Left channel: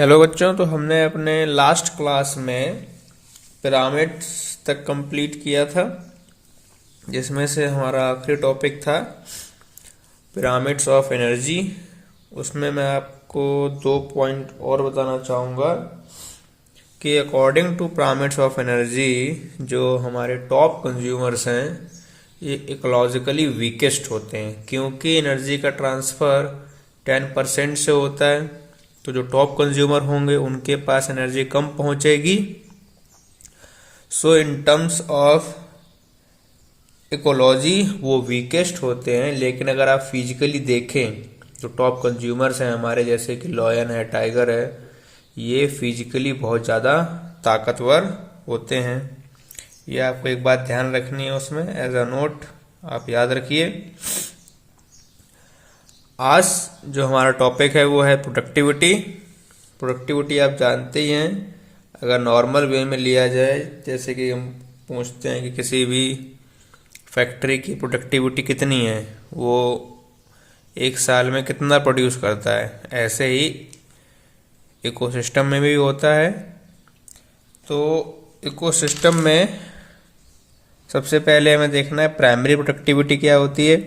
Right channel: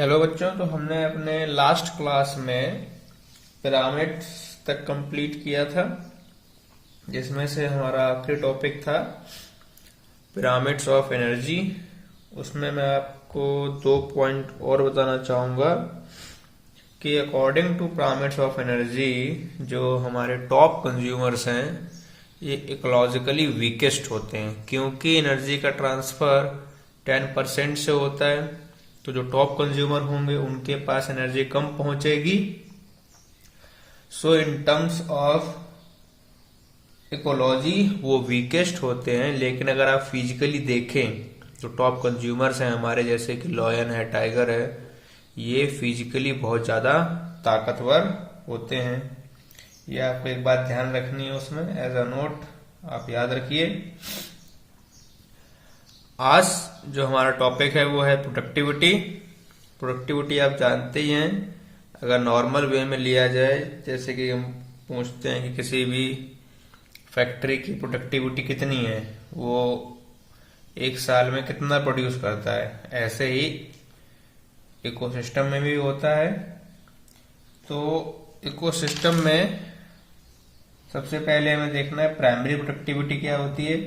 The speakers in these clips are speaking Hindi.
हेलो बच्चों, तो हमने अपने लास्ट क्लास में पिरामिड्स तक कंप्लीट किया था, जिसमें से हमारा आखिरी टॉपिक था पिरामिड्स ऑफ एनर्जी। उसमें मैं आपको 2 पॉइंट और बताना चाहूँगा कि according to pyramids of energy जो हमारे टॉप कंज्यूमर्स हैं ये इकोलॉजिकली वीकेस्ट होते हैं, क्योंकि एनर्जी का ट्रांसफ़र 10% से होता है। तो जो टॉप कंज्यूमर होंगे उनके पास एनर्जी कम पहुंचेगी। सो इन टर्म्स ऑफ इकोलॉजी वो वीकेस्ट होते हैं। लेकिन अगर आप फिजिकली देखें तो टॉप कंज्यूमर्स हैं हमारे, जैसे कि लॉयन है, टाइगर है, ये फिजिकली बहुत ज़्यादा ताकतवर होते हैं। ये आपको एक बात ध्यान रखनी है, उसमें एज अ नोट आप याद रखिए। आज जो हमारा टॉपिक है वो है प्रोडक्टिविटी। प्रोडक्टिविटी आप जानते ही हैं, अगर नॉर्मल वे में लिया जाए, जैसे कि हम पूछते हैं कि किसी भी फैक्ट्री की प्रोडक्टिविटी कितनी है, वो एक साल में कितना प्रोड्यूस करता है, ऐसे ही इकोसिस्टम में भी होता है। तो इकोसिस्टम में सबसे पहले हमें देखना है प्राइमरी प्रोडक्टिविटी क्या होती है।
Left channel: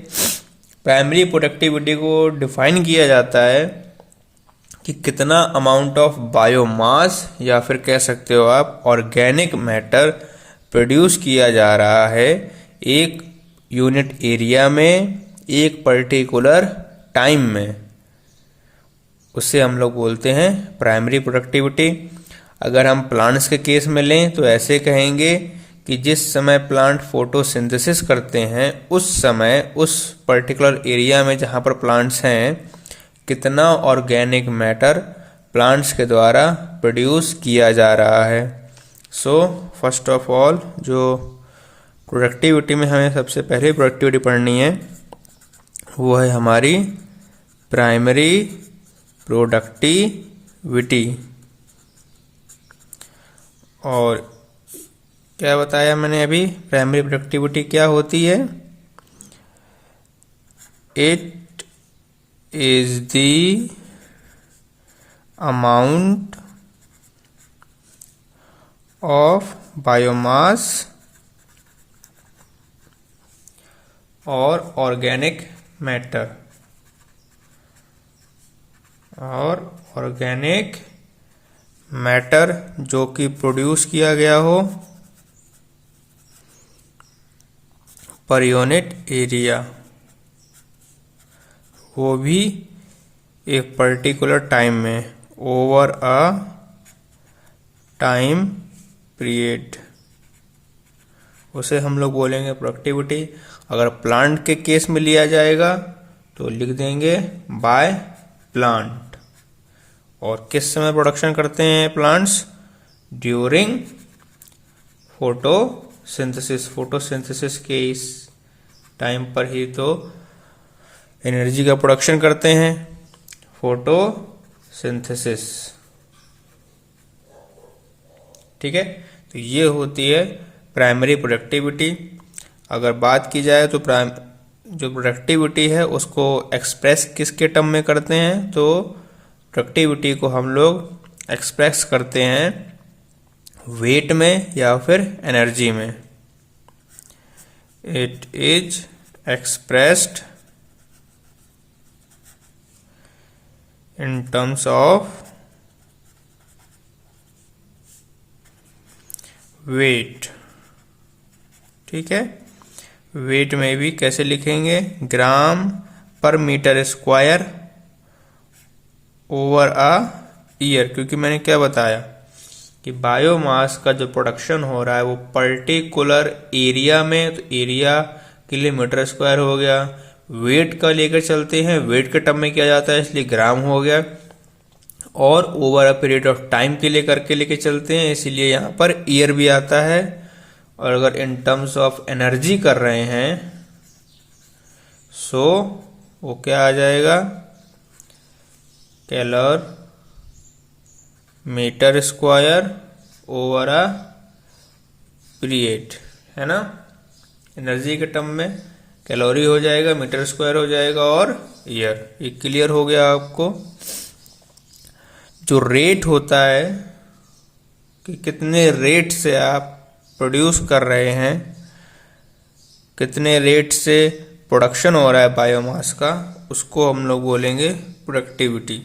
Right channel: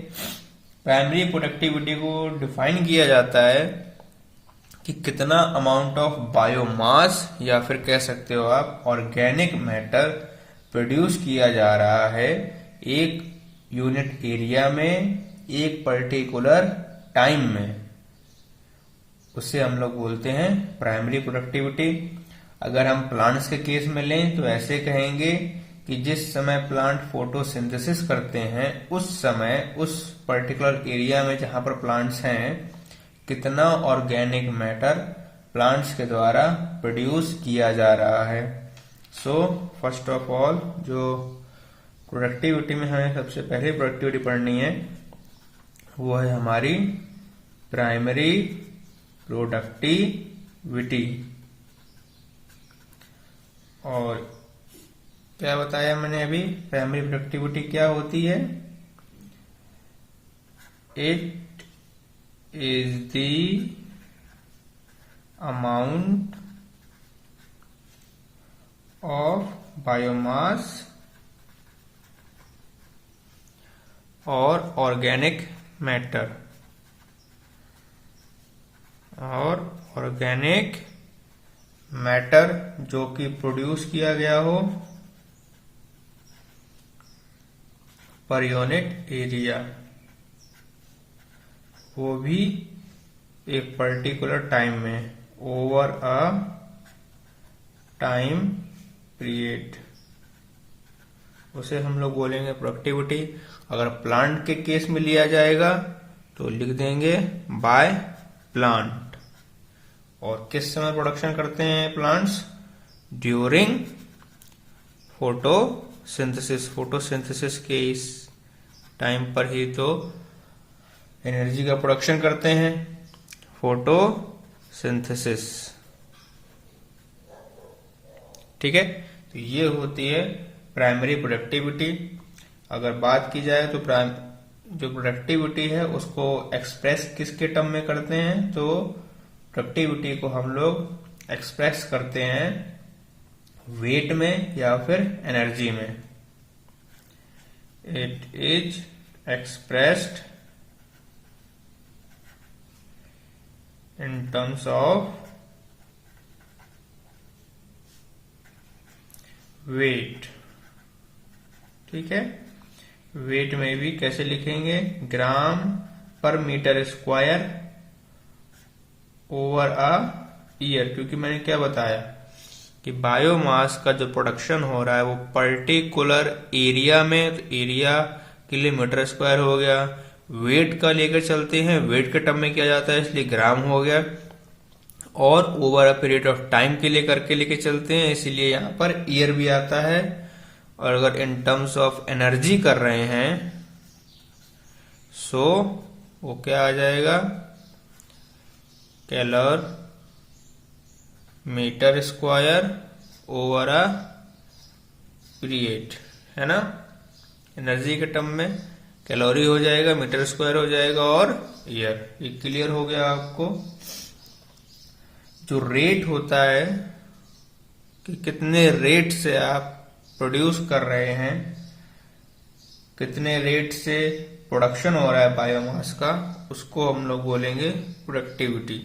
प्राइमरी प्रोडक्टिविटी को डिफाइन किया जाता है कि कितना अमाउंट ऑफ बायोमास या फिर कह सकते हो आप ऑर्गेनिक मैटर प्रोड्यूस किया जा रहा है एक यूनिट एरिया में एक पर्टिकुलर टाइम में, उससे हम लोग बोलते हैं प्राइमरी प्रोडक्टिविटी। अगर हम प्लांट्स के केस में लें तो ऐसे कहेंगे कि जिस समय प्लांट फोटोसिंथेसिस करते हैं उस समय उस पर्टिकुलर एरिया में जहाँ पर प्लांट्स हैं कितना ऑर्गेनिक मैटर प्लांट्स के द्वारा प्रोड्यूस किया जा रहा है। सो फर्स्ट ऑफ ऑल जो प्रोडक्टिविटी में हमें सबसे पहले प्रोडक्टिविटी पढ़नी है वो है हमारी प्राइमरी प्रोडक्टिविटी। और क्या बताया मैंने अभी, प्राइमरी प्रोडक्टिविटी क्या होती है? It is the amount of biomass और ऑर्गेनिक मैटर जो कि प्रोड्यूस किया गया हो पर यूनिट एरिया, वो भी एक पर्टिकुलर टाइम में, ओवर अ टाइम पीरियड, उसे हम लोग बोलेंगे प्रोडक्टिविटी। अगर प्लांट के केस में लिया जाएगा तो लिख देंगे बाय प्लांट। और किस समय प्रोडक्शन करते हैं प्लांट्स? During photosynthesis. फोटोसिंथेसिस के इस टाइम पर ही तो एनर्जी का प्रोडक्शन करते हैं, फोटोसिंथेसिस। ठीक है, तो ये होती है प्राइमरी प्रोडक्टिविटी। अगर बात की जाए तो जो प्रोडक्टिविटी है उसको एक्सप्रेस किसके टर्म में करते हैं? तो प्रोडक्टिविटी को हम लोग एक्सप्रेस करते हैं वेट में या फिर एनर्जी में। It is expressed in terms of weight. ठीक है, वेट में भी कैसे लिखेंगे? Gram per metre square over a year. क्योंकि मैंने क्या बताया कि बायोमास का जो प्रोडक्शन हो रहा है वो पर्टिकुलर एरिया में, तो एरिया के लिए मीटर स्क्वायर हो गया। वेट का लेकर चलते हैं, वेट के टर्म में किया जाता है इसलिए ग्राम हो गया। और over a period of time के लिए करके लेके चलते हैं इसलिए यहाँ पर ईयर भी आता है। और अगर इन टर्म्स ऑफ एनर्जी कर रहे हैं सो वो क्या आ जाएगा? Calorie metre square over a period, है ना। एनर्जी के टर्म में कैलोरी हो जाएगा, मीटर स्क्वायर हो जाएगा और ईयर। ये क्लियर हो गया आपको। जो रेट होता है कि कितने रेट से आप प्रोड्यूस कर रहे हैं, कितने रेट से प्रोडक्शन हो रहा है बायोमास का, उसको हम लोग बोलेंगे प्रोडक्टिविटी।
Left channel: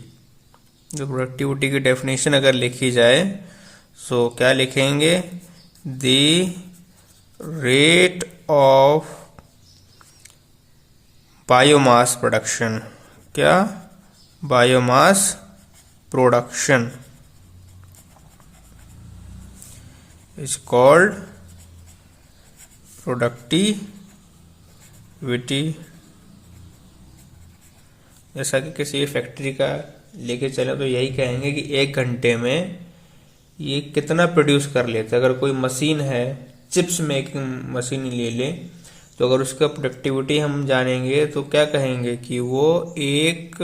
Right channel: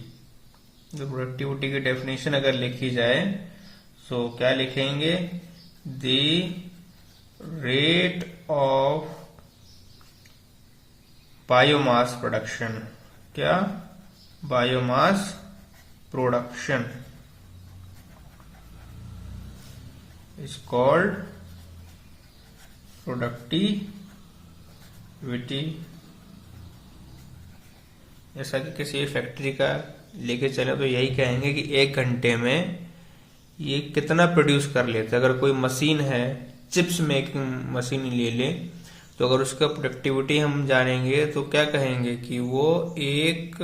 जो प्रोडक्टिविटी की डेफिनेशन अगर लिखी जाए तो क्या लिखेंगे? The rate of biomass production. क्या? Biomass production is called productivity. जैसा कि किसी फैक्ट्री का लेके चले तो यही कहेंगे कि 1 घंटे में ये कितना प्रोड्यूस कर लेते हैं। अगर कोई मशीन है, चिप्स मेकिंग मशीन ले लें, तो अगर उसका प्रोडक्टिविटी हम जानेंगे तो क्या कहेंगे कि वो एक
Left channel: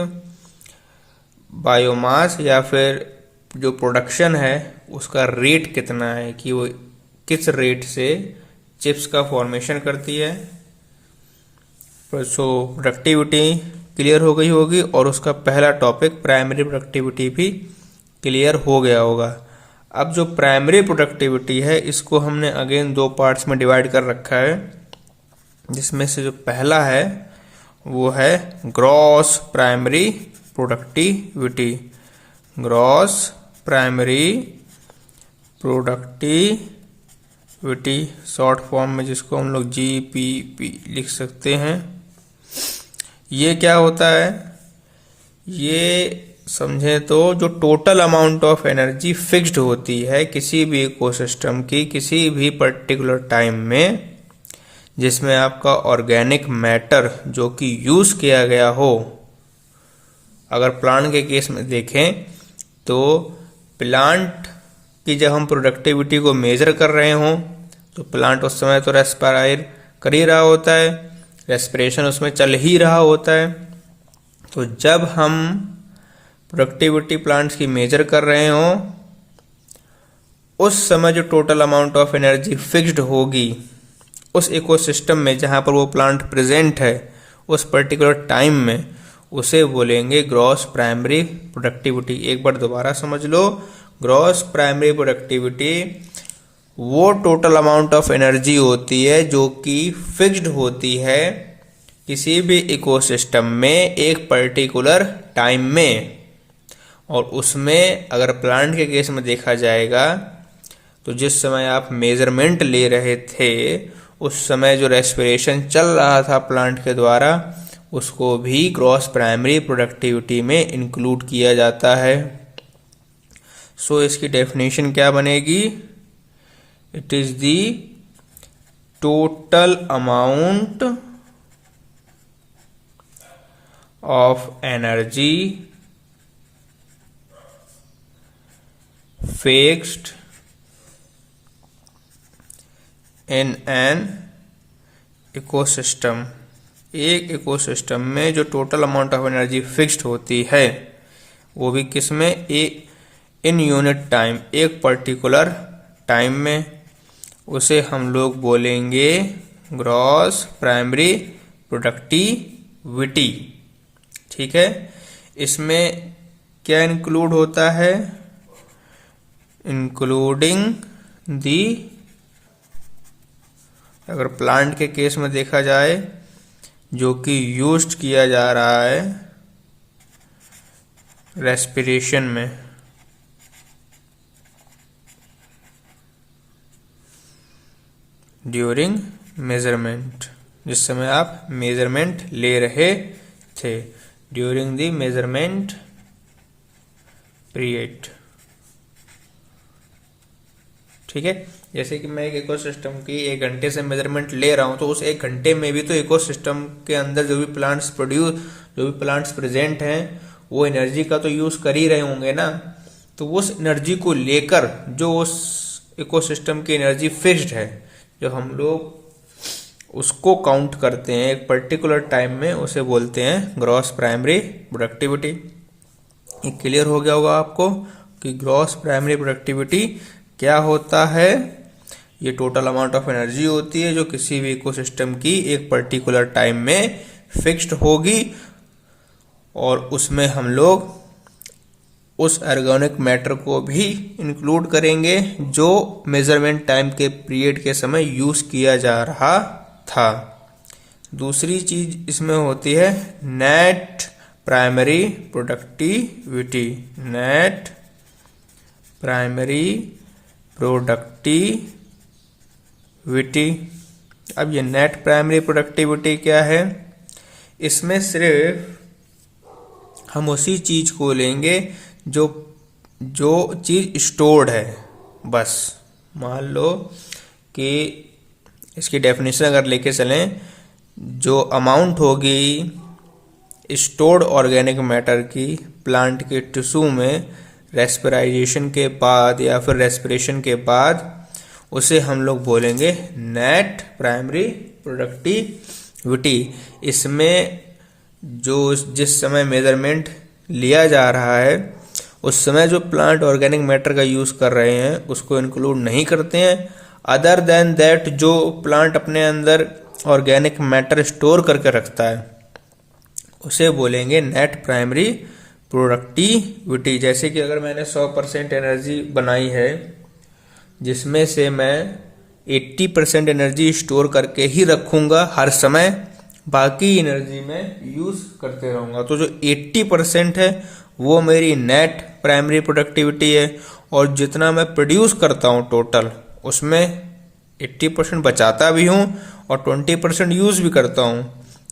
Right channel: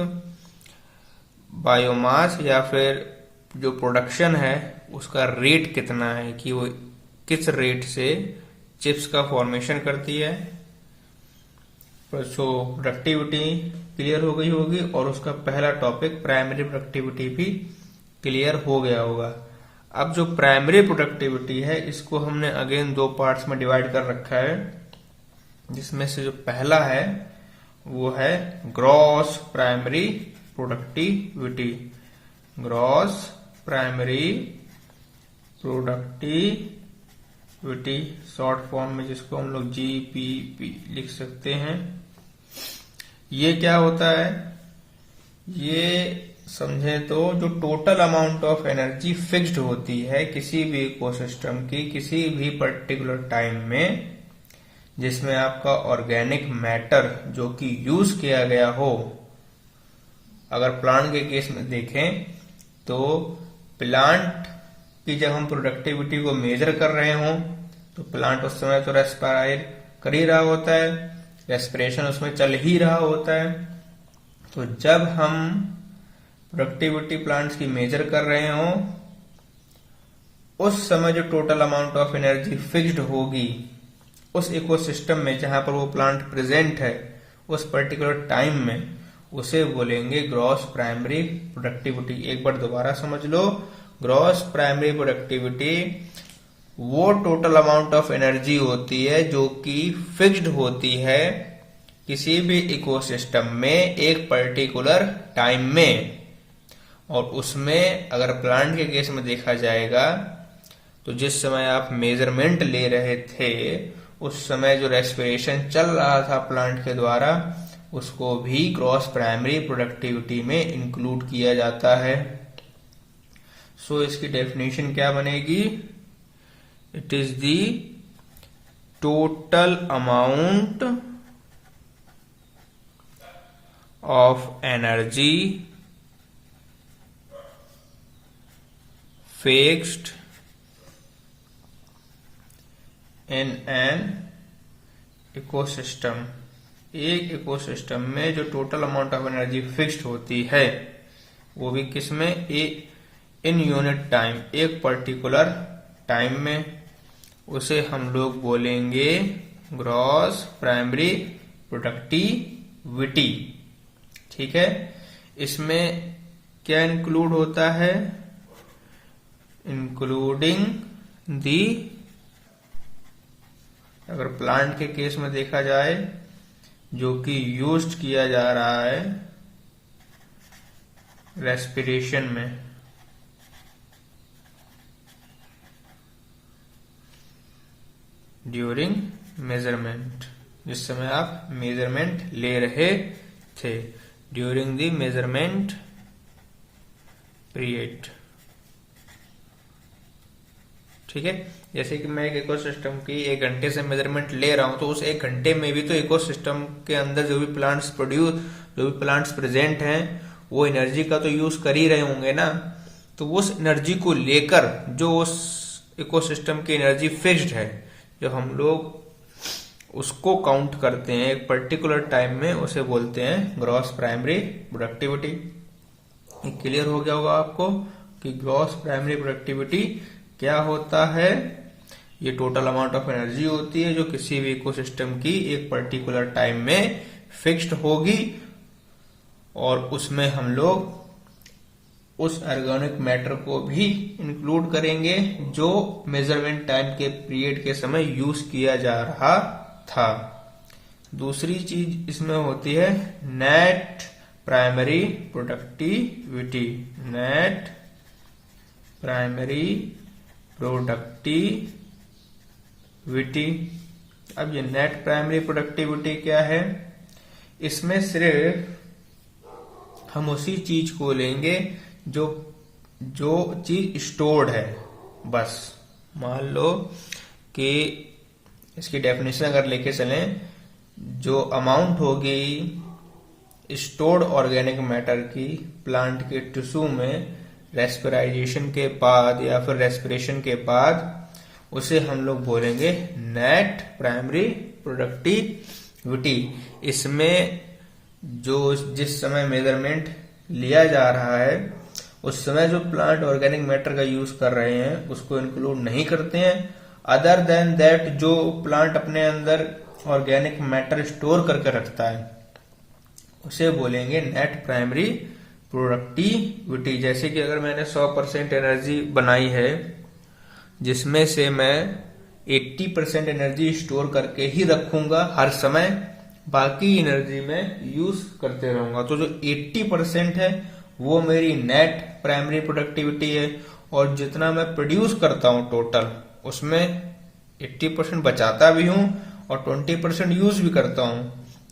बायोमास या फिर जो प्रोडक्शन है उसका रेट कितना है, कि वो किस रेट से चिप्स का फॉर्मेशन करती है। सो प्रोडक्टिविटी क्लियर हो गई होगी और उसका पहला टॉपिक प्राइमरी प्रोडक्टिविटी भी क्लियर हो गया होगा। अब जो प्राइमरी प्रोडक्टिविटी है इसको हमने अगेन 2 पार्ट्स में डिवाइड कर रखा है, जिसमें से जो पहला है वो है gross primary productivity. Gross primary productivity short form में जिसको हम लोग GPP लिख सकते हैं। ये क्या होता है? ये समझे तो जो total amount of energy fixed होती है किसी भी इकोसिस्टम की किसी भी पर्टिकुलर टाइम में, जिसमें आपका ऑर्गेनिक मैटर जो कि यूज किया गया हो। अगर प्लांट के केस में देखें तो प्लांट की जब हम प्रोडक्टिविटी को मेजर कर रहे हों तो प्लांट उस समय तो रेस्पायर कर ही रहा होता है, रेस्पिरेशन उसमें चल ही रहा होता है। तो जब हम प्रोडक्टिविटी प्लांट्स की मेजर कर रहे हों उस समय जो total amount of energy fixed होगी उस इकोसिस्टम में जहां पर वो प्लांट प्रेजेंट है उस पर्टिकुलर टाइम में, उसे बोलेंगे ग्रॉस प्राइमरी प्रोडक्टिविटी। एक बार दोबारा समझ लो, ग्रॉस प्राइमरी प्रोडक्टिविटी वो टोटल अमाउंट ऑफ एनर्जी होती है जो कि फिक्स्ड होती है किसी भी इकोसिस्टम में एक पर्टिकुलर टाइम में। और उसमें अगर प्लांट के केस में देखा जाएगा तो जिस समय आप मेजरमेंट ले रहे थे उस समय जो रेस्पिरेशन चल रहा था प्लांट के द्वारा उसको भी ग्रॉस प्राइमरी प्रोडक्टिविटी में इंक्लूड किया जाता है। सो इसकी डेफिनेशन क्या बनेगी? It is the total amount of energy fixed in an ecosystem. एक इकोसिस्टम में जो total amount of energy fixed होती है वो भी किसमें? इन यूनिट टाइम, एक पर्टिकुलर टाइम में, उसे हम लोग बोलेंगे ग्रॉस प्राइमरी प्रोडक्टिविटी। ठीक है, इसमें क्या इंक्लूड होता है? इंक्लूडिंग दी, अगर प्लांट के केस में देखा जाए जो कि यूज्ड किया जा रहा है रेस्पिरेशन में, ड्यूरिंग मेजरमेंट, जिस समय आप मेजरमेंट ले रहे थे, ड्यूरिंग द मेजरमेंट पीरियड। ठीक है, जैसे कि मैं एक इकोसिस्टम की 1 घंटे से मेजरमेंट ले रहा हूं तो उस 1 घंटे में भी तो इकोसिस्टम के अंदर जो भी प्लांट्स प्रेजेंट हैं वो एनर्जी का तो यूज कर ही रहे होंगे ना। तो उस एनर्जी को लेकर जो उस इकोसिस्टम की एनर्जी फिक्स्ड है, जब हम लोग उसको काउंट करते हैं एक पर्टिकुलर टाइम में, उसे बोलते हैं ग्रॉस प्राइमरी प्रोडक्टिविटी। ये क्लियर हो गया होगा आपको कि ग्रॉस प्राइमरी प्रोडक्टिविटी क्या होता है। ये टोटल अमाउंट ऑफ एनर्जी होती है जो किसी भी इकोसिस्टम की एक पर्टिकुलर टाइम में फिक्स्ड होगी और उसमें हम लोग उस ऑर्गेनिक मैटर को भी इंक्लूड करेंगे जो मेजरमेंट टाइम के पीरियड के समय यूज किया जा रहा था। दूसरी चीज इसमें होती है net primary productivity. Net primary productivity. अब ये नेट प्राइमरी प्रोडक्टिविटी क्या है? इसमें सिर्फ हम उसी चीज को लेंगे जो चीज स्टोर्ड है। बस मान लो कि इसकी डेफिनेशन अगर लेके चलें, जो अमाउंट होगी स्टोर्ड ऑर्गेनिक मैटर की प्लांट के टिश्यू में रेस्पिराइजेशन के बाद या फिर रेस्पिरेशन के बाद, उसे हम लोग बोलेंगे नेट प्राइमरी प्रोडक्टिविटी। इसमें जो जिस समय मेजरमेंट लिया जा रहा है उस समय जो प्लांट ऑर्गेनिक मैटर का यूज कर रहे हैं उसको इंक्लूड नहीं करते हैं। अदर देन दैट जो प्लांट अपने अंदर ऑर्गेनिक मैटर स्टोर करके रखता है उसे बोलेंगे नेट प्राइमरी प्रोडक्टिविटी। जैसे कि अगर मैंने 100% एनर्जी बनाई है जिसमें से मैं 80% एनर्जी स्टोर करके ही रखूंगा हर समय, बाकी एनर्जी में यूज करते रहूंगा, तो जो 80% है वो मेरी नेट प्राइमरी प्रोडक्टिविटी है। और जितना मैं प्रोड्यूस करता हूं टोटल, उसमें 80% बचाता भी हूं और 20% यूज भी करता हूं।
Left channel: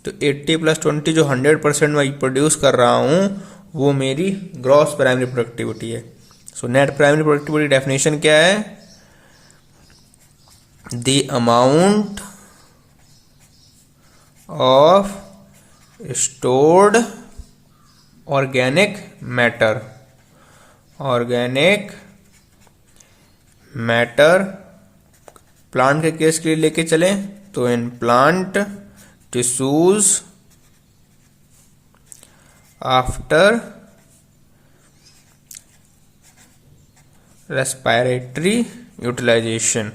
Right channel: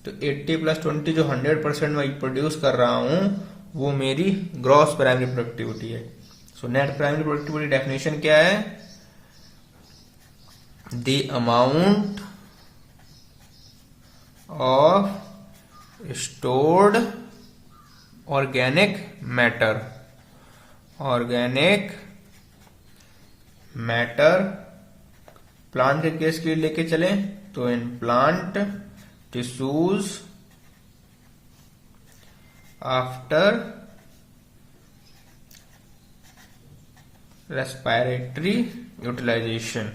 तो 80 + 20 जो 100% मैं प्रोड्यूस कर रहा हूं वो मेरी ग्रॉस प्राइमरी प्रोडक्टिविटी है। So net primary productivity definition क्या है? The amount of stored organic matter plant के केस के लिए लेके चलें तो in plant tissues after respiratory utilisation.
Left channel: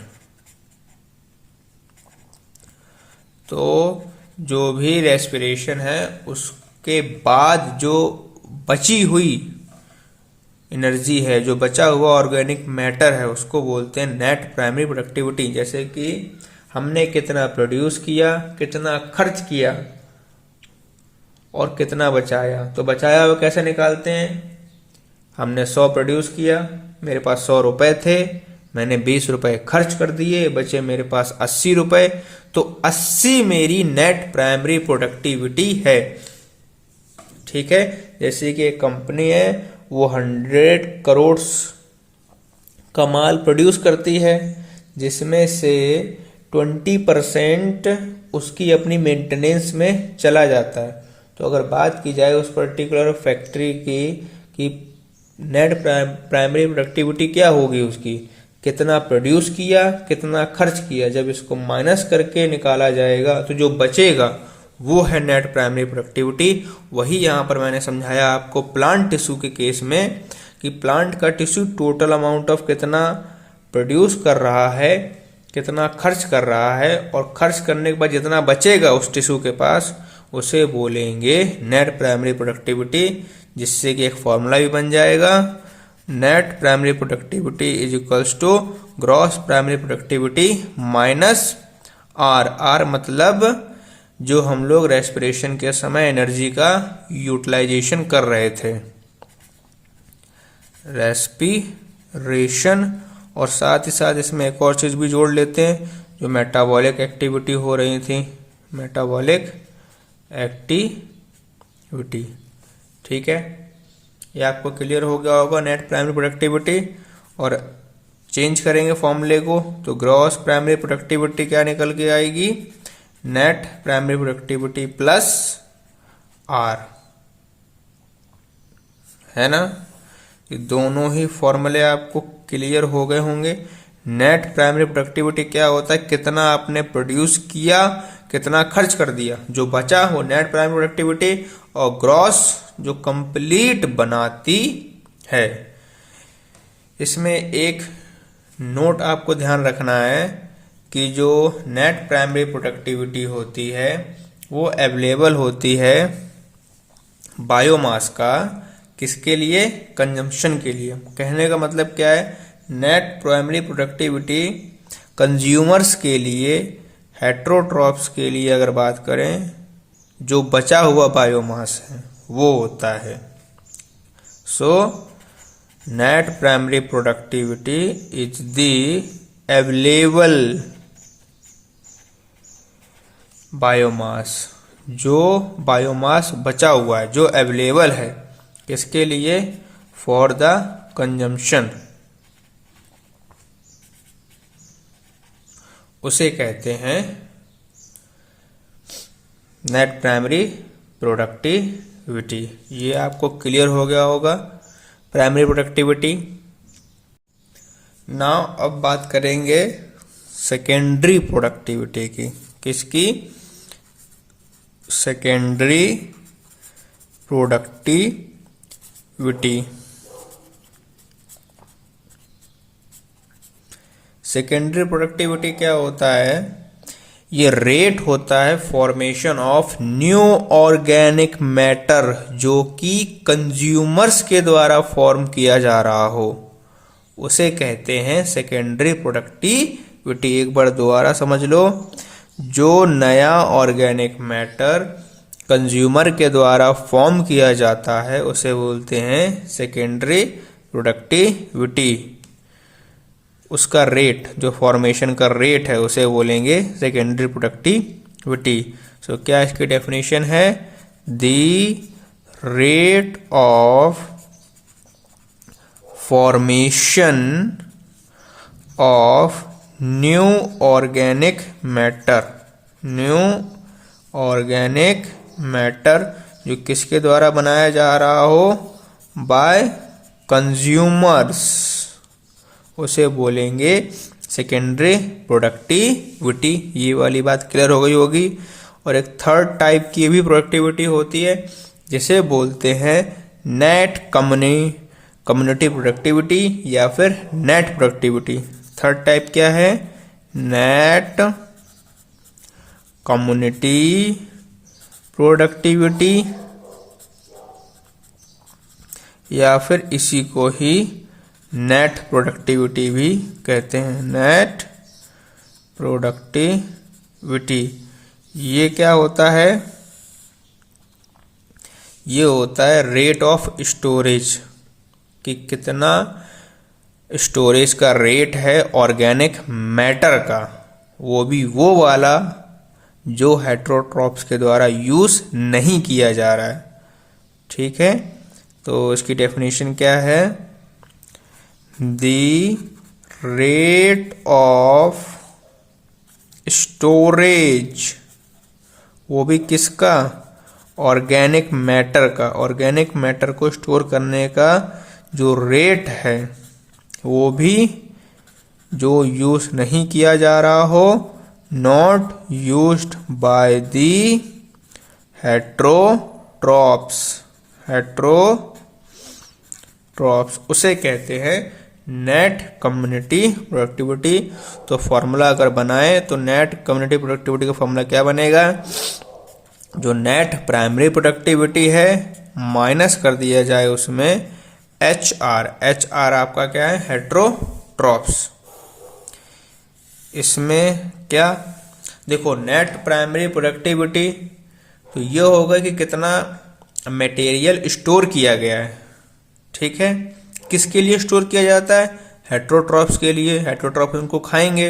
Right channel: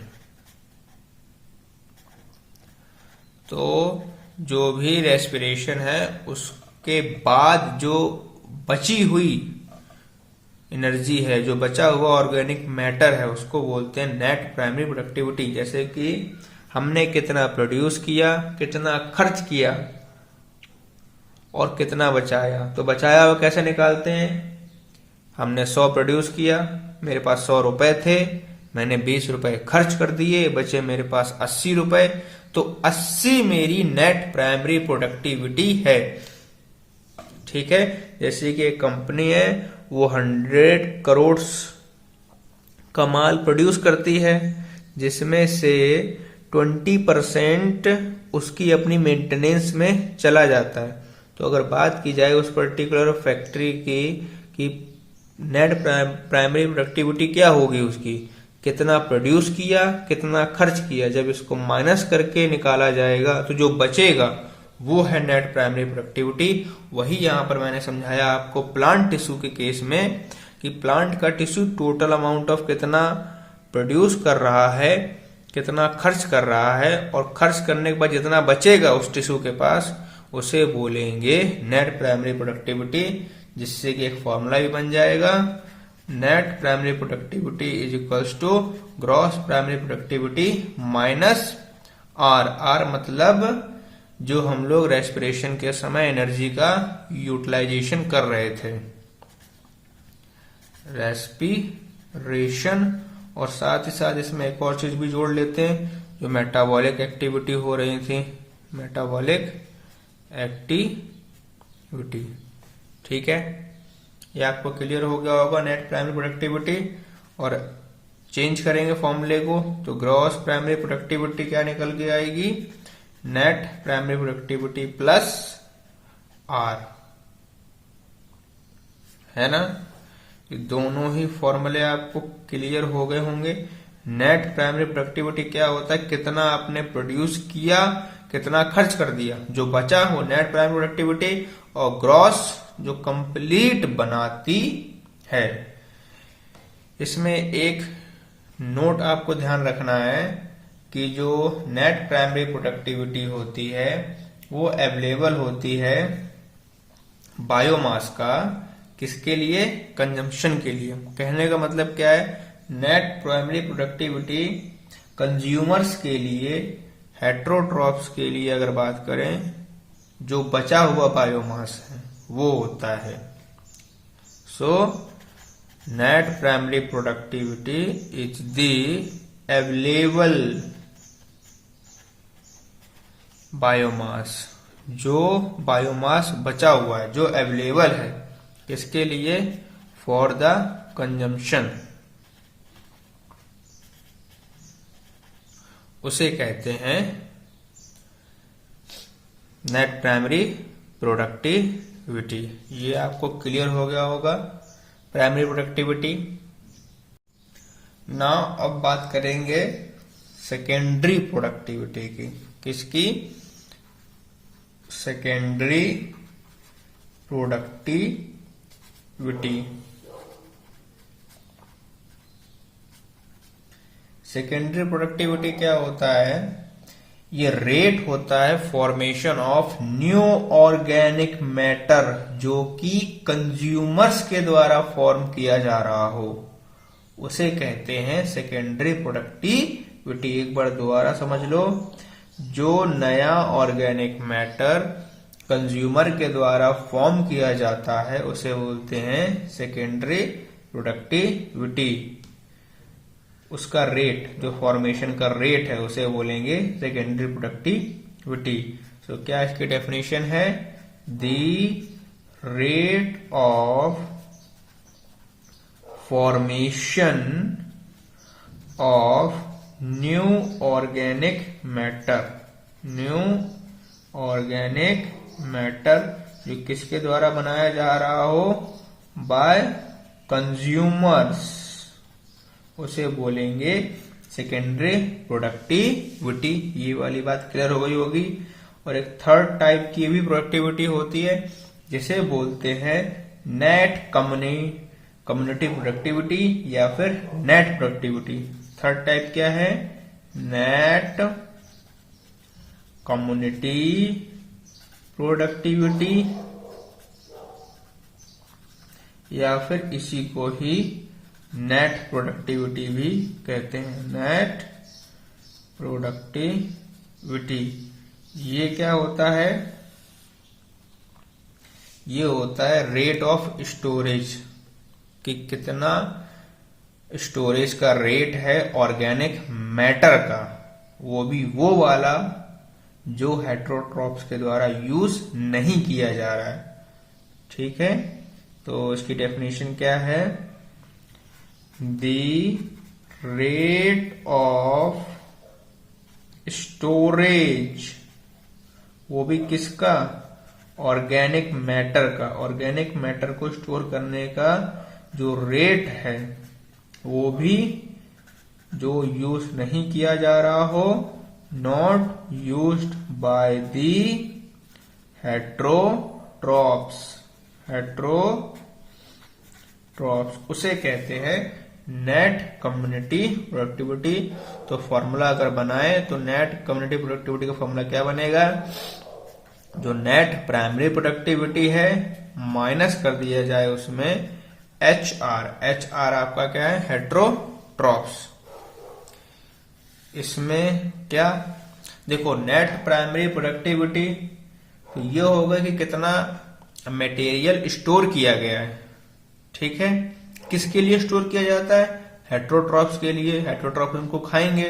तो जो भी रेस्पिरेशन है उसके बाद जो बची हुई एनर्जी है, जो बचा हुआ ऑर्गेनिक मैटर है, उसको बोलते हैं नेट प्राइमरी प्रोडक्टिविटी। जैसे कि हमने कितना प्रोड्यूस किया, कितना खर्च किया और कितना बचाया। तो बचाया हुआ कैसे निकालते हैं? हमने 100 प्रोड्यूस किया, मेरे पास 100 रुपए थे, मैंने 20 रुपए खर्च कर दिए, बचे मेरे पास 80 रुपए। तो 80 मेरी नेट प्राइमरी प्रोडक्टिविटी है। ठीक है, जैसे कि एक कंपनी है वो 100 करोड़ का माल प्रोड्यूस करती है, जिसमें से 20% उसकी अपनी मेंटेनेंस में चला जाता है। तो अगर बात की जाए उस पर्टिकुलर फैक्ट्री की कि नेट प्राइमरी प्रोडक्टिविटी क्या होगी उसकी, कितना प्रोड्यूस किया, कितना खर्च किया, जब इसको माइनस करके निकाला जाएगा तो जो बचेगा वो है नेट प्राइमरी प्रोडक्टिविटी। वही यहां पर मैंने समझाया आपको प्लांट टिश्यू के केस में कि प्लांट का टिश्यू टोटल अमाउंट ऑफ कितना प्रोड्यूस कर रहा है, कितना खर्च कर रहा है, और खर्च करने के बाद जितना बचेगा उस टिश्यू के पास उसे बोलेंगे नेट प्राइमरी प्रोडक्टिविटी। जिससे कि एक फॉर्मूला भी बन जाएगा, net primary productivity is equals to gross primary productivity minus R. R मतलब जो हम लोग रेस्पिरेशन के समय एनर्जी का यूटिलाइजेशन कर रहे थे, रेस्पिरेशन। और साथ ही साथ इसमें एक और चीज भी जोड़ लेते हैं, जो मेटाबॉलिक एक्टिविटी हो रही थी, मेटाबॉलिक एक्टिविटी। ठीक है, ये आपको क्लियर हो गया होगा नेट प्राइमरी प्रोडक्टिविटी। और चेंज करेंगे फॉर्मूले को तो ग्रॉस प्राइमरी प्रोडक्टिविटी क्या निकल के आएगी? Net primary productivity plus R, है ना। ये दोनों ही फॉर्मूले आपको क्लियर हो गए होंगे। नेट प्राइमरी प्रोडक्टिविटी क्या होता है? कितना आपने प्रोड्यूस किया, कितना खर्च कर दिया, जो बचा वो नेट प्राइमरी प्रोडक्टिविटी। और ग्रॉस जो कंप्लीट बनाती है। इसमें एक नोट आपको ध्यान रखना है कि जो नेट प्राइमरी प्रोडक्टिविटी होती है वो अवेलेबल होती है बायोमास का किसके लिए? कंजम्पशन के लिए। कहने का मतलब क्या है? नेट प्राइमरी प्रोडक्टिविटी कंज्यूमर्स के लिए, हेट्रोट्रॉप्स के लिए अगर बात करें, जो बचा हुआ बायोमास है वो होता है। So net primary productivity is the available biomass, जो बायोमास बचा हुआ है, जो अवेलेबल है, किसके लिए? फॉर द कंजम्पशन, उसे कहते हैं नेट प्राइमरी प्रोडक्टिविटी। ये आपको क्लियर हो गया होगा प्राइमरी प्रोडक्टिविटी। नाउ अब बात करेंगे सेकेंडरी प्रोडक्टिविटी की। किसकी? Secondary productivity. सेकेंडरी प्रोडक्टिविटी क्या होता है? ये रेट होता है formation of new organic matter जो कि कंज्यूमर्स के द्वारा फॉर्म किया जा रहा हो, उसे कहते हैं सेकेंडरी प्रोडक्टिविटी। एक बार दोबारा समझ लो, जो नया ऑर्गेनिक मैटर कंज्यूमर के द्वारा फॉर्म किया जाता है उसे बोलते हैं सेकेंडरी प्रोडक्टिविटी। उसका रेट, जो फॉर्मेशन का रेट है, उसे बोलेंगे सेकेंडरी प्रोडक्टिविटी। सो क्या इसकी डेफिनेशन है? The rate of formation of new organic matter, new organic matter जो किसके द्वारा बनाया जा रहा हो? बाय कंज्यूमर्स, उसे बोलेंगे सेकेंडरी प्रोडक्टिविटी। ये वाली बात क्लियर हो गई होगी। और एक थर्ड टाइप की भी प्रोडक्टिविटी होती है जिसे बोलते हैं नेट कम्युनिटी प्रोडक्टिविटी या फिर नेट प्रोडक्टिविटी। थर्ड टाइप क्या है? नेट कम्युनिटी प्रोडक्टिविटी, या फिर इसी को ही नेट प्रोडक्टिविटी भी कहते हैं। नेट प्रोडक्टिविटी ये क्या होता है? ये होता है रेट ऑफ स्टोरेज, कि कितना स्टोरेज का रेट है ऑर्गेनिक मैटर का, वो भी वो वाला जो हेट्रोट्रॉप्स के द्वारा यूज नहीं किया जा रहा है। ठीक है, तो इसकी डेफिनेशन क्या है? द रेट ऑफ स्टोरेज, वो भी किसका? ऑर्गेनिक मैटर का। ऑर्गेनिक मैटर को स्टोर करने का जो रेट है वो भी जो यूज नहीं किया जा रहा हो, not used by the heterotrophs, उसे कहते हैं नेट कम्युनिटी प्रोडक्टिविटी। तो फॉर्मूला अगर बनाए तो नेट कम्युनिटी प्रोडक्टिविटी का फॉर्मूला क्या बनेगा? जो नेट प्राइमरी प्रोडक्टिविटी है माइनस कर दिया जाए उसमें HR। HR आपका क्या है? हेट्रोट्रॉप्स। इसमें क्या देखो, नेट प्राइमरी प्रोडक्टिविटी तो ये होगा कि कितना मटेरियल स्टोर किया गया है। ठीक है, किसके लिए स्टोर किया जाता है? हेट्रोट्रॉप्स के लिए। हेट्रोट्रॉप्स उनको खाएंगे।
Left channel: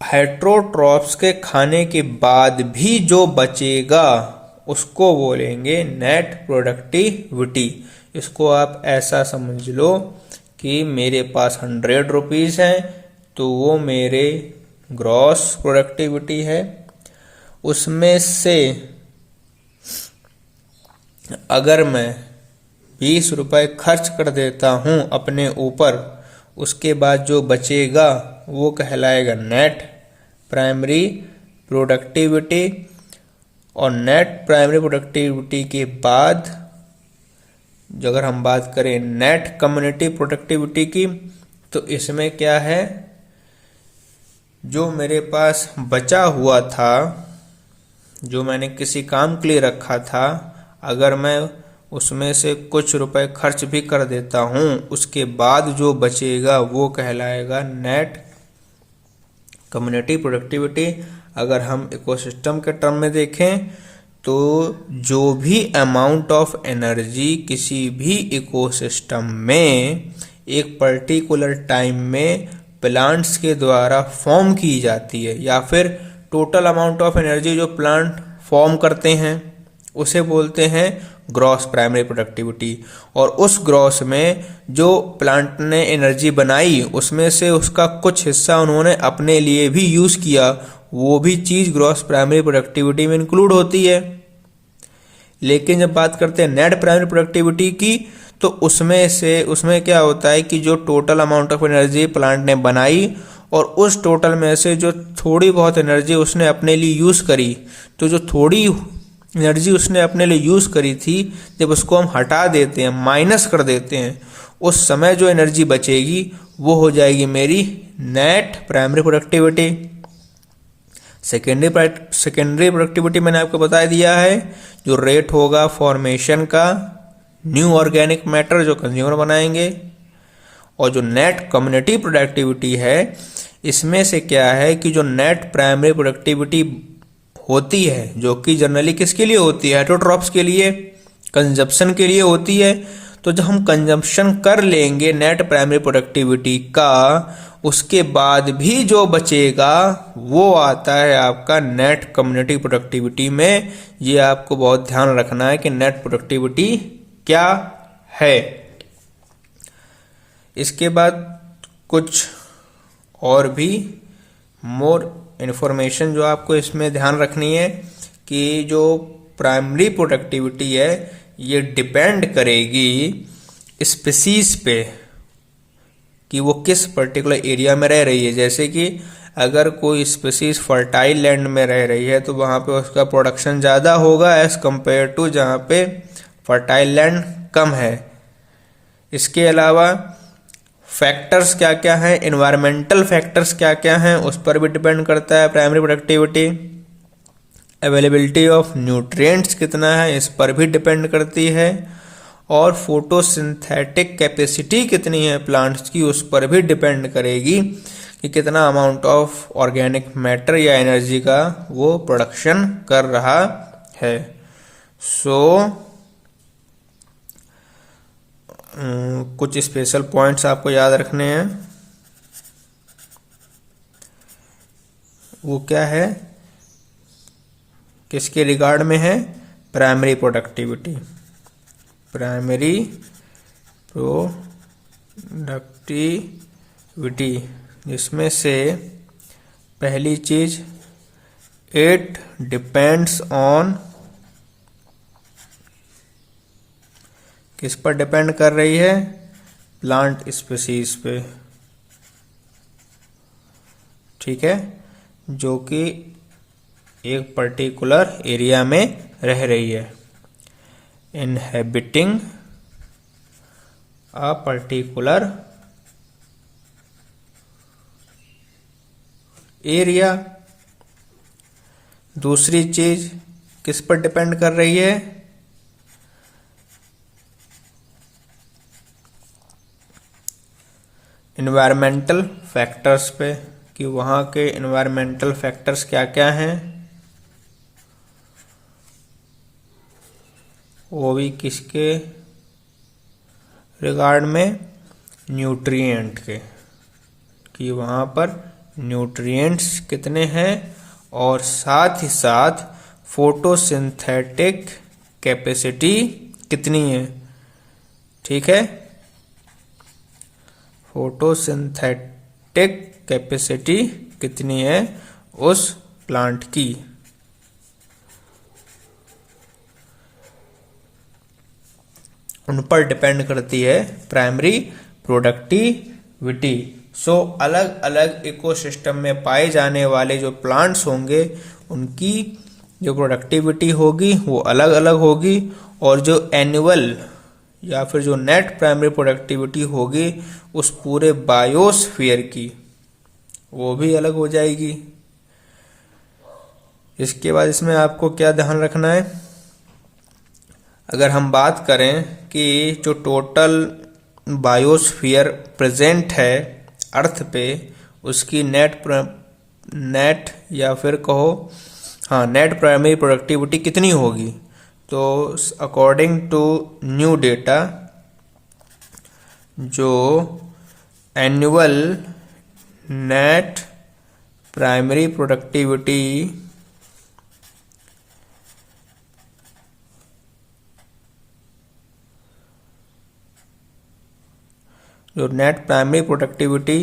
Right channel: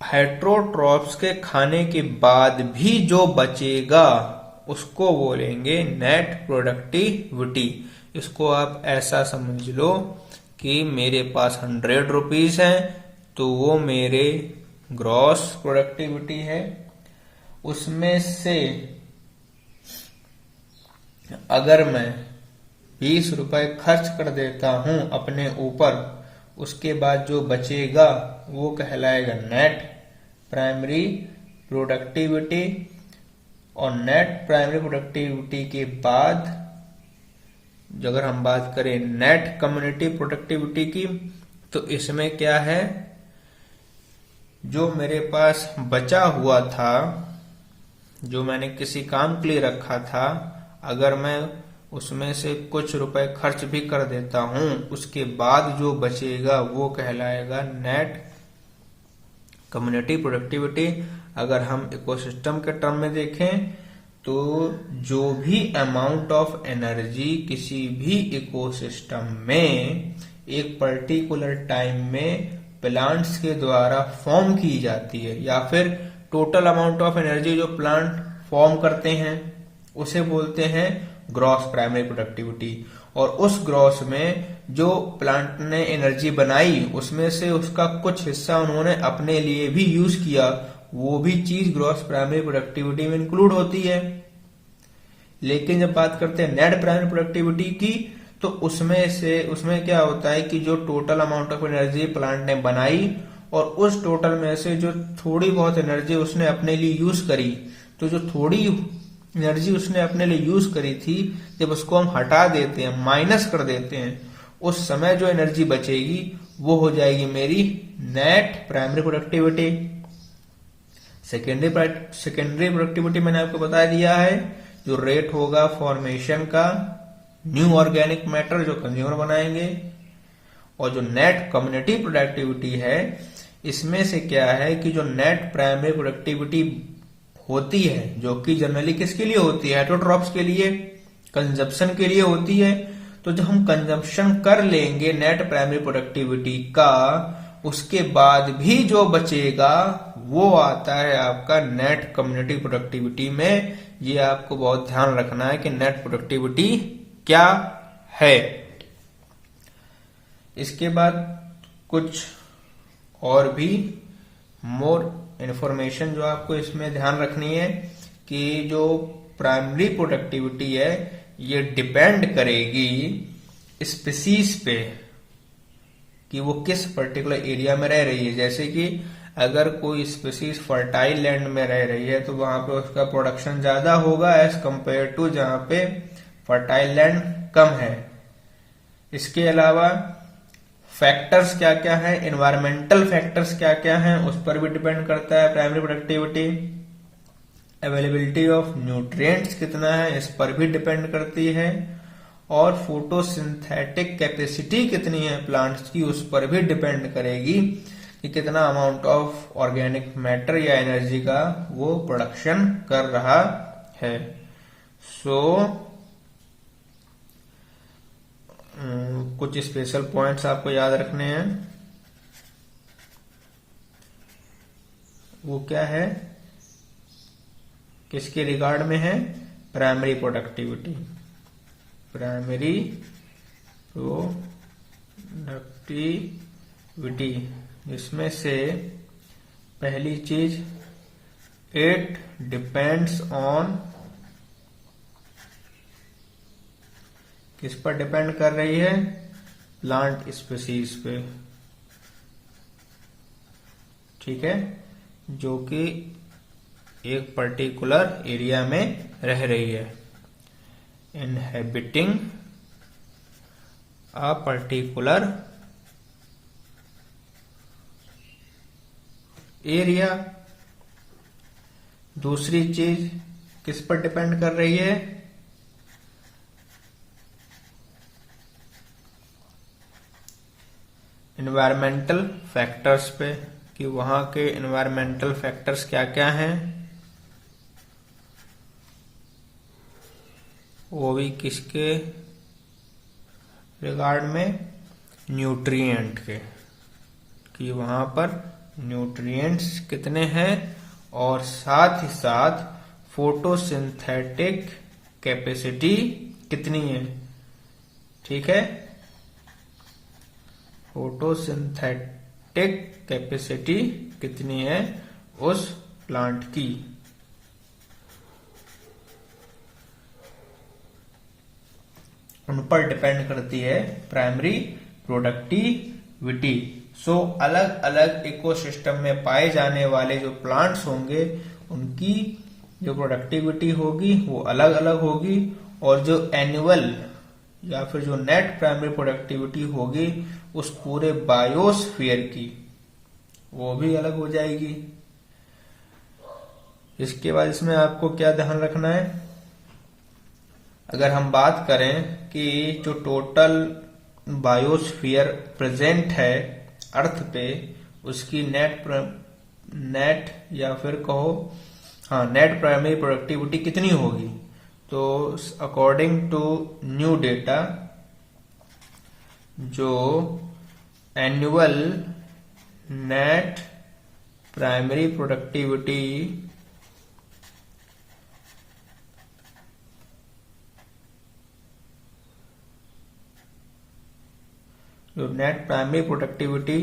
हेट्रोट्रॉप्स के खाने के बाद भी जो बचेगा उसको बोलेंगे नेट प्रोडक्टिविटी। इसको आप ऐसा समझ लो कि मेरे पास 100 रुपीज है तो वो मेरे ग्रॉस प्रोडक्टिविटी है। उसमें से अगर मैं 20 रुपए खर्च कर देता हूं अपने ऊपर, उसके बाद जो बचेगा वो कहलाएगा नेट प्राइमरी प्रोडक्टिविटी। और नेट प्राइमरी प्रोडक्टिविटी के बाद जो अगर हम बात करें नेट कम्युनिटी प्रोडक्टिविटी की, तो इसमें क्या है? जो मेरे पास बचा हुआ था जो मैंने किसी काम के लिए रखा था, अगर मैं उसमें से कुछ रुपए खर्च भी कर देता हूं, उसके बाद जो बचेगा वो कहलाएगा नेट कम्युनिटी प्रोडक्टिविटी। अगर हम इकोसिस्टम के टर्म में देखें तो जो भी अमाउंट ऑफ एनर्जी किसी भी इकोसिस्टम में एक पर्टिकुलर टाइम में प्लांट्स के द्वारा फॉर्म की जाती है, या फिर टोटल अमाउंट ऑफ एनर्जी जो प्लांट फॉर्म करते हैं, उसे बोलते हैं ग्रॉस प्राइमरी प्रोडक्टिविटी। और उस ग्रॉस में जो प्लांट ने एनर्जी बनाई, उसमें से उसका कुछ हिस्सा उन्होंने अपने लिए भी यूज किया, वो भी चीज ग्रॉस प्राइमरी प्रोडक्टिविटी में इंक्लूड होती है। लेकिन जब बात करते हैं नेट प्राइमरी प्रोडक्टिविटी की, तो उसमें क्या होता है कि जो total amount of energy plant ने बनाई और उस टोटल में से जो थोड़ी बहुत एनर्जी उसने अपने लिए यूज करी, तो जो थोड़ी एनर्जी उसने अपने लिए यूज करी थी, जब उसको हम हटा देते हैं, माइनस कर देते हैं, उस समय जो एनर्जी बचेगी वो हो जाएगी मेरी net primary productivity. Secondary productivity मैंने आपको बता दिया है, जो रेट होगा फॉर्मेशन का न्यू ऑर्गेनिक मैटर जो कंज्यूमर बनाएंगे। और जो नेट कम्युनिटी प्रोडक्टिविटी है, इसमें से क्या है कि जो नेट प्राइमरी प्रोडक्टिविटी होती है, जो कि जनरली किसके लिए होती है, हेटेरोट्रॉप्स के लिए, कंजप्शन के लिए होती है। तो जब हम कंजप्शन कर लेंगे नेट प्राइमरी प्रोडक्टिविटी का, उसके बाद भी जो बचेगा वो आता है आपका नेट कम्युनिटी प्रोडक्टिविटी में। ये आपको बहुत ध्यान रखना है कि नेट प्रोडक्टिविटी क्या है। इसके बाद कुछ और भी मोर इन्फॉर्मेशन जो आपको इसमें ध्यान रखनी है कि जो प्राइमरी प्रोडक्टिविटी है, ये डिपेंड करेगी स्पीसीज पे कि वो किस पर्टिकुलर एरिया में रह रही है। जैसे कि अगर कोई स्पीसीज फर्टाइल लैंड में रह रही है तो वहां पे उसका प्रोडक्शन ज़्यादा होगा एज कंपेयर टू जहाँ पे फर्टाइल लैंड कम है। इसके अलावा फैक्टर्स क्या क्या हैं, एनवायरमेंटल फैक्टर्स क्या क्या हैं, उस पर भी डिपेंड करता है primary productivity. Availability of nutrients कितना है, इस पर भी डिपेंड करती है। और फोटोसिंथेटिक कैपेसिटी कितनी है प्लांट्स की, उस पर भी डिपेंड करेगी कि कितना अमाउंट ऑफ ऑर्गेनिक मैटर या एनर्जी का वो प्रोडक्शन कर रहा है। कुछ स्पेशल पॉइंट्स आपको याद रखने हैं। वो क्या है, किसके रिगार्ड में है, प्राइमरी प्रोडक्टिविटी। प्राइमरी प्रोडक्टिविटी, जिसमें से पहली चीज इट डिपेंड्स ऑन, किस पर डिपेंड कर रही है, प्लांट स्पीसीज पे, ठीक है, जो कि एक पर्टिकुलर एरिया में रह रही है। Inhabiting a particular area. दूसरी चीज किस पर डिपेंड कर रही है, इन्वायरमेंटल फैक्टर्स पे, कि वहाँ के इन्वायरमेंटल फैक्टर्स क्या क्या हैं, वो भी किसके रिगार्ड में, न्यूट्रिएंट के, कि वहाँ पर न्यूट्रिएंट्स कितने हैं, और साथ ही साथ फोटोसिंथेटिक कैपेसिटी कितनी है, ठीक है, फोटोसिंथेटिक कैपेसिटी कितनी है उस प्लांट की। उन पर डिपेंड करती है प्राइमरी प्रोडक्टिविटी। अलग अलग इकोसिस्टम में पाए जाने वाले जो प्लांट्स होंगे, उनकी जो प्रोडक्टिविटी होगी वो अलग अलग होगी, और जो एनुअल या फिर जो नेट प्राइमरी प्रोडक्टिविटी होगी उस पूरे बायोस्फीयर की, वो भी अलग हो जाएगी। इसके बाद इसमें आपको क्या ध्यान रखना है, अगर हम बात करें कि जो टोटल बायोस्फीयर प्रेजेंट है अर्थ पे, उसकी नेट या फिर कहो नेट प्राइमरी प्रोडक्टिविटी कितनी होगी, तो अकॉर्डिंग टू न्यू डेटा जो एनुअल नेट प्राइमरी प्रोडक्टिविटी जो नेट प्राइमरी प्रोडक्टिविटी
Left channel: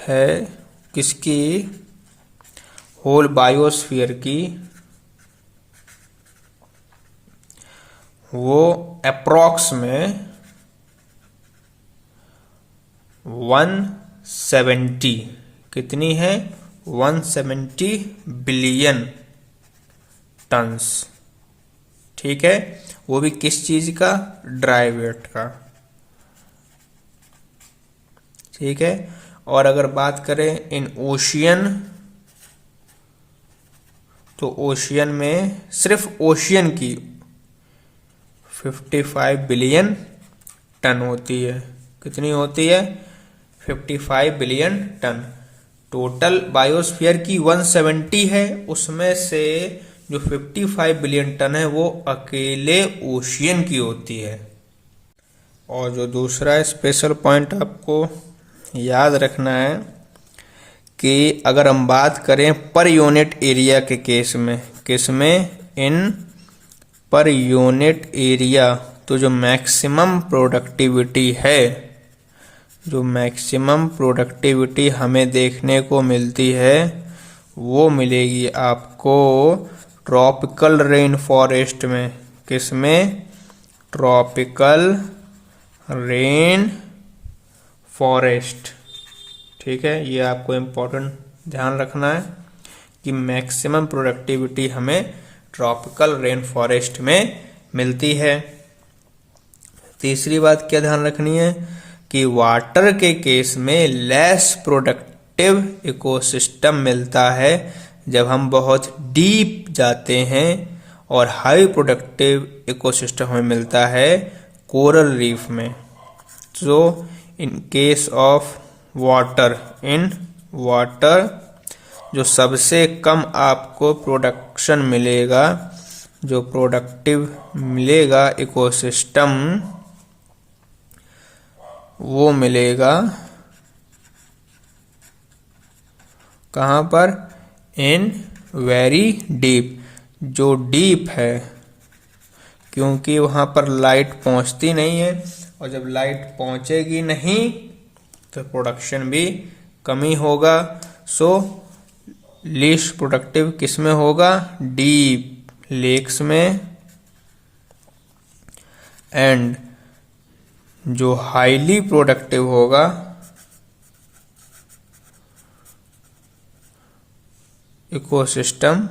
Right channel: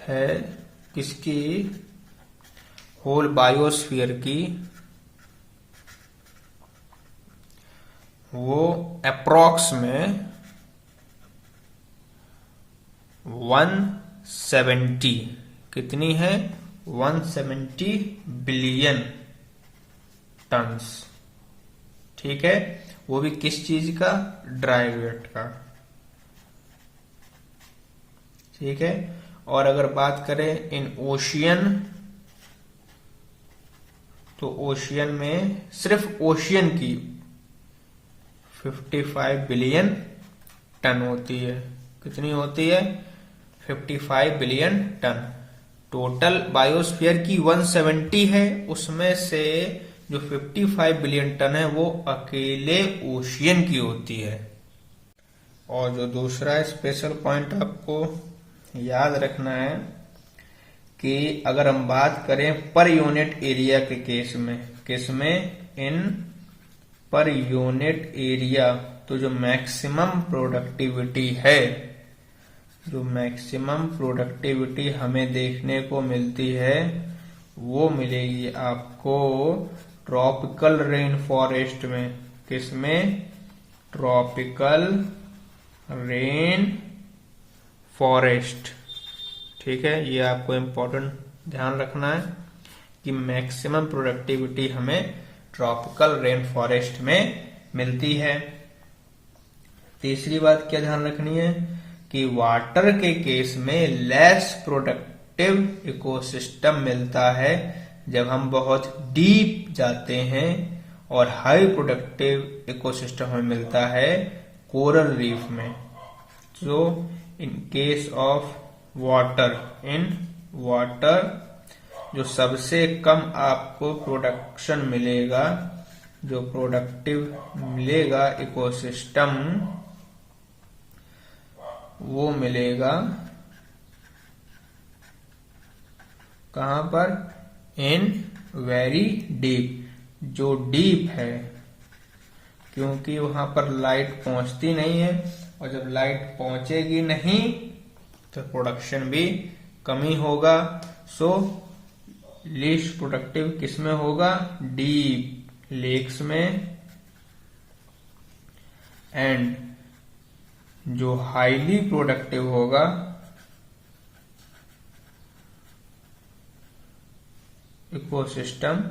है किसकी, होल बायोस्फीयर की, वो अप्रॉक्स में 170 कितनी है, 170 बिलियन टन्स। ठीक है, वो भी किस चीज का, ड्राई वेट का। ठीक है, और अगर बात करें इन ओशियन, तो ओशियन में सिर्फ ओशियन की 55 बिलियन टन होती है। कितनी होती है, 55 बिलियन टन। टोटल बायोस्फीयर की 170 है, उसमें से जो 55 बिलियन टन है वो अकेले ओशियन की होती है। और जो दूसरा स्पेशल पॉइंट आपको याद रखना है कि अगर हम बात करें पर यूनिट एरिया के केस में, किसमें, इन पर यूनिट एरिया, तो जो मैक्सिमम प्रोडक्टिविटी है, जो मैक्सिमम प्रोडक्टिविटी हमें देखने को मिलती है वो मिलेगी आपको ट्रॉपिकल रेन फॉरेस्ट में। किसमें, ट्रॉपिकल रेन फॉरेस्ट। ठीक है, ये आपको इम्पोर्टेंट ध्यान रखना है कि मैक्सिमम प्रोडक्टिविटी हमें ट्रॉपिकल रेन फॉरेस्ट में मिलती है। तीसरी बात क्या ध्यान रखनी है कि वाटर के केस में लेस प्रोडक्टिव इकोसिस्टम मिलता है जब हम बहुत डीप जाते हैं, और हाई प्रोडक्टिव इकोसिस्टम हमें मिलता है कोरल रीफ में। So in case of water, in water जो सबसे कम आपको प्रोडक्शन मिलेगा, जो प्रोडक्टिव मिलेगा इकोसिस्टम, वो मिलेगा कहाँ पर, इन वेरी डीप, जो डीप है, क्योंकि वहां पर लाइट पहुंचती नहीं है, और जब लाइट पहुंचेगी नहीं तो प्रोडक्शन भी कमी होगा। सो लीस्ट प्रोडक्टिव किसमें होगा, डीप लेक्स में, एंड जो हाईली प्रोडक्टिव होगा इकोसिस्टम,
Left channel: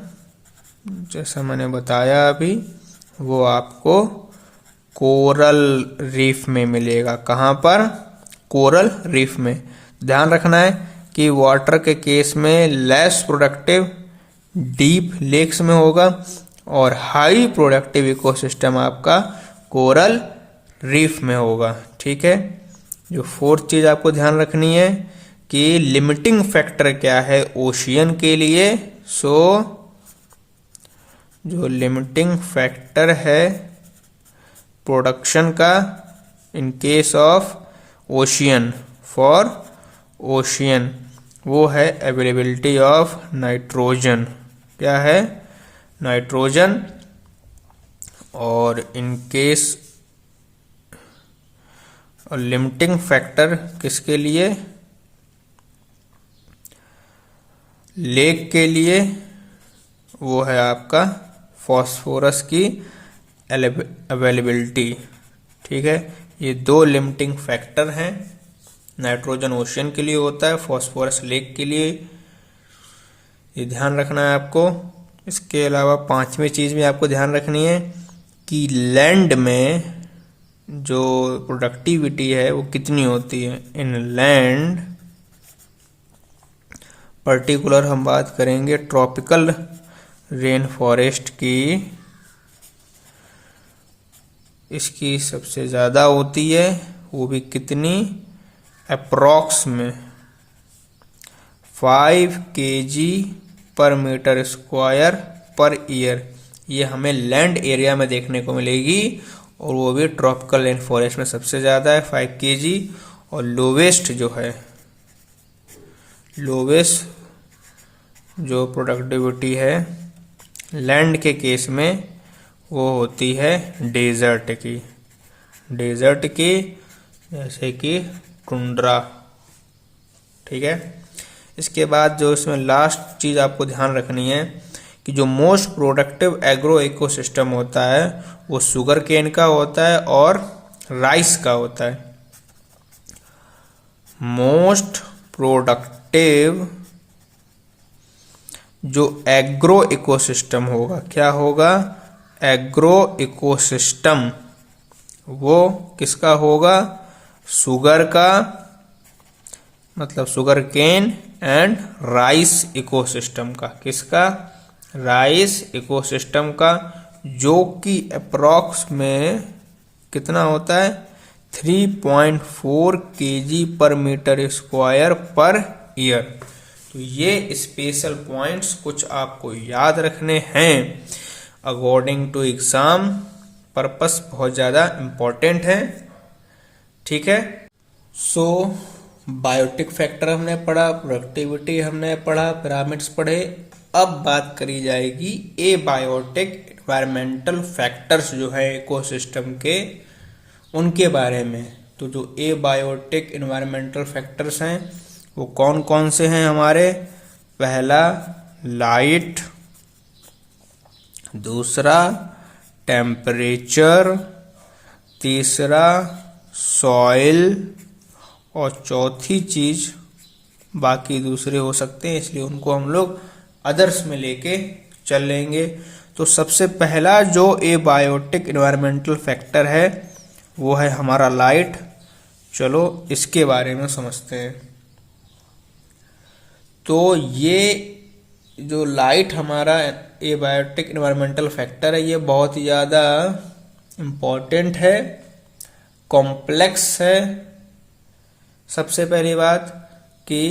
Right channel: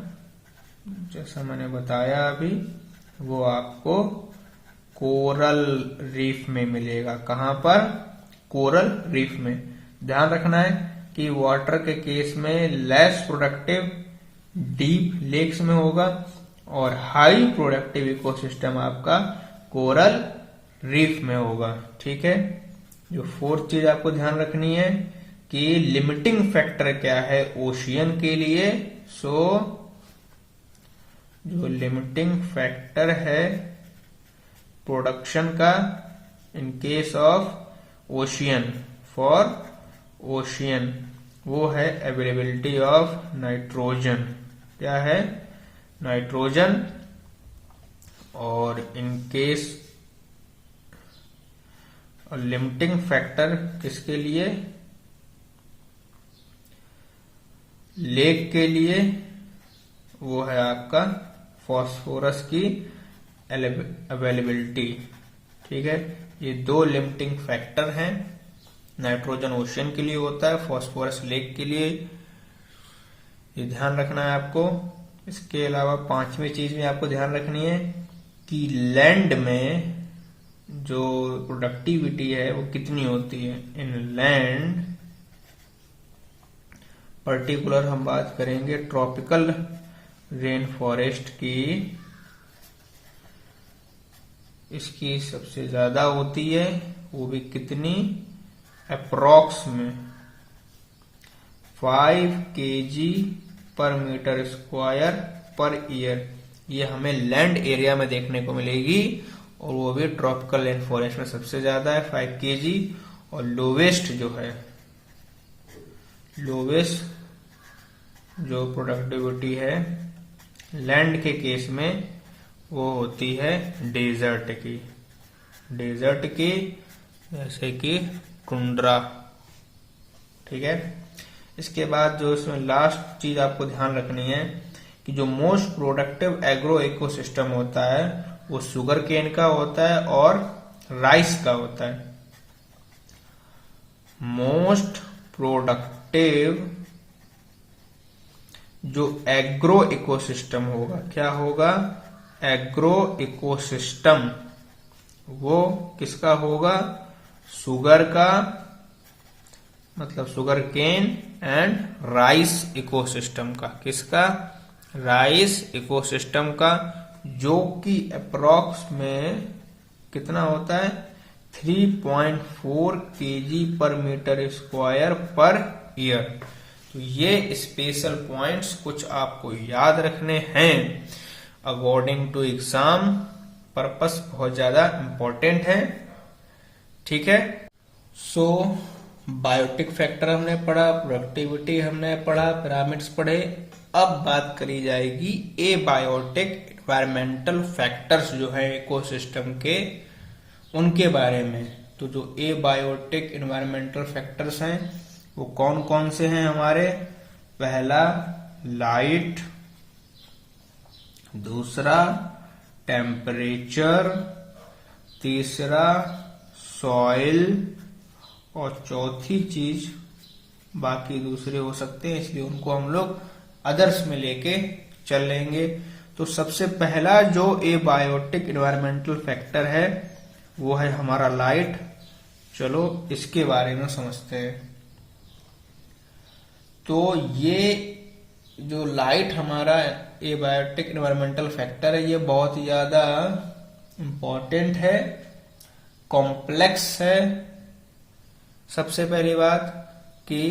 जैसा मैंने बताया अभी, वो आपको कोरल रीफ में मिलेगा। कहाँ पर, कोरल रीफ में। ध्यान रखना है कि वाटर के केस में लेस प्रोडक्टिव डीप लेक्स में होगा, और हाई प्रोडक्टिव इकोसिस्टम आपका कोरल रीफ में होगा। ठीक है, जो फोर्थ चीज आपको ध्यान रखनी है कि लिमिटिंग फैक्टर क्या है ओशियन के लिए। सो जो लिमिटिंग फैक्टर है प्रोडक्शन का इन case of ocean, for ocean, वो है अवेलेबिलिटी ऑफ नाइट्रोजन। क्या है, नाइट्रोजन। और इन केस और लिमिटिंग फैक्टर किसके लिए, लेक के लिए, वो है आपका फॉस्फोरस की अवेलेबिलिटी। ठीक है, ये दो लिमिटिंग फैक्टर हैं। नाइट्रोजन ओशियन के लिए होता है, फॉस्फोरस लेक के लिए। ये ध्यान रखना है आपको। इसके अलावा पांचवी चीज में आपको ध्यान रखनी है कि लैंड में जो प्रोडक्टिविटी है वो कितनी होती है। इन लैंड पर्टिकुलर हम बात करेंगे ट्रॉपिकल रेन फॉरेस्ट की, इसकी सबसे ज़्यादा होती है, वो भी कितनी, अप्रॉक्स में 5 kg पर मीटर स्क्वायर पर ईयर। ये हमें लैंड एरिया में देखने को मिलेगी और वो भी ट्रॉपिकल रेन फॉरेस्ट में सबसे ज़्यादा है 5 kg। और लोवेस्ट जो है, लोवेस्ट जो प्रोडक्टिविटी है लैंड के केस में वो होती है डेजर्ट की, डेजर्ट की जैसे कि टुंड्रा। ठीक है। इसके बाद जो इसमें लास्ट चीज आपको ध्यान रखनी है कि जो मोस्ट प्रोडक्टिव एग्रो इकोसिस्टम होता है वो शुगर केन का होता है और राइस का होता है। मोस्ट प्रोडक्टिव जो एग्रो इकोसिस्टम होगा, क्या होगा, एग्रो इकोसिस्टम, वो किसका होगा, शुगर का, मतलब sugar cane and rice ecosystem का। किसका, राइस इकोसिस्टम का, जो कि अप्रॉक्स में कितना होता है 3.4 kg पर मीटर स्क्वायर पर ईयर। तो ये स्पेशल पॉइंट्स कुछ आपको याद रखने हैं, अकॉर्डिंग टू एग्जाम पर्पस बहुत ज्यादा इंपॉर्टेंट है। ठीक है। सो बायोटिक फैक्टर हमने पढ़ा, प्रोडक्टिविटी हमने पढ़ा, पिरामिड्स पढ़े। अब बात करी जाएगी ए बायोटिक एनवायरमेंटल फैक्टर्स जो है इकोसिस्टम के, उनके बारे में। तो जो ए बायोटिक एनवायरमेंटल फैक्टर्स हैं वो कौन कौन से हैं हमारे, पहला लाइट, दूसरा टेम्परेचर, तीसरा सॉइल और चौथी चीज बाकी दूसरे हो सकते हैं, इसलिए उनको हम लोग अदर्स में लेके चल लेंगे। तो सबसे पहला जो ए बायोटिक एनवायरमेंटल फैक्टर है वो है हमारा लाइट। चलो इसके बारे में समझते हैं। तो ये जो लाइट हमारा ए बायोटिक एनवायरमेंटल फैक्टर है ये बहुत ही ज्यादा इम्पोर्टेंट है, कॉम्प्लेक्स है। सबसे पहली बात कि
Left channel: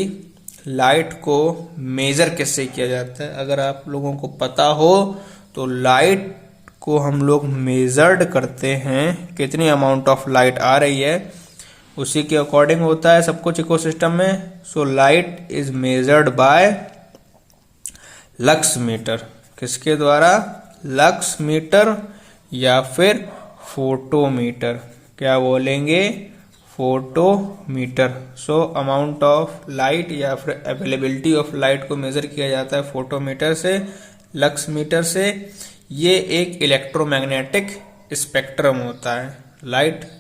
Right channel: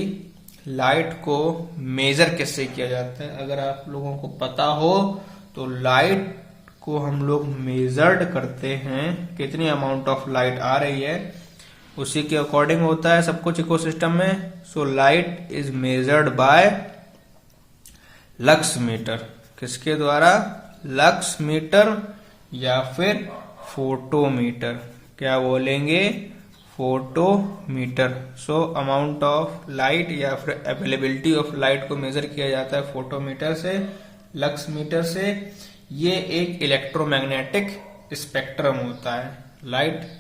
लाइट को मेजर कैसे किया जाता है, अगर आप लोगों को पता हो तो लाइट को हम लोग मेजर्ड करते हैं, कितनी अमाउंट ऑफ लाइट आ रही है उसी के अकॉर्डिंग होता है सब कुछ इकोसिस्टम में। So light is measured by lux meter. किसके द्वारा, लक्स मीटर या फिर फोटोमीटर। क्या बोलेंगे, photometer. So amount of light या फिर अवेलेबिलिटी ऑफ लाइट को मेजर किया जाता है फोटोमीटर से, लक्स मीटर से। ये एक इलेक्ट्रोमैग्नेटिक स्पेक्ट्रम होता है। लाइट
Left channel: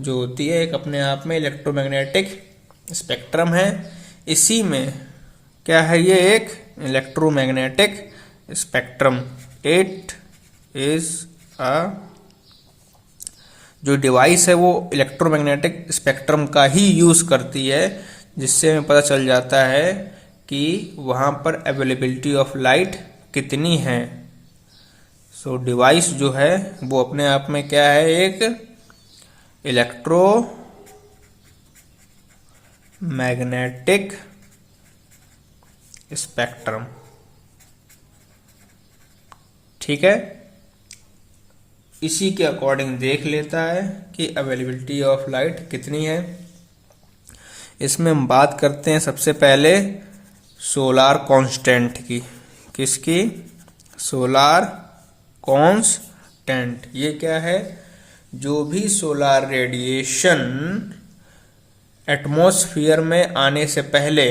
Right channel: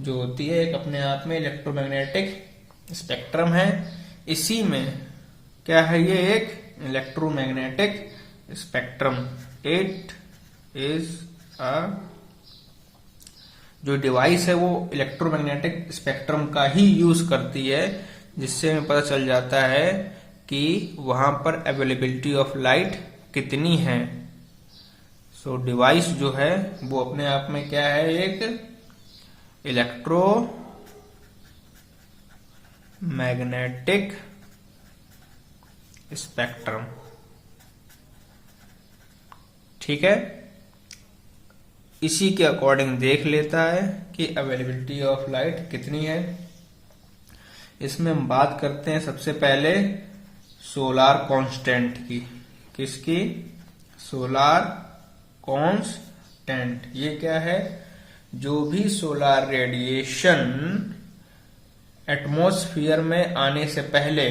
जो होती है एक अपने आप में इलेक्ट्रोमैग्नेटिक स्पेक्ट्रम है। इसी में क्या है, ये एक electromagnetic spectrum. It is a जो डिवाइस है वो इलेक्ट्रोमैग्नेटिक स्पेक्ट्रम का ही यूज करती है, जिससे हमें पता चल जाता है कि वहां पर अवेलेबिलिटी ऑफ लाइट कितनी है। सो डिवाइस जो है वो अपने आप में क्या है, एक इलेक्ट्रोमैग्नेटिक स्पेक्ट्रम। ठीक है। इसी के अकॉर्डिंग देख लेता है कि अवेलेबिलिटी ऑफ लाइट कितनी है। इसमें हम बात करते हैं सबसे पहले सोलार कांस्टेंट की। किसकी, सोलार कांस्टेंट। ये क्या है, जो भी सोलार रेडिएशन एटमॉस्फेयर में आने से पहले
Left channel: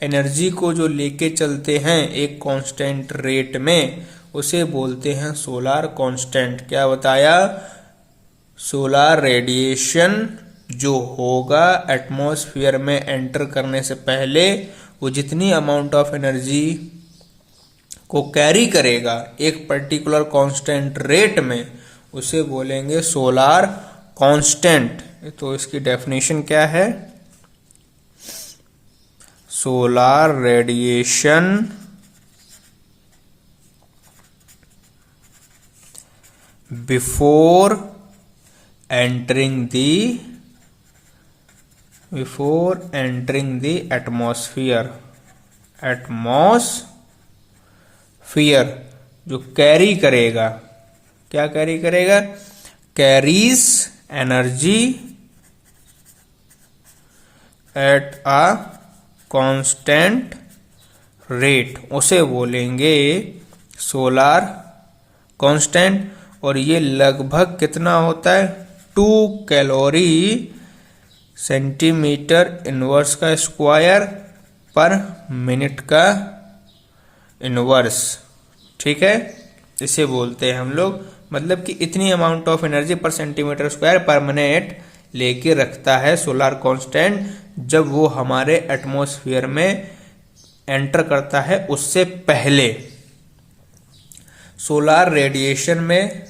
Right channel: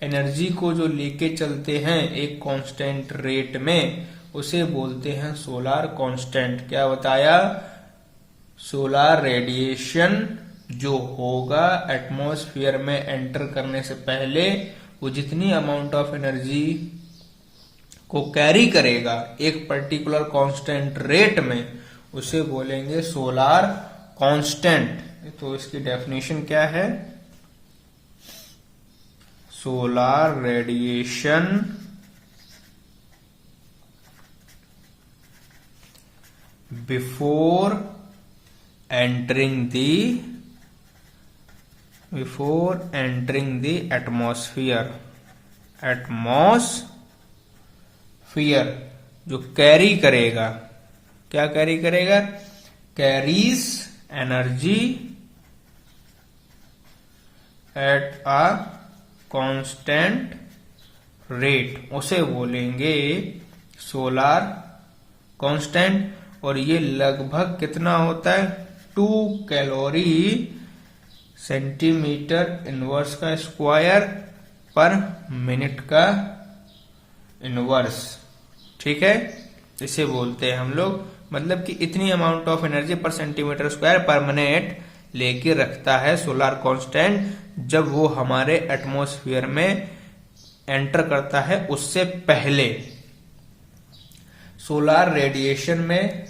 एनर्जी को जो लेके चलते हैं एक कांस्टेंट रेट में, उसे बोलते हैं सोलार कांस्टेंट। क्या बताया, सोलार रेडिएशन जो होगा एटमॉस्फेयर में एंटर करने से पहले वो जितनी अमाउंट ऑफ एनर्जी को कैरी करेगा एक पर्टिकुलर कांस्टेंट रेट में, उसे बोलेंगे सोलार कांस्टेंट। तो इसकी डेफिनेशन क्या है, solar radiation before entering the atmosphere जो कैरी करेगा, क्या कैरी करेगा, carries energy at a constant rate, उसे बोलेंगे सोलार कांस्टेंट। और ये लगभग कितना होता है, 2 कैलोरी सेंटीमीटर इनवर्स का स्क्वायर पर मिनट का इनवर्स। ठीक है, इसे बोलते हैं हम लोग, मतलब कि इतनी अमाउंट ऑफ एनर्जी पर सेंटीमीटर स्क्वायर पर मिनट लेके रखता है सोलार कांस्टेंट, जब वो हमारे एटमॉस्फेयर में एंटर करता है उससे पहले। सोलार रेडिएशन में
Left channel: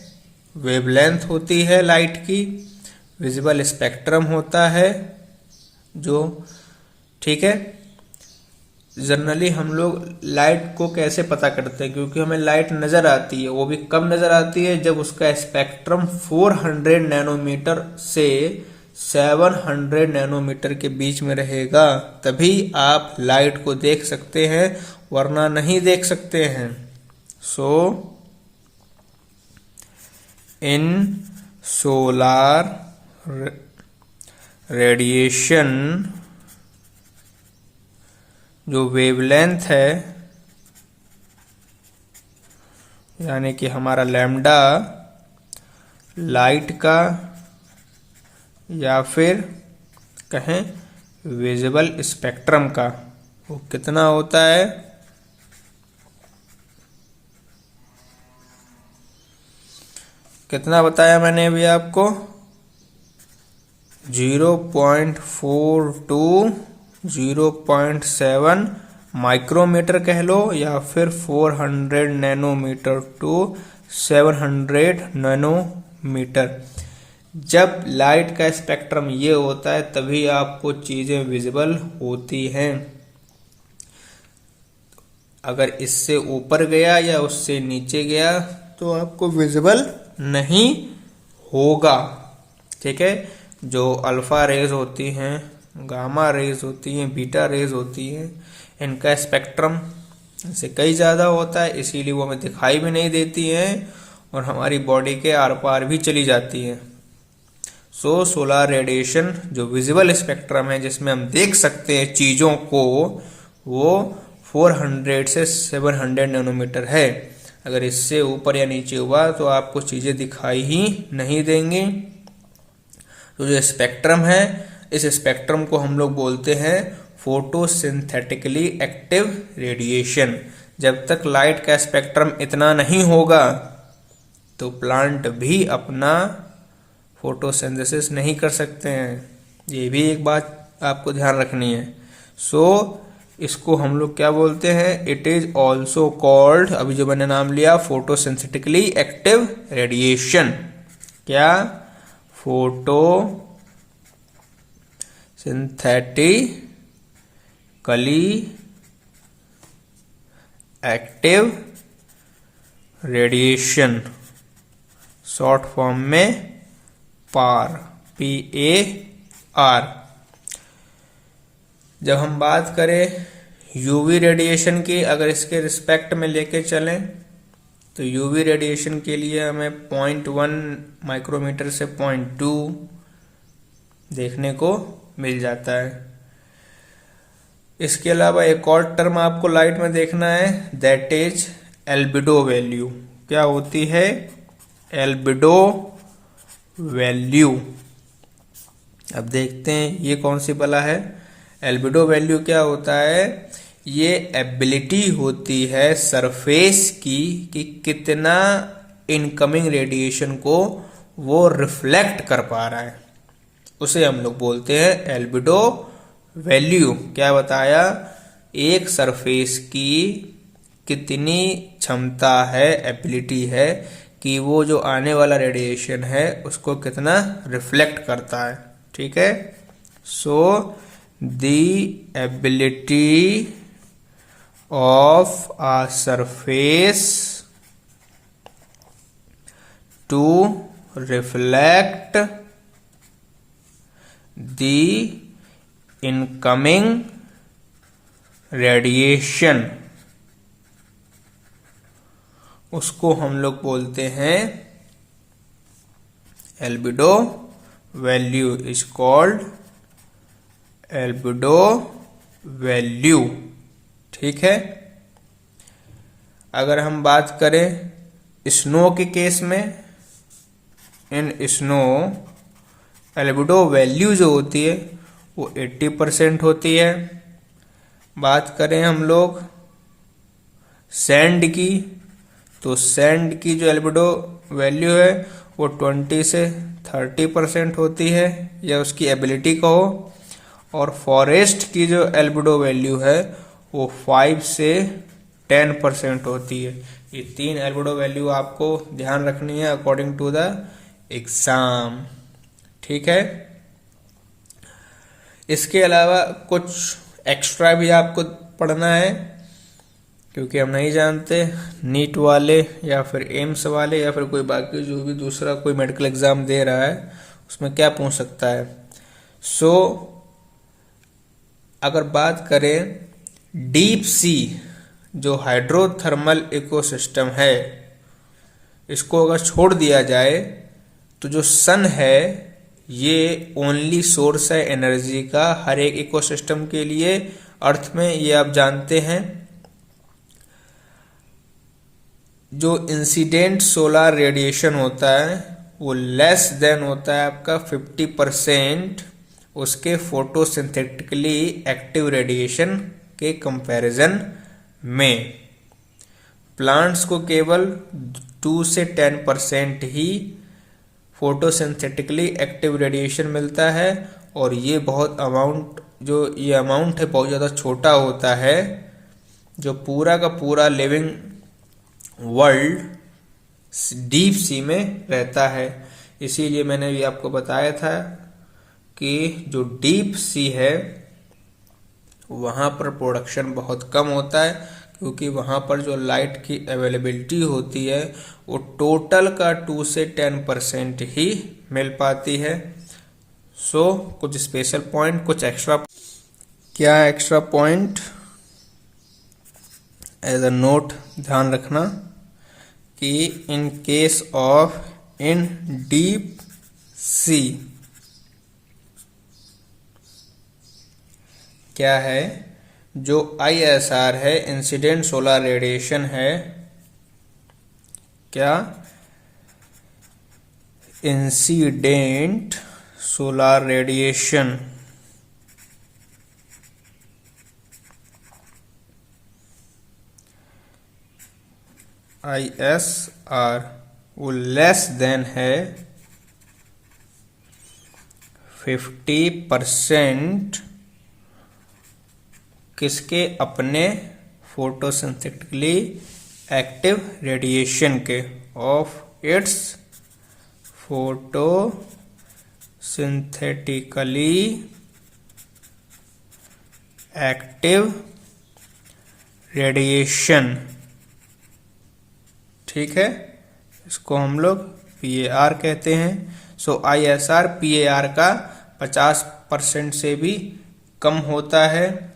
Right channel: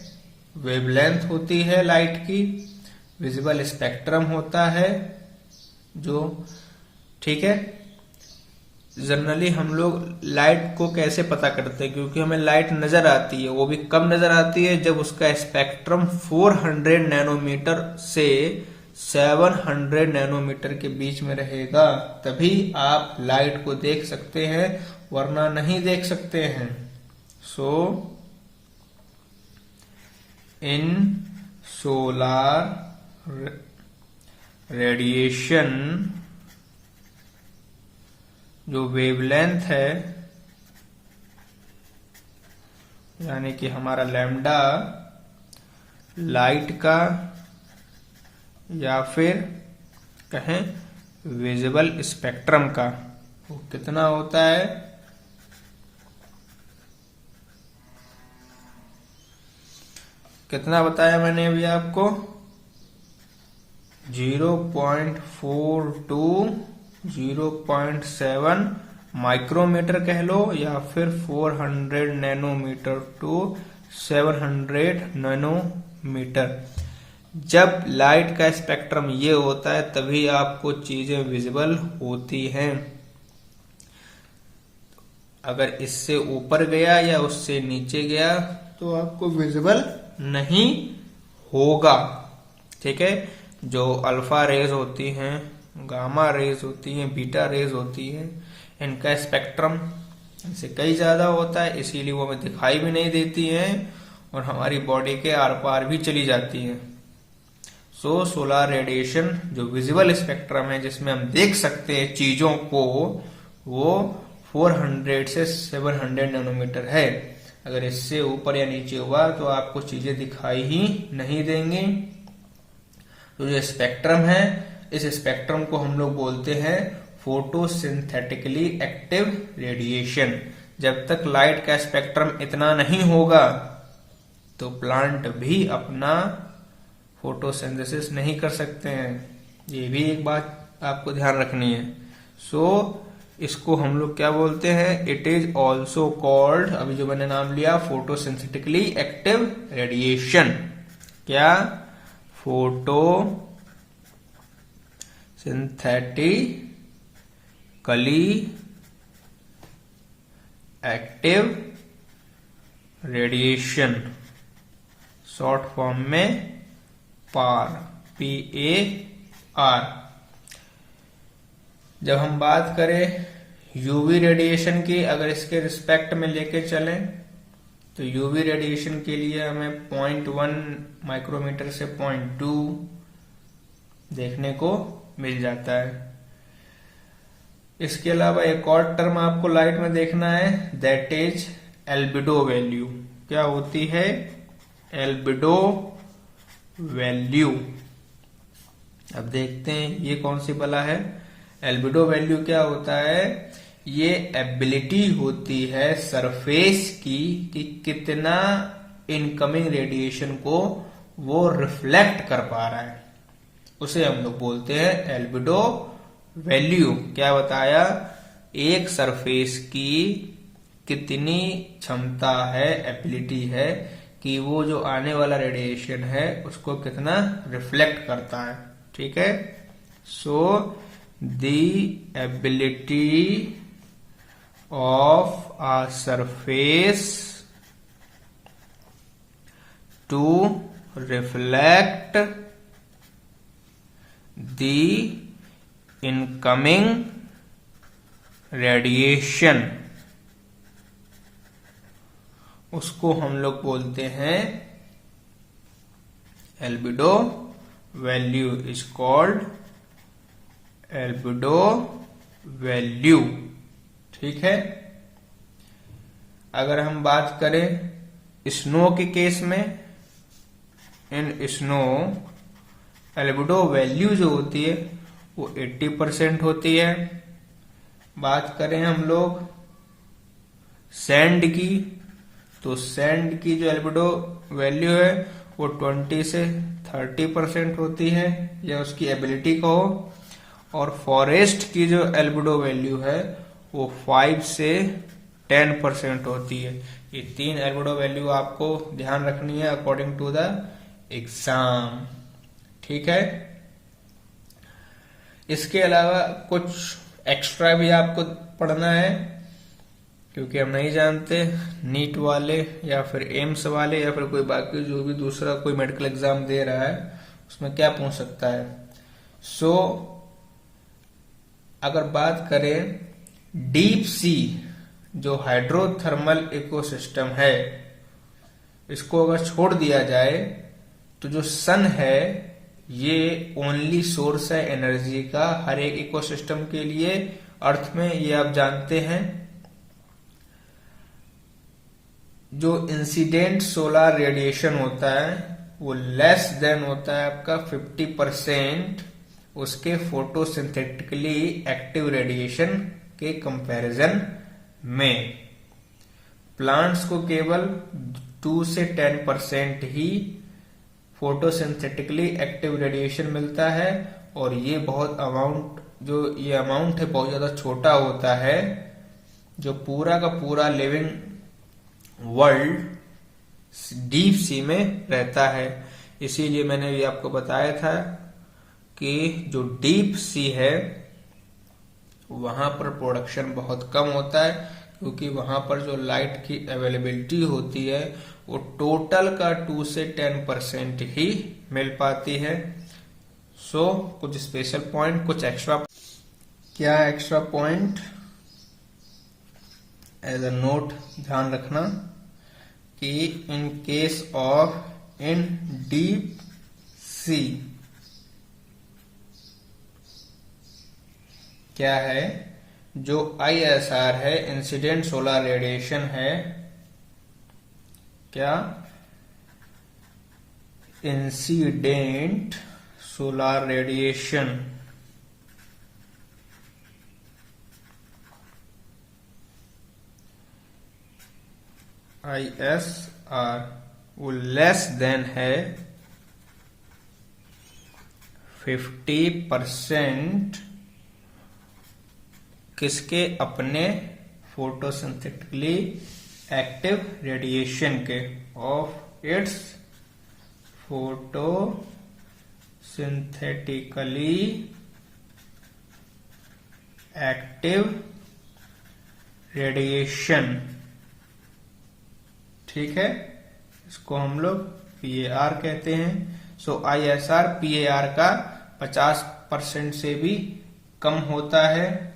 वेवलेंथ होती है लाइट की, विजिबल स्पेक्ट्रम होता है जो, ठीक है। जनरली हम लोग लाइट को कैसे पता करते हैं, क्योंकि हमें लाइट नजर आती है, वो भी कब नजर आती है, जब उसका स्पेक्ट्रम 400 नैनोमीटर से 700 नैनोमीटर के बीच में रहेगा, तभी आप लाइट को देख सकते हैं, वरना नहीं देख सकते हैं। सो इन सोलार रेडिएशन जो वेवलेंथ है, यानी कि हमारा लैम्डा लाइट का, या फिर कहें विजिबल स्पेक्ट्रम का, वो कितना होता है, कितना बताया मैंने अभी आपको, 0.4 to 0.7 माइक्रोमीटर कह लो, या फिर 400 नैनोमीटर टू 700 नैनोमीटर। जब लाइट का स्पेक्ट्रम ये होता है तभी आपको चीजें विजिबल होती हैं। अगर इससे ऊपर गया या उससे नीचे गया तो आपको विजिबल नहीं होगा। ठीक है, जो अल्फा रेज होती हैं, गामा रेज होती हैं, बीटा रेज होती हैं, इनका स्पेक्ट्रम इनसे कई ज्यादा होता है, इसीलिए वो हमें दिखाई भी नहीं देती हैं और हमारी बॉडी के आर पार भी चली जाती हैं। सो सोलर रेडिएशन जो विजिबल स्पेक्ट्रम है, जिसमें हम देख सकते हैं चीजों को, वो 400 से 700 नैनोमीटर है। अगर इससे ऊपर या नीचे हुआ तो आपको चीजें दिखाई ही नहीं देंगी। तो जो स्पेक्ट्रम है, इस स्पेक्ट्रम को हम लोग बोलते हैं फोटोसिंथेटिकली एक्टिव रेडिएशन। जब तक लाइट का स्पेक्ट्रम इतना नहीं होगा तो प्लांट भी अपना फोटोसिंथेसिस नहीं कर सकते हैं। ये भी एक बात आपको ध्यान रखनी है। सो इसको हम लोग क्या बोलते हैं, इट इज ऑल्सो कॉल्ड, अभी जो मैंने नाम लिया, फोटोसिंथेटिकली एक्टिव रेडिएशन। क्या, photo synthetically active radiation, short form में पार, PAR। जब हम बात करें यूवी रेडिएशन की, अगर इसके रिस्पेक्ट में लेके चलें तो यूवी रेडिएशन के लिए हमें 0.1 माइक्रोमीटर से 0.2 देखने को मिल जाता है। इसके अलावा एक और टर्म आपको लाइट में देखना है, दैट इज एल्बिडो वैल्यू। क्या होती है, एल्बिडो वैल्यू। अब देखते हैं ये कौन सी बला है। एल्बिडो वैल्यू क्या होता है, ये एबिलिटी होती है सरफेस की कि कितना इनकमिंग रेडिएशन को वो रिफ्लेक्ट कर पा रहा है, उसे हम लोग बोलते हैं एल्बिडो वैल्यू। क्या बताया, एक सरफेस की कितनी क्षमता है, एबिलिटी है कि वो जो आने वाला रेडिएशन है उसको कितना रिफ्लेक्ट करता है। ठीक है, सो the ability of a surface to reflect the incoming radiation, उसको हम लोग बोलते हैं albedo value, is called albedo value. ठीक है। अगर हम बात करें स्नो के केस में, इन स्नो एल्बिडो वैल्यू जो होती है वो 80% होती है। बात करें हम लोग सैंड की, तो सैंड की जो एल्बिडो वैल्यू है वो 20 से 30% होती है, या उसकी एबिलिटी कहो। और फॉरेस्ट की जो एल्बिडो वैल्यू है वो 5 से 10% होती है। ये 3 एल्बिडो वैल्यू आपको ध्यान रखनी है अकॉर्डिंग टू द एग्जाम। ठीक है। इसके अलावा कुछ एक्स्ट्रा भी आपको पढ़ना है, क्योंकि हम नहीं जानते नीट वाले या फिर एम्स वाले या फिर कोई बाकी जो भी दूसरा कोई मेडिकल एग्जाम दे रहा है उसमें क्या पूछ सकता है। सो अगर बात करें डीप सी जो हाइड्रोथर्मल इकोसिस्टम है, इसको अगर छोड़ दिया जाए तो जो सन है ये ओनली सोर्स है एनर्जी का हर एक इकोसिस्टम के लिए अर्थ में, ये आप जानते हैं। जो इंसिडेंट सोलर रेडिएशन होता है वो लेस देन होता है आपका 50% उसके फोटोसिंथेटिकली एक्टिव रेडिएशन के कंपैरिजन में। प्लांट्स को केवल 2 से 10% ही फोटोसिंथेटिकली एक्टिव रेडिएशन मिलता है, और ये बहुत अमाउंट ये अमाउंट है बहुत ज़्यादा छोटा होता है। जो पूरा का पूरा लिविंग वर्ल्ड डीप सी में रहता है। इसीलिए मैंने भी आपको बताया था कि जो डीप सी है वहाँ पर प्रोडक्शन बहुत कम होता है, क्योंकि वहाँ पर जो लाइट की अवेलेबिलिटी होती है वो टोटल का 2 से 10% ही मिल पाती है। सो कुछ स्पेशल पॉइंट, कुछ एक्स्ट्रा, क्या extra point as a note ध्यान रखना कि in case of in deep sea क्या है, जो ISR है इंसिडेंट सोलर रेडिएशन है, क्या इंसिडेंट सोलर रेडिएशन ISR वो लेस देन है 50% किसके, अपने फोटोसिंथेटिकली एक्टिव रेडिएशन के, of its photosynthetically active radiation. ठीक है, इसको हम लोग PAR कहते हैं। सो ISR PAR का 50% से भी कम होता है।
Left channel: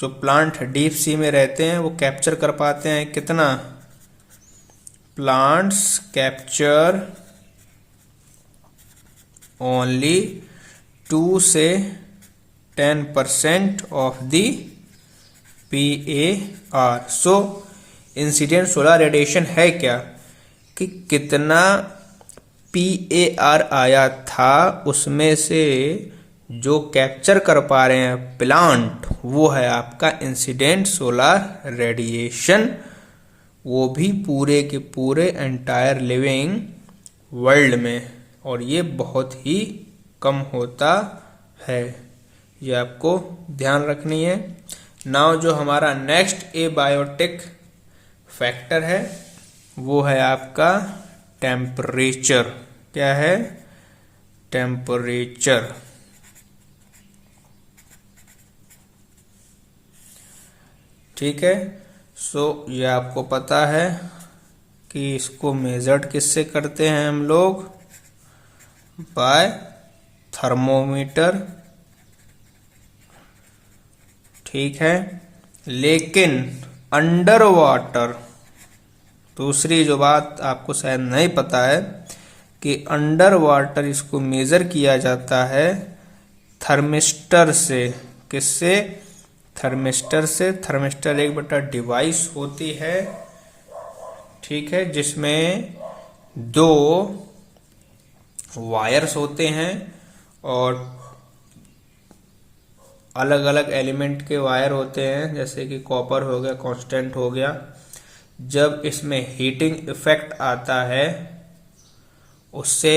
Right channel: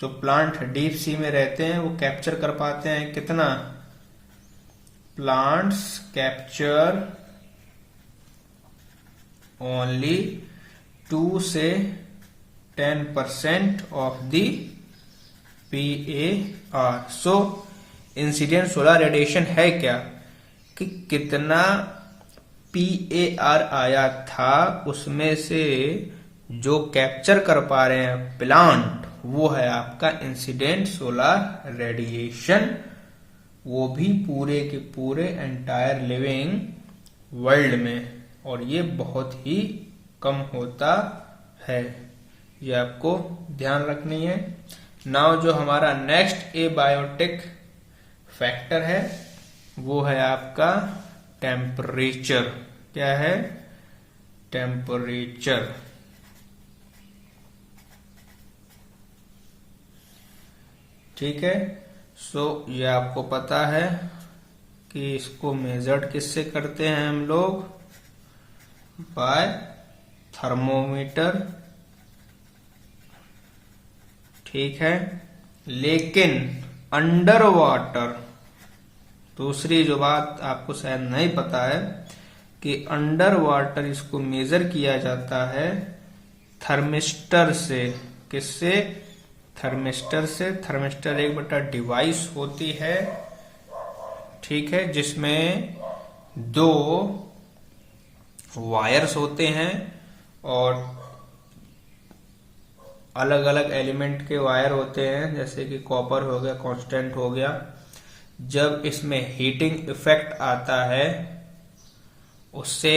जो प्लांट डीप सी में रहते हैं वो कैप्चर कर पाते हैं कितना, प्लांट्स कैप्चर ओनली 2 से 10% of the PAR। So incident solar radiation है क्या, कि कितना PAR आया था उसमें से जो कैप्चर कर पा रहे हैं प्लांट, वो है आपका इंसिडेंट सोलर रेडिएशन। वो भी पूरे के पूरे एंटायर लिविंग वर्ल्ड में, और ये बहुत ही कम होता है। ये आपको ध्यान रखनी है। नाउ जो हमारा नेक्स्ट एबायोटिक फैक्टर है वो है आपका टेम्परेचर। क्या है, टेम्परेचर। ठीक है। सो ये आपको पता है कि इसको मेजर्ड किससे करते हैं हम लोग, बाय थर्मोमीटर, ठीक है। लेकिन अंडर वाटर दूसरी जो बात आपको शायद नहीं पता है कि अंडर वाटर इसको मेजर किया जाता है थर्मिस्टर से। किससे? थर्मिस्टर से। थर्मिस्टर एक बटा डिवाइस होती है, ठीक है, जिसमें 2 वायर्स होते हैं और अलग अलग एलिमेंट के वायर होते हैं, जैसे कि कॉपर हो गया, कांस्टेंट हो गया। जब इसमें हीटिंग इफेक्ट आता है उससे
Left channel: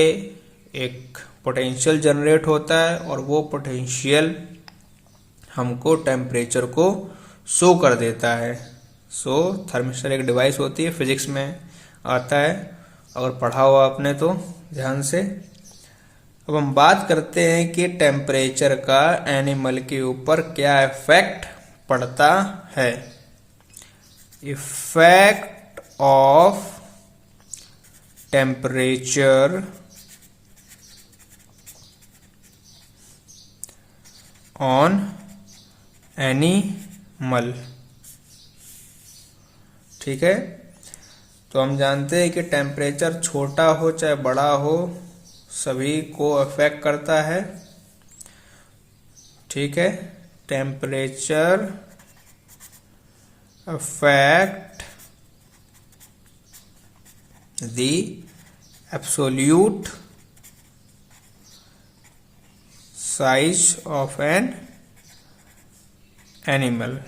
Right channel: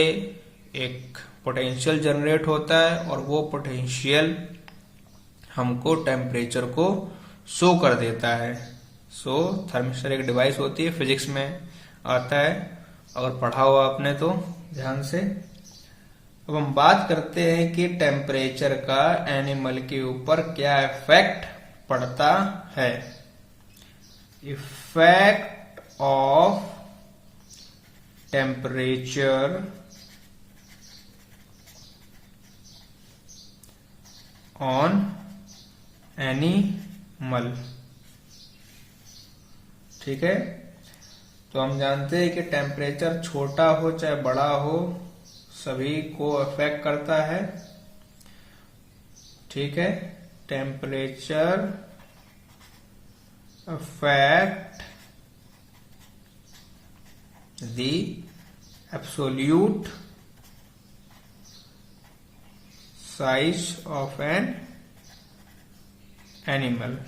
एक पोटेंशियल जनरेट होता है और वो पोटेंशियल हमको टेम्परेचर को शो कर देता है। सो थर्मिस्टर एक डिवाइस होती है, फिजिक्स में आता है, अगर पढ़ा हुआ आपने तो ध्यान से। अब हम बात करते हैं कि टेम्परेचर का एनिमल के ऊपर क्या इफेक्ट पड़ता है। Effect of temperature on animal, ठीक है। तो हम जानते हैं कि टेम्परेचर छोटा हो चाहे बड़ा हो सभी को अफेक्ट करता है, ठीक है। Temperature affect the absolute size of an animal.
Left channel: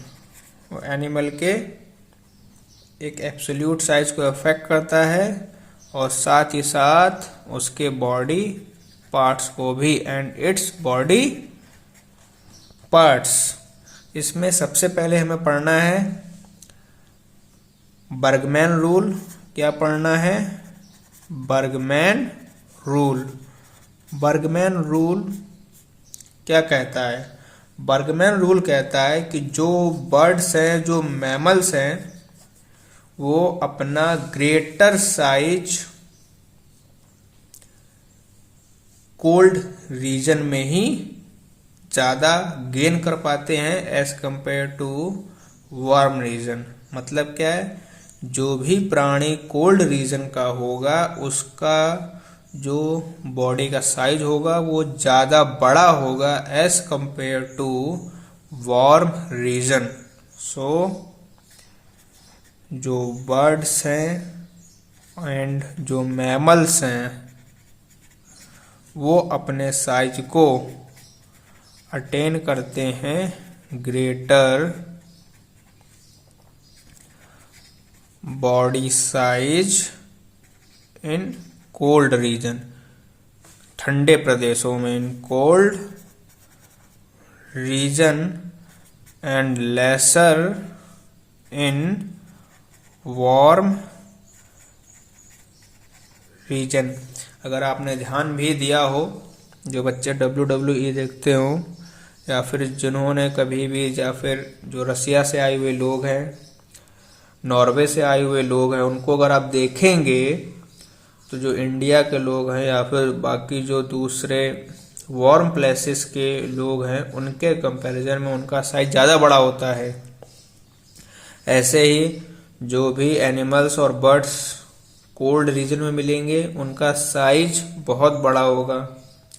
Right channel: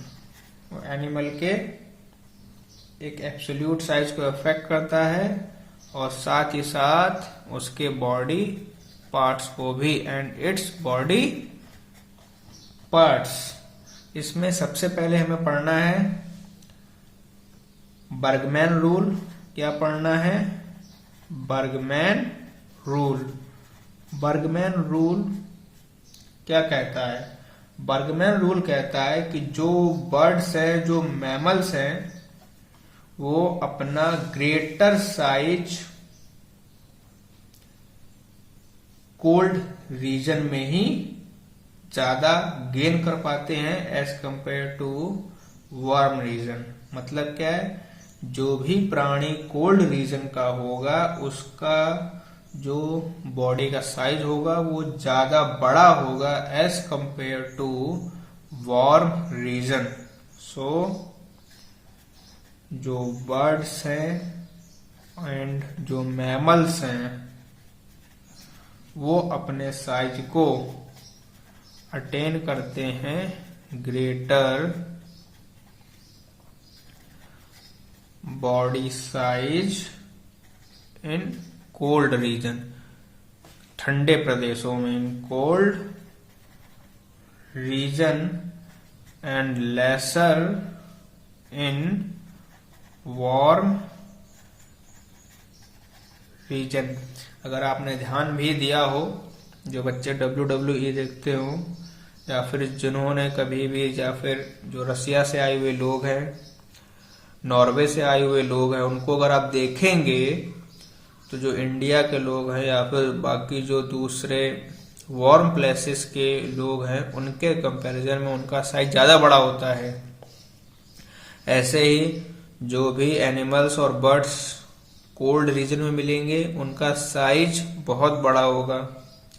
Animal के एक एब्सोल्यूट साइज को अफेक्ट करता है और साथ ही साथ उसके बॉडी पार्ट्स को भी, एंड इट्स बॉडी पार्ट्स। इसमें सबसे पहले हमें पढ़ना है बर्गमैन रूल। क्या पढ़ना है? Burgman rule. बर्गमैन रूल क्या कहता है? बर्गमैन रूल कहता है कि जो बर्ड्स हैं, जो मैमल्स हैं, वो अपना ग्रेटर साइज कोल्ड रीजन में ही ज्यादा गेन कर पाते हैं as compare to warm region. मतलब क्या है? जो भी प्राणी कोल्ड रीजन का होगा उसका जो बॉडी का साइज होगा वो ज्यादा बड़ा होगा as compare to warm region. So जो बर्ड्स हैं एंड जो मैमल्स हैं वो अपने साइज को अटेन करते हैं greater body size in cold region, ठंडे प्रदेशों में, in cold region and lesser in warm region. अगर आपने ध्यान भी दिया हो, जो बच्चे WWE देखते हो या फिर जिन्होंने कभी भी, या फिर जो रसिया से आए हुए लोग हैं, नॉर्वे से आए हुए लोग हैं, उनको अगर आप देखेंगे तो जो इंडिया के लोग हैं या फिर बाकी जो दूसरे वार्म प्लेसेस के लोग हैं उनके कंपैरिजन में उनका साइज ज़्यादा बड़ा होता है। ऐसे ही जो भी एनिमल्स और बर्ड्स कोल्ड रीजन में मिलेंगे उनका साइज बहुत बड़ा होगा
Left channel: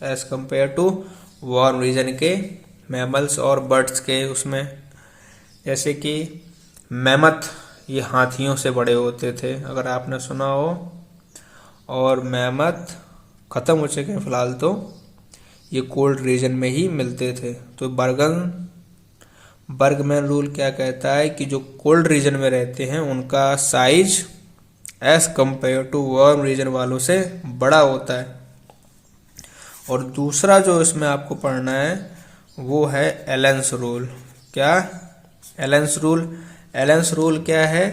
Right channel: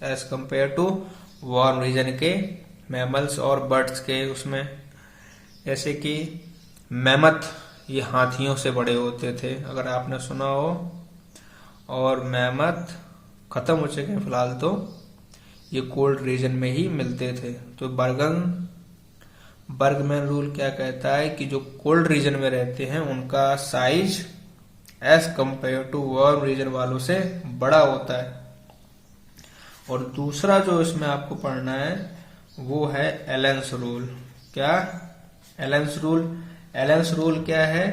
as compare to warm region के मैमल्स और बर्ड्स के। उसमें जैसे कि मैमथ, ये हाथियों से बड़े होते थे, अगर आपने सुना हो, और मैमथ खत्म हो चुके हैं फिलहाल, तो ये कोल्ड रीजन में ही मिलते थे। तो बर्गमैन रूल क्या कहता है कि जो कोल्ड रीजन में रहते हैं उनका size as compare to warm region वालों से बड़ा होता है। और दूसरा जो इसमें आपको पढ़ना है वो है एलेंस रूल। क्या? एलेंस रूल। एलेंस रूल क्या है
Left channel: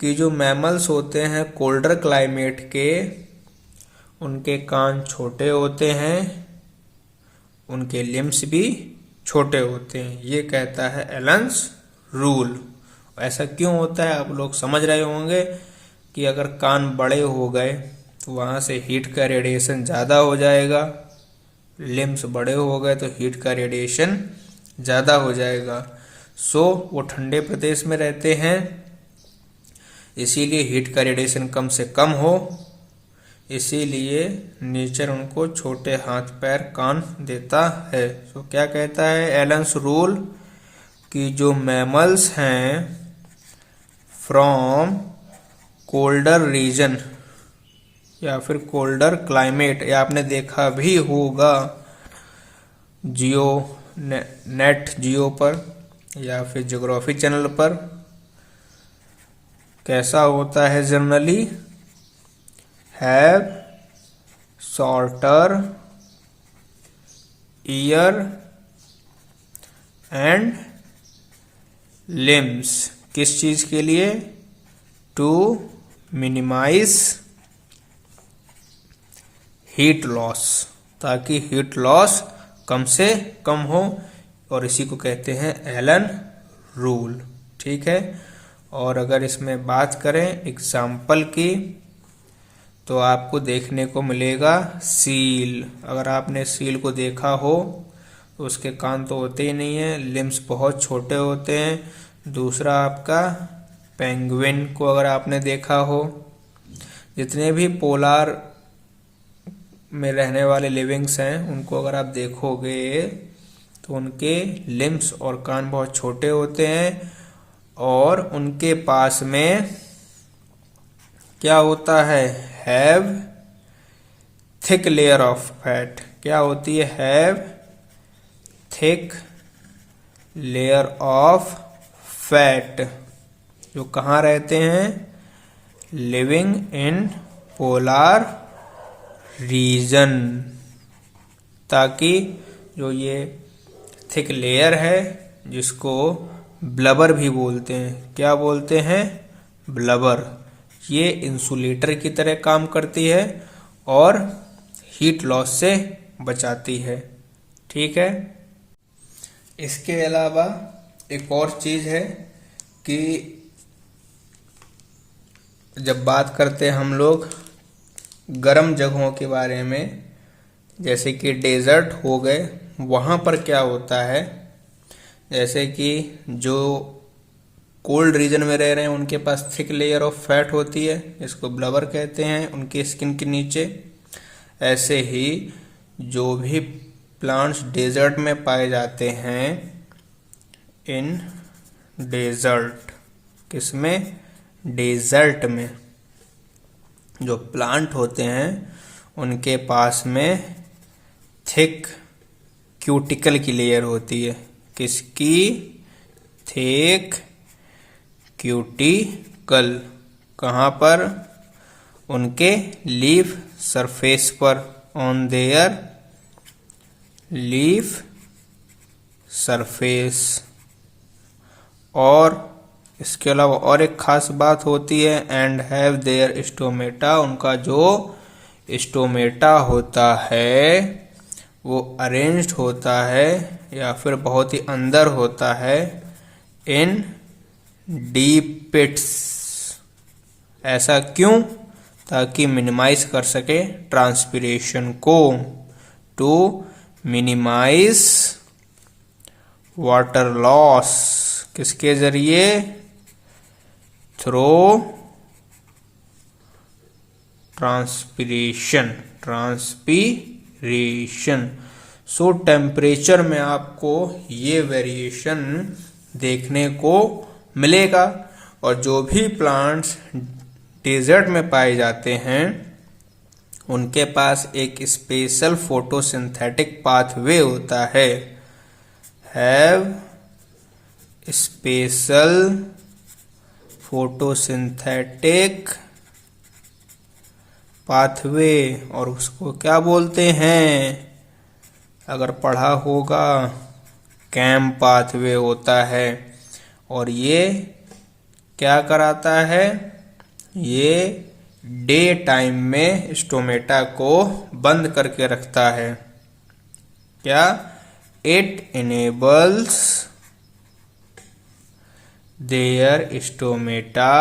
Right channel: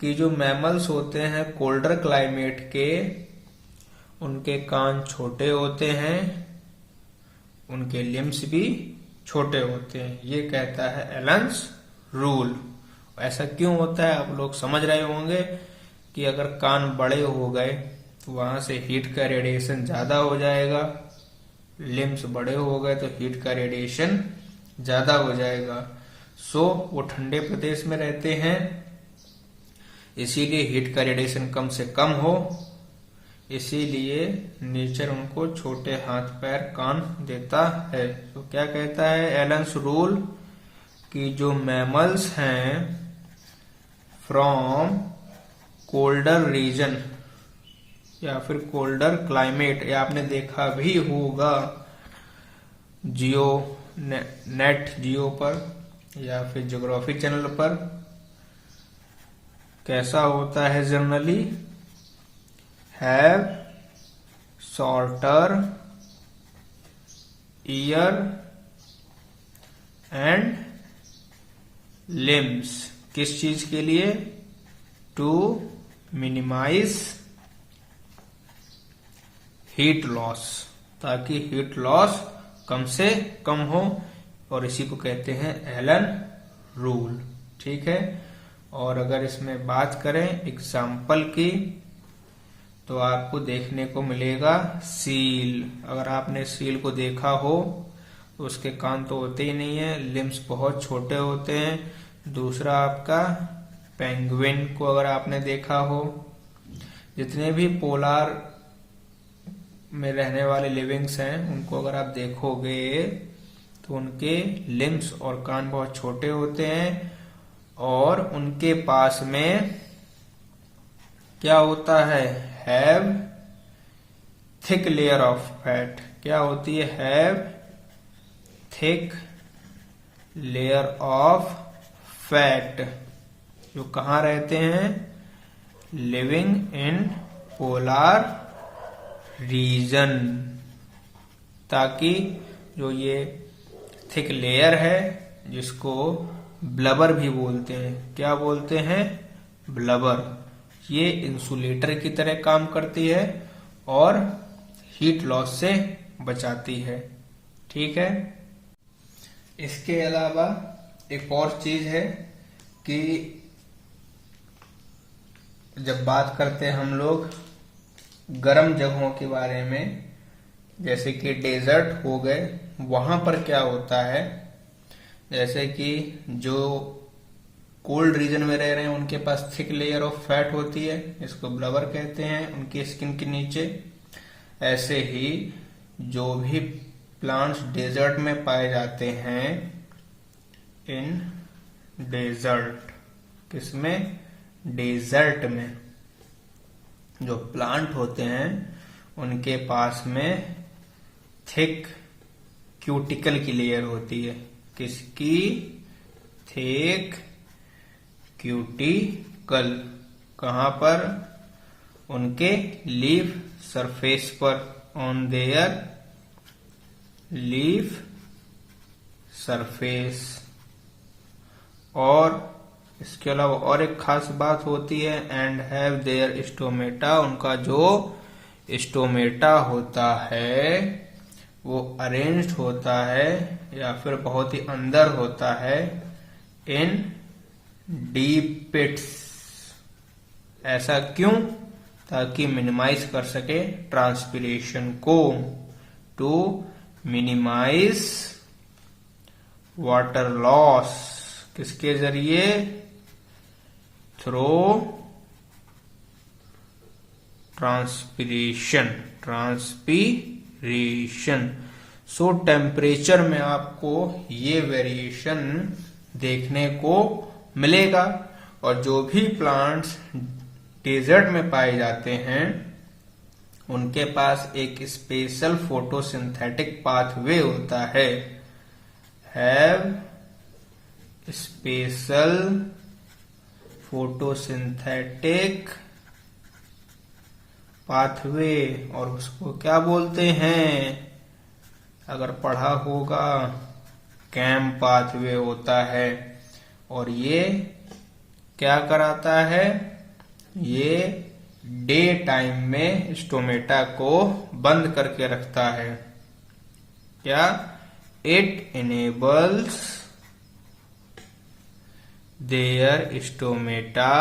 कि जो मैमल्स होते हैं कोल्डर क्लाइमेट के, उनके कान छोटे होते हैं, उनके लिम्स भी छोटे होते हैं। ये कहता है एलेंस रूल। ऐसा क्यों होता है आप लोग समझ रहे होंगे कि अगर कान बड़े हो गए तो वहां से हीट का रेडिएशन ज़्यादा हो जाएगा, लिम्स बड़े हो गए तो हीट का रेडिएशन ज़्यादा हो जाएगा। सो वो ठंडे प्रदेश में रहते हैं, इसीलिए हीट का रेडिएशन कम से कम हो, इसीलिए नेचर उनको छोटे हाथ पैर कान देता है। तो क्या कहता है एलन्स रूल कि जो मैमल्स हैं फ्रॉम कोल्डर रीजन या फिर कोल्डर क्लाइमेट, या आपने देखा भी होगा नेट जियो पर या फिर ज्योग्राफी चैनल पर, कैसा होता है generally, have shorter year and limbs. किस चीज के लिए? टू मिनिमाइज हीट लॉस, ताकि हीट लॉस कम से कम हो, और इसी को कहते हैं एलन रूल। ठीक है। और अगर इसमें बात करें एग्जाम्पल की तो आपको देखने को मिलेगा सील। अगर आपने सील को देखा हो तो उसके कान तो होते ही नहीं है, लिम्स बहुत छोटे होते हैं। दूसरा आपका पेंगुइन को अगर आपने देखा हो, जितने भी पोलार में रहने वाले लिविंग्स हैं उनको अगर आप देखोगे तो उनके लिम्स और कान बहुत छोटे होते हैं, और उनके पास में क्या होता है, have thick layer of fat. क्या होती है? Have thick layer of fat. जो कहाँ रहते हैं? Living in polar reason. ताकि जो ये थिक लेयर है, जिसको ब्लबर भी बोलते हैं, क्या बोलते हैं? ब्लबर। ये इंसुलेटर की तरह काम करती है और हीट लॉस से बचाती है। ठीक है। इसके अलावा एक और चीज है कि जब बात करते हैं हम लोग गर्म जगहों के बारे में, जैसे कि डेजर्ट हो गए, वहां पर क्या होता है, जैसे कि जो कोल्ड रीजन में रह रहे हैं उनके पास थिक लेयर ऑफ फैट होती है, इसको ब्लबर कहते हैं, उनकी स्किन के नीचे। ऐसे ही जो भी प्लांट्स डेजर्ट में पाए जाते हैं, इन डेजर्ट, किसमें? डेजर्ट में जो प्लांट होते हैं उनके पास में थिक क्यूटिकल की लेयर होती है। किसकी? Thick cuticle. कहाँ पर? उनके लीफ सरफेस पर, ऑन देयर लीफ सरफेस। और इसके अलावा और एक खास बात होती है, एंड हैव देयर स्टोमेटा। उनका जो स्टोमेटा होता है वो अरेंज्ड होता है या फिर बहुत ही अंदर होता है इन डीप पिट्स। ऐसा क्यों? ताकि मिनिमाइज कर सके ट्रांसपिरेशन को, टू मिनिमाइज वाटर लॉस। किसके जरिए? Through transpiration. सो टेम्परेचर में आपको ये वेरिएशन देखने को मिलेगा। और जो भी प्लांट्स डेजर्ट में पाए जाते हैं उनके पास एक स्पेशल फोटोसिंथेटिक पाथवे होता है। Have special photosynthetic pathway. और उसको क्या बोलते हैं? अगर पढ़ा होगा, कैम पाथवे होता है। और ये क्या कराता है? ये डे टाइम में स्टोमेटा को बंद करके रखता है। क्या? It their stomata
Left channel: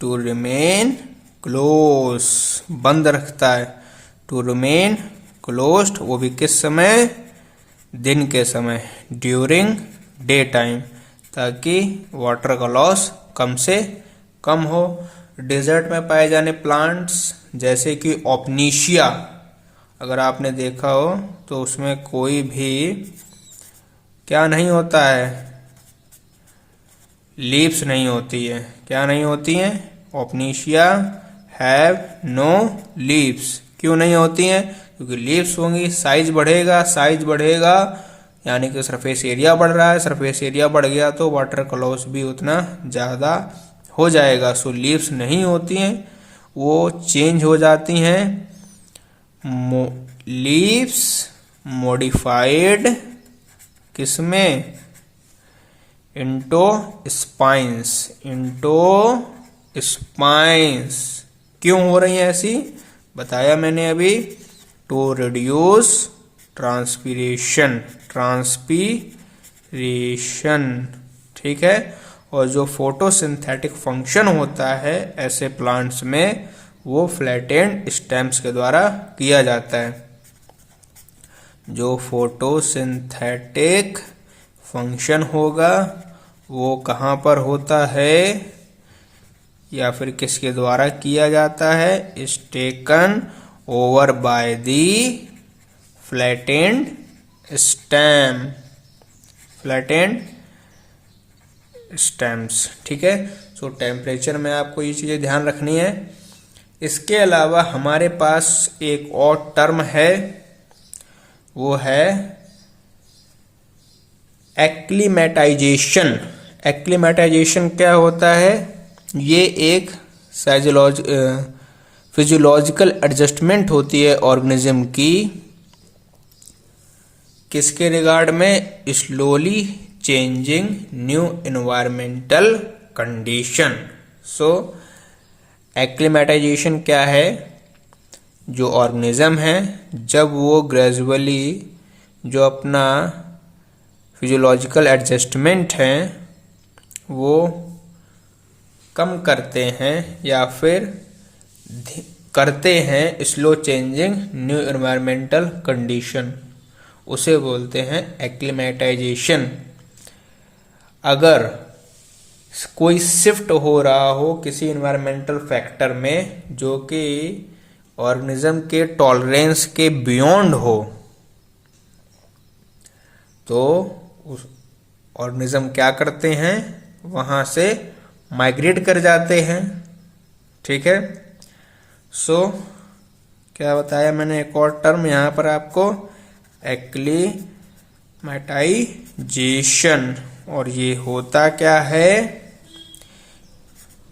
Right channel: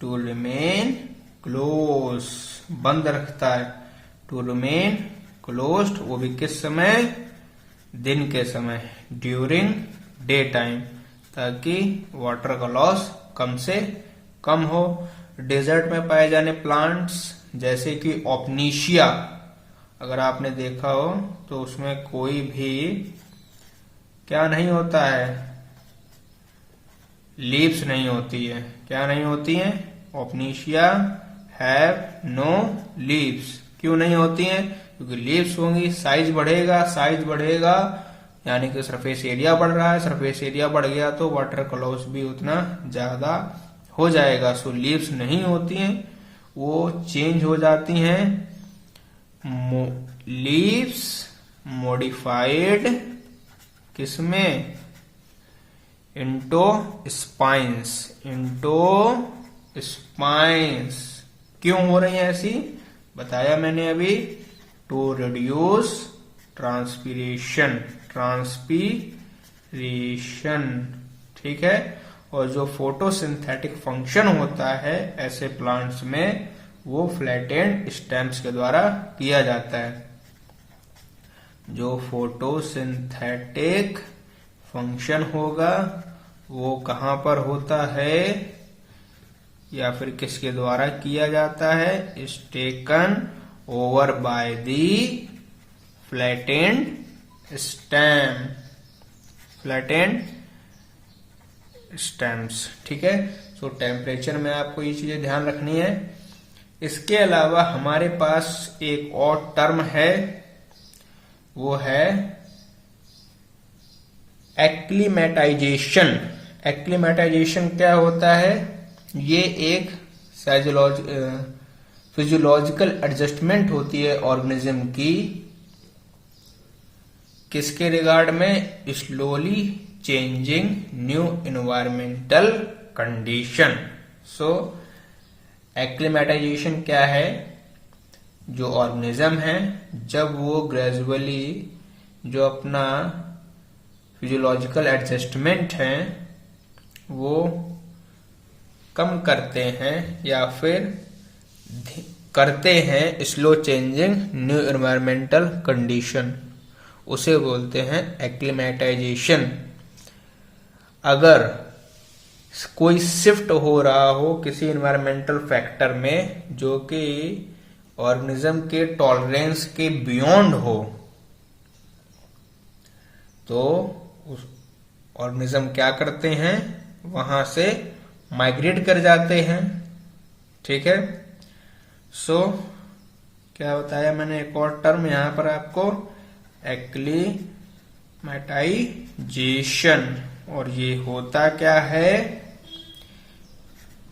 to remain close, बंद रखता है, टू रिमेन क्लोज्ड, वो भी किस समय, दिन के समय, ड्यूरिंग डे टाइम, ताकि वाटर का लॉस कम से कम हो। डेजर्ट में पाए जाने प्लांट्स जैसे कि ओपनीशिया, अगर आपने देखा हो तो उसमें कोई भी क्या नहीं होता है, लीव्स नहीं होती है। क्या नहीं होती है? ओपनीशिया हैव नो लीव्स। क्यों नहीं होती हैं? क्योंकि लीव्स होंगी, साइज बढ़ेगा, साइज बढ़ेगा यानी कि सरफेस एरिया बढ़ रहा है, सरफेस एरिया बढ़ गया तो वाटर का लॉस भी उतना ज्यादा हो जाएगा। सो लीव्स नहीं होती हैं, वो चेंज हो जाती हैं। लीव्स मॉडिफाइड किसमें? Into spines, into spines. क्यों हो रही है ऐसी? बताया मैंने अभी, टू रिड्यूस ट्रांसपीरेशन, ट्रांसपीरेशन, ठीक है। और जो फोटोसिंथेटिक फंक्शन होता है ऐसे प्लांट्स में, वो फ्लैटेंड स्टेम्स के द्वारा किया जाता है। जो फोटोसिंथेटिक फंक्शन होगा वो कहाँ पर होता है या फिर किसके द्वारा किया जाता है? Is taken over by the flattened stem, flattened stems, ठीक है। सो टेम्परेचर में आपको ये चीजें ध्यान रखनी है। इसके अलावा हमारे पास एक और टर्म है, वो है एक्लीमेटाइजेशन। एक्लीमेटाइजेशन क्या होता है? ये एक फिजियोलॉजिकल एडजस्टमेंट होती है ऑर्गेनिज्म की, किसके रिगार्ड में? Slowly changing new environmental condition. So acclimatization क्या है? जो ऑर्गेनिज्म है जब वो ग्रेजुअली जो अपना फिजियोलॉजिकल एडजस्टमेंट है वो कम करते हैं या फिर करते हैं slow changing new environmental condition, उसे बोलते हैं एक्लीमेटाइजेशन। अगर कोई शिफ्ट हो रहा हो किसी एनवायरमेंटल फैक्टर में जो कि ऑर्गेनिज्म के टॉलरेंस के बियॉन्ड हो, तो उस ऑर्गेनिज्म क्या करते हैं? वहां से माइग्रेट कर जाते हैं, ठीक है। सो क्या बताया मैंने? एक और टर्म यहां पर आपको, एक्लीमेटाइजेशन। और ये होता क्या है?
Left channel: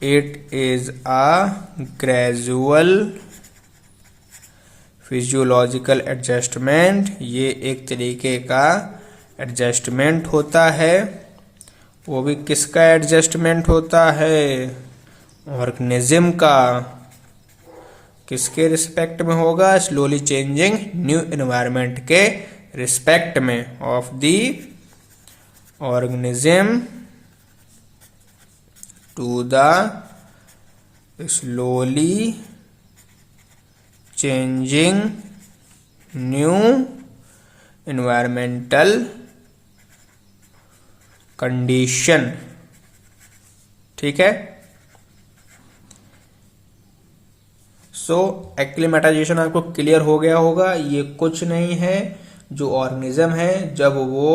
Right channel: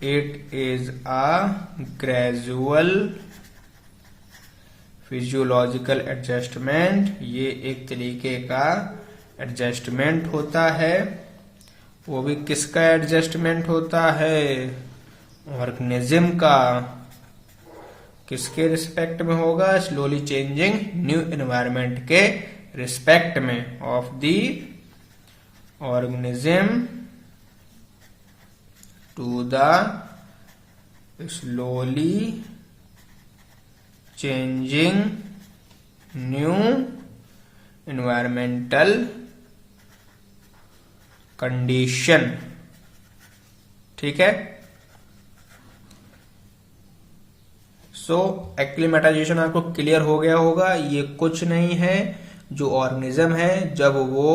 It is a gradual physiological adjustment. ये एक तरीके का एडजस्टमेंट होता है। वो भी किसका एडजस्टमेंट होता है? ऑर्गेनिज्म का। किसके रिस्पेक्ट में होगा? स्लोली चेंजिंग न्यू एनवायरमेंट के रिस्पेक्ट में, of the organism to the slowly changing new environmental condition, ठीक है। सो एक्लीमेटाइजेशन आपको क्लियर हो गया होगा। ये कुछ नहीं है, जो ऑर्गेनिज्म है जब वो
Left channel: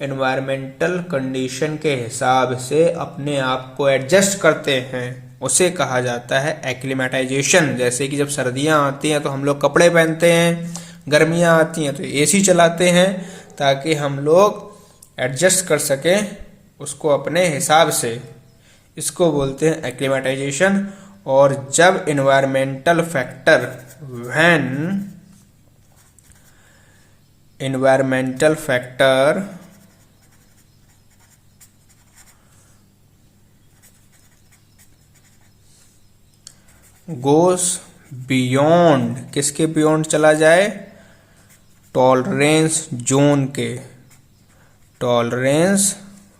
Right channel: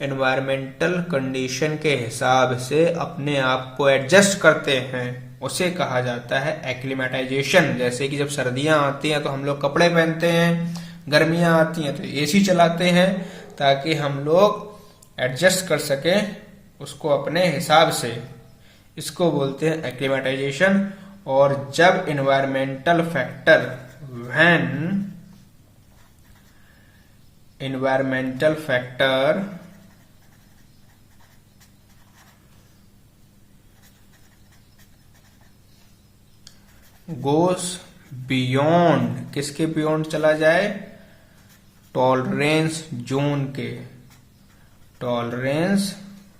एनवायरमेंटल कंडीशन के हिसाब से अपने आप को एडजस्ट करते हैं उसे कहा जाता है एक्लीमेटाइजेशन। जैसे कि जब सर्दियां आती हैं तो हम लोग कपड़े पहनते हैं, गर्मियां आती हैं तो एसी चलाते हैं, ताकि हम लोग एडजस्ट कर सकें उसको अपने हिसाब से। इसको बोलते हैं एक्लीमेटाइजेशन। और जब environmental factor, when environmental factor goes beyond, किसके बियॉन्ड चला जाए? टॉलरेंस जोन के, टॉलरेंस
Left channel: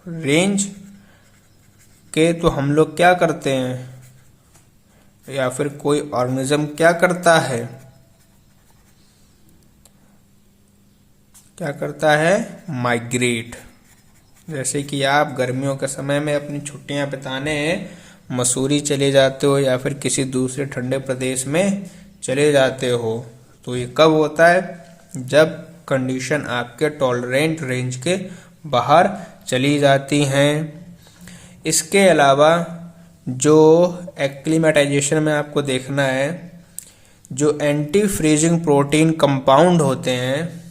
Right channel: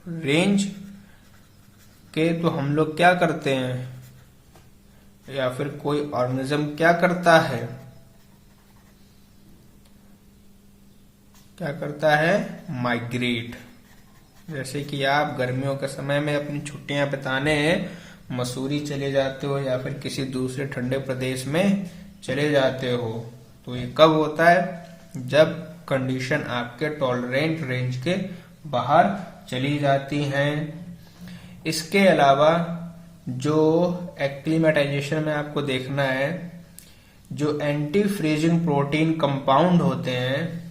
रेंज के, तो हम लोग क्या करते हैं या फिर कोई ऑर्गेनिज्म क्या करता है, क्या करता है, माइग्रेट। जैसे कि आप गर्मियों के समय में अपनी छुट्टियां बिताने मसूरी चले जाते हो या फिर किसी दूसरे ठंडे प्रदेश में चले जाते हो, तो ये कब होता है, जब कंडीशन आपके टॉलरेंट रेंज के बाहर चली जाती हैं। इसके अलावा जो एक्लिमेटाइजेशन में आपको देखना है, जो एंटी फ्रीजिंग प्रोटीन कंपाउंड होते हैं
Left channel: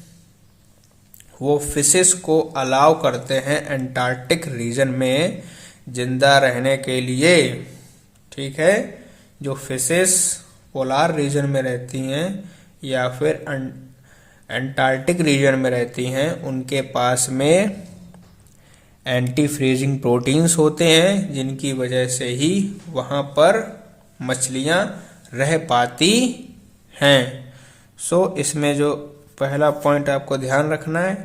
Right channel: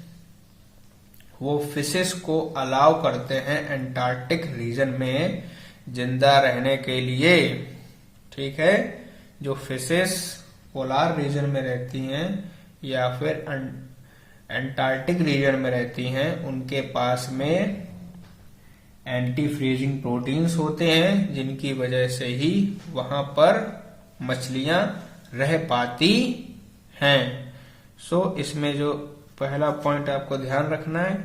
वो फिशेस को अलाउ करते हैं एंटार्क्टिक रीजन में जिंदा रहने के लिए। ठीक है, जो फिशेस पोलार रीजन में रहती हैं या फिर एंटार्क्टिक रीजन में रहती हैं, उनके पास में एंटी फ्रीजिंग प्रोटीन्स होते हैं जिनकी वजह से ही वहां पर मछलियां रह पाती हैं। इसमें जो पहला पॉइंट आपको ध्यान रखना है,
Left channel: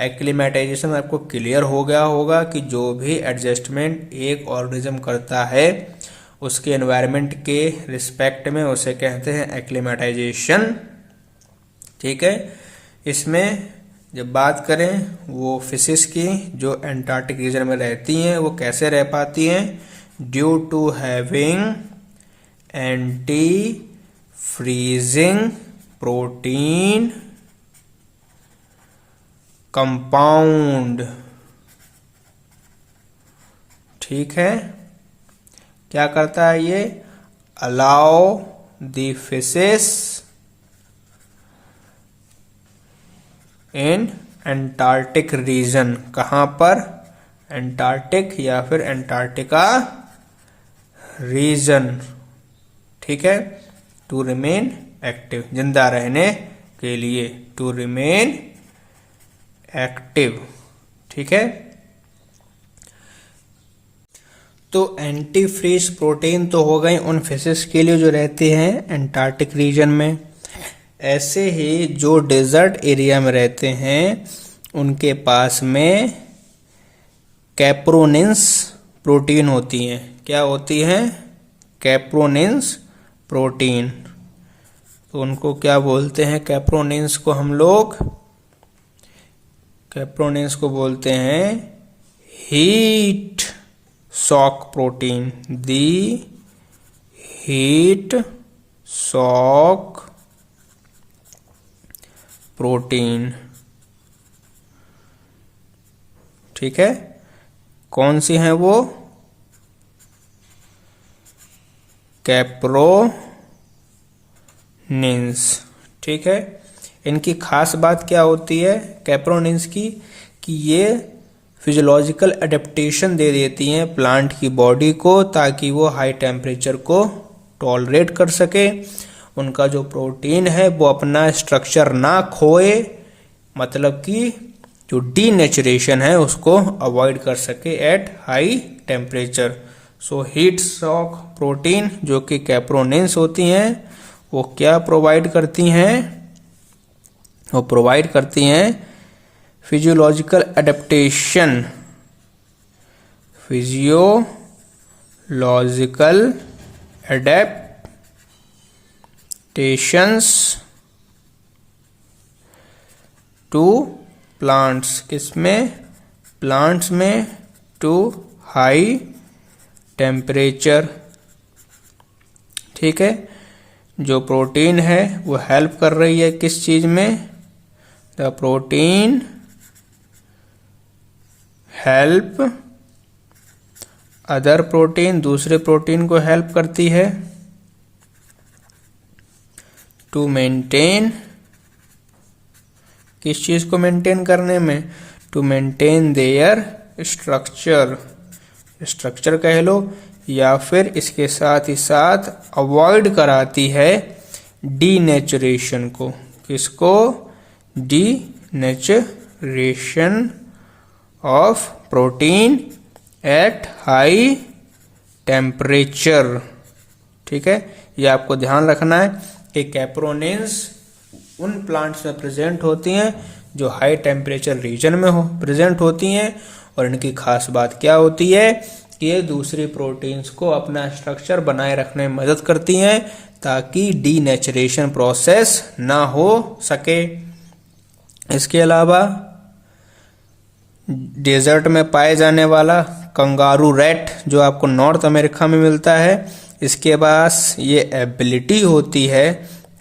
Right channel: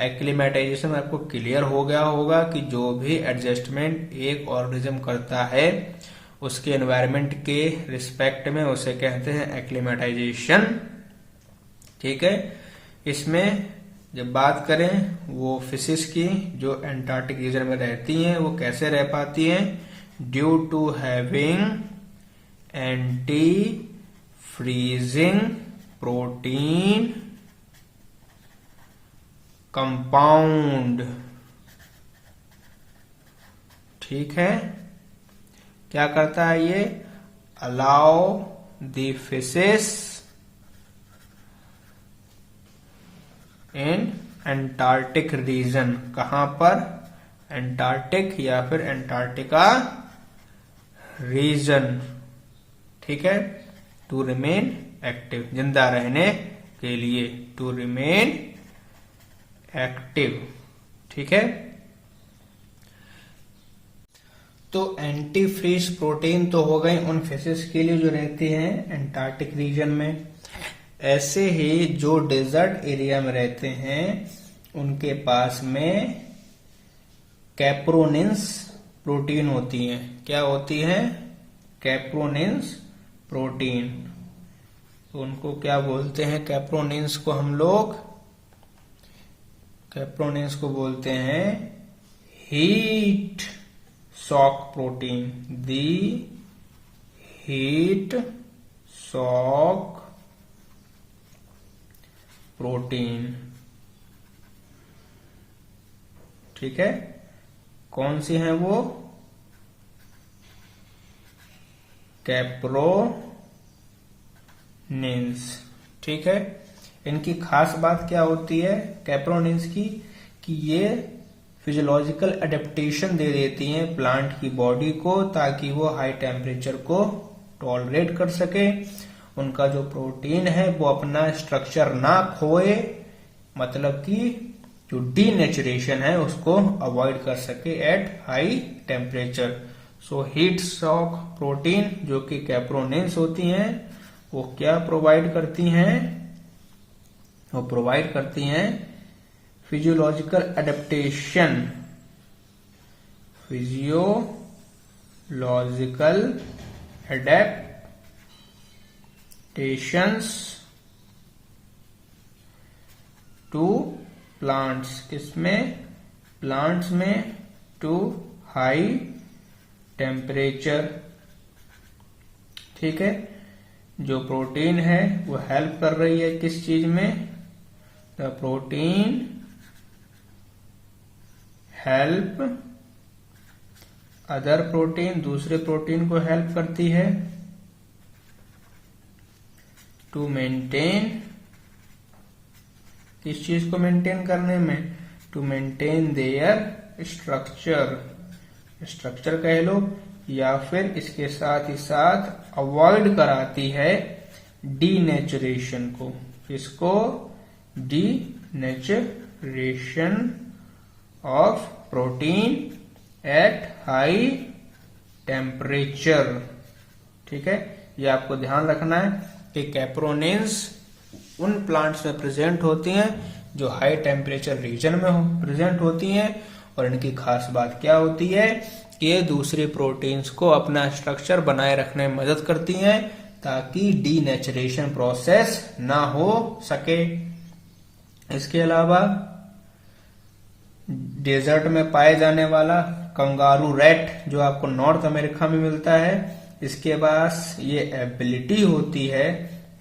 एक्लिमेटाइजेशन आपको क्लियर हो गया होगा कि जो भी एडजस्टमेंट एक ऑर्गेनिज्म करता है उसके एनवायरनमेंट के रिस्पेक्ट में उसे कहते हैं एक्लिमेटाइजेशन। ठीक है, इसमें जब बात करें वो फिशेस की जो एंटार्क्टिक रीजन में रहती हैं वो कैसे रह पाती हैं, due to having anti freezing protein compound. ठीक है, क्या करता है ये, allow the fishes in Antarctic region, कहां पर, एंटार्क्टिक या फिर एंटार्क्टिका रीजन। ठीक है, टू रिमेन एक्टिव, जिंदा रहने के लिए, टू रिमेन एक्टिव। ठीक है, तो एंटी फ्रीज प्रोटीन तो हो गए उन फिशेस के लिए जो रहते हैं एंटार्क्टिक रीजन में। ऐसे ही जो डेजर्ट एरिया में रहते हैं उनके पास में कैप्रोनिन्स प्रोटीन होती हैं। क्या होती हैं, कैप्रोनिन्स प्रोटीन। तो उनको क्या बोलते हैं, कैप्रोनिन्स को हम लोग, कैप्रोनिन्स को बोलते हैं हीट शॉक प्रोटीन, दी हीट शॉक प्रोटीन। ठीक है, कौन सी हैं वो, कैप्रोनिन्स। ठीक है, इनकी खास बात क्या होती है कैप्रोनिन्स की, कि ये फिजियोलॉजिकल एडेप्टेशन दे देती हैं प्लांट की बॉडी को ताकि वो हाई टेम्परेचर को टॉलरेट कर सके। उनका जो प्रोटीन है वो अपना स्ट्रक्चर ना खोए, मतलब कि जो डीनेचुरेशन है उसको अवॉइड कर सके at high temperature. So heat shock protein जो कि कैप्रोनिन्स होती हैं वो क्या प्रोवाइड करती हैं, वो प्रोवाइड करती हैं physiological adaptation, physiological adaptations to plants, किसमें, प्लांट्स में, टू हाई टेम्परेचर। ठीक है, जो प्रोटीन है वो हेल्प कर रही है किस चीज में, the protein help other protein, दूसरे प्रोटीन को हेल्प करती है टू मेंटेन, किस चीज को मेंटेन करने में, to maintain their structure, structure कह लो, या फिर इसके साथ ही साथ अवॉइड कराती है डीनेचुरेशन को, किसको, denaturation of protein at high temperature. ठीक है, ये आपको ध्यान रखना है कि कैप्रोनिन्स उन प्लांट्स में प्रेजेंट होती हैं जो हाई टेम्परेचर रीजन में प्रेजेंट होती हैं। और इनकी खास बात क्या होती है कि ये दूसरी प्रोटीन्स को अपना स्ट्रक्चर बनाए रखने में मदद करती हैं ताकि डीनेचरेशन प्रोसेस ना हो सके। इसके अलावा डेजर्ट में पाए जाने वाला कंगारू रैट जो आपको नॉर्थ अमेरिका में मिलता है, इसके पास ये एबिलिटी होती है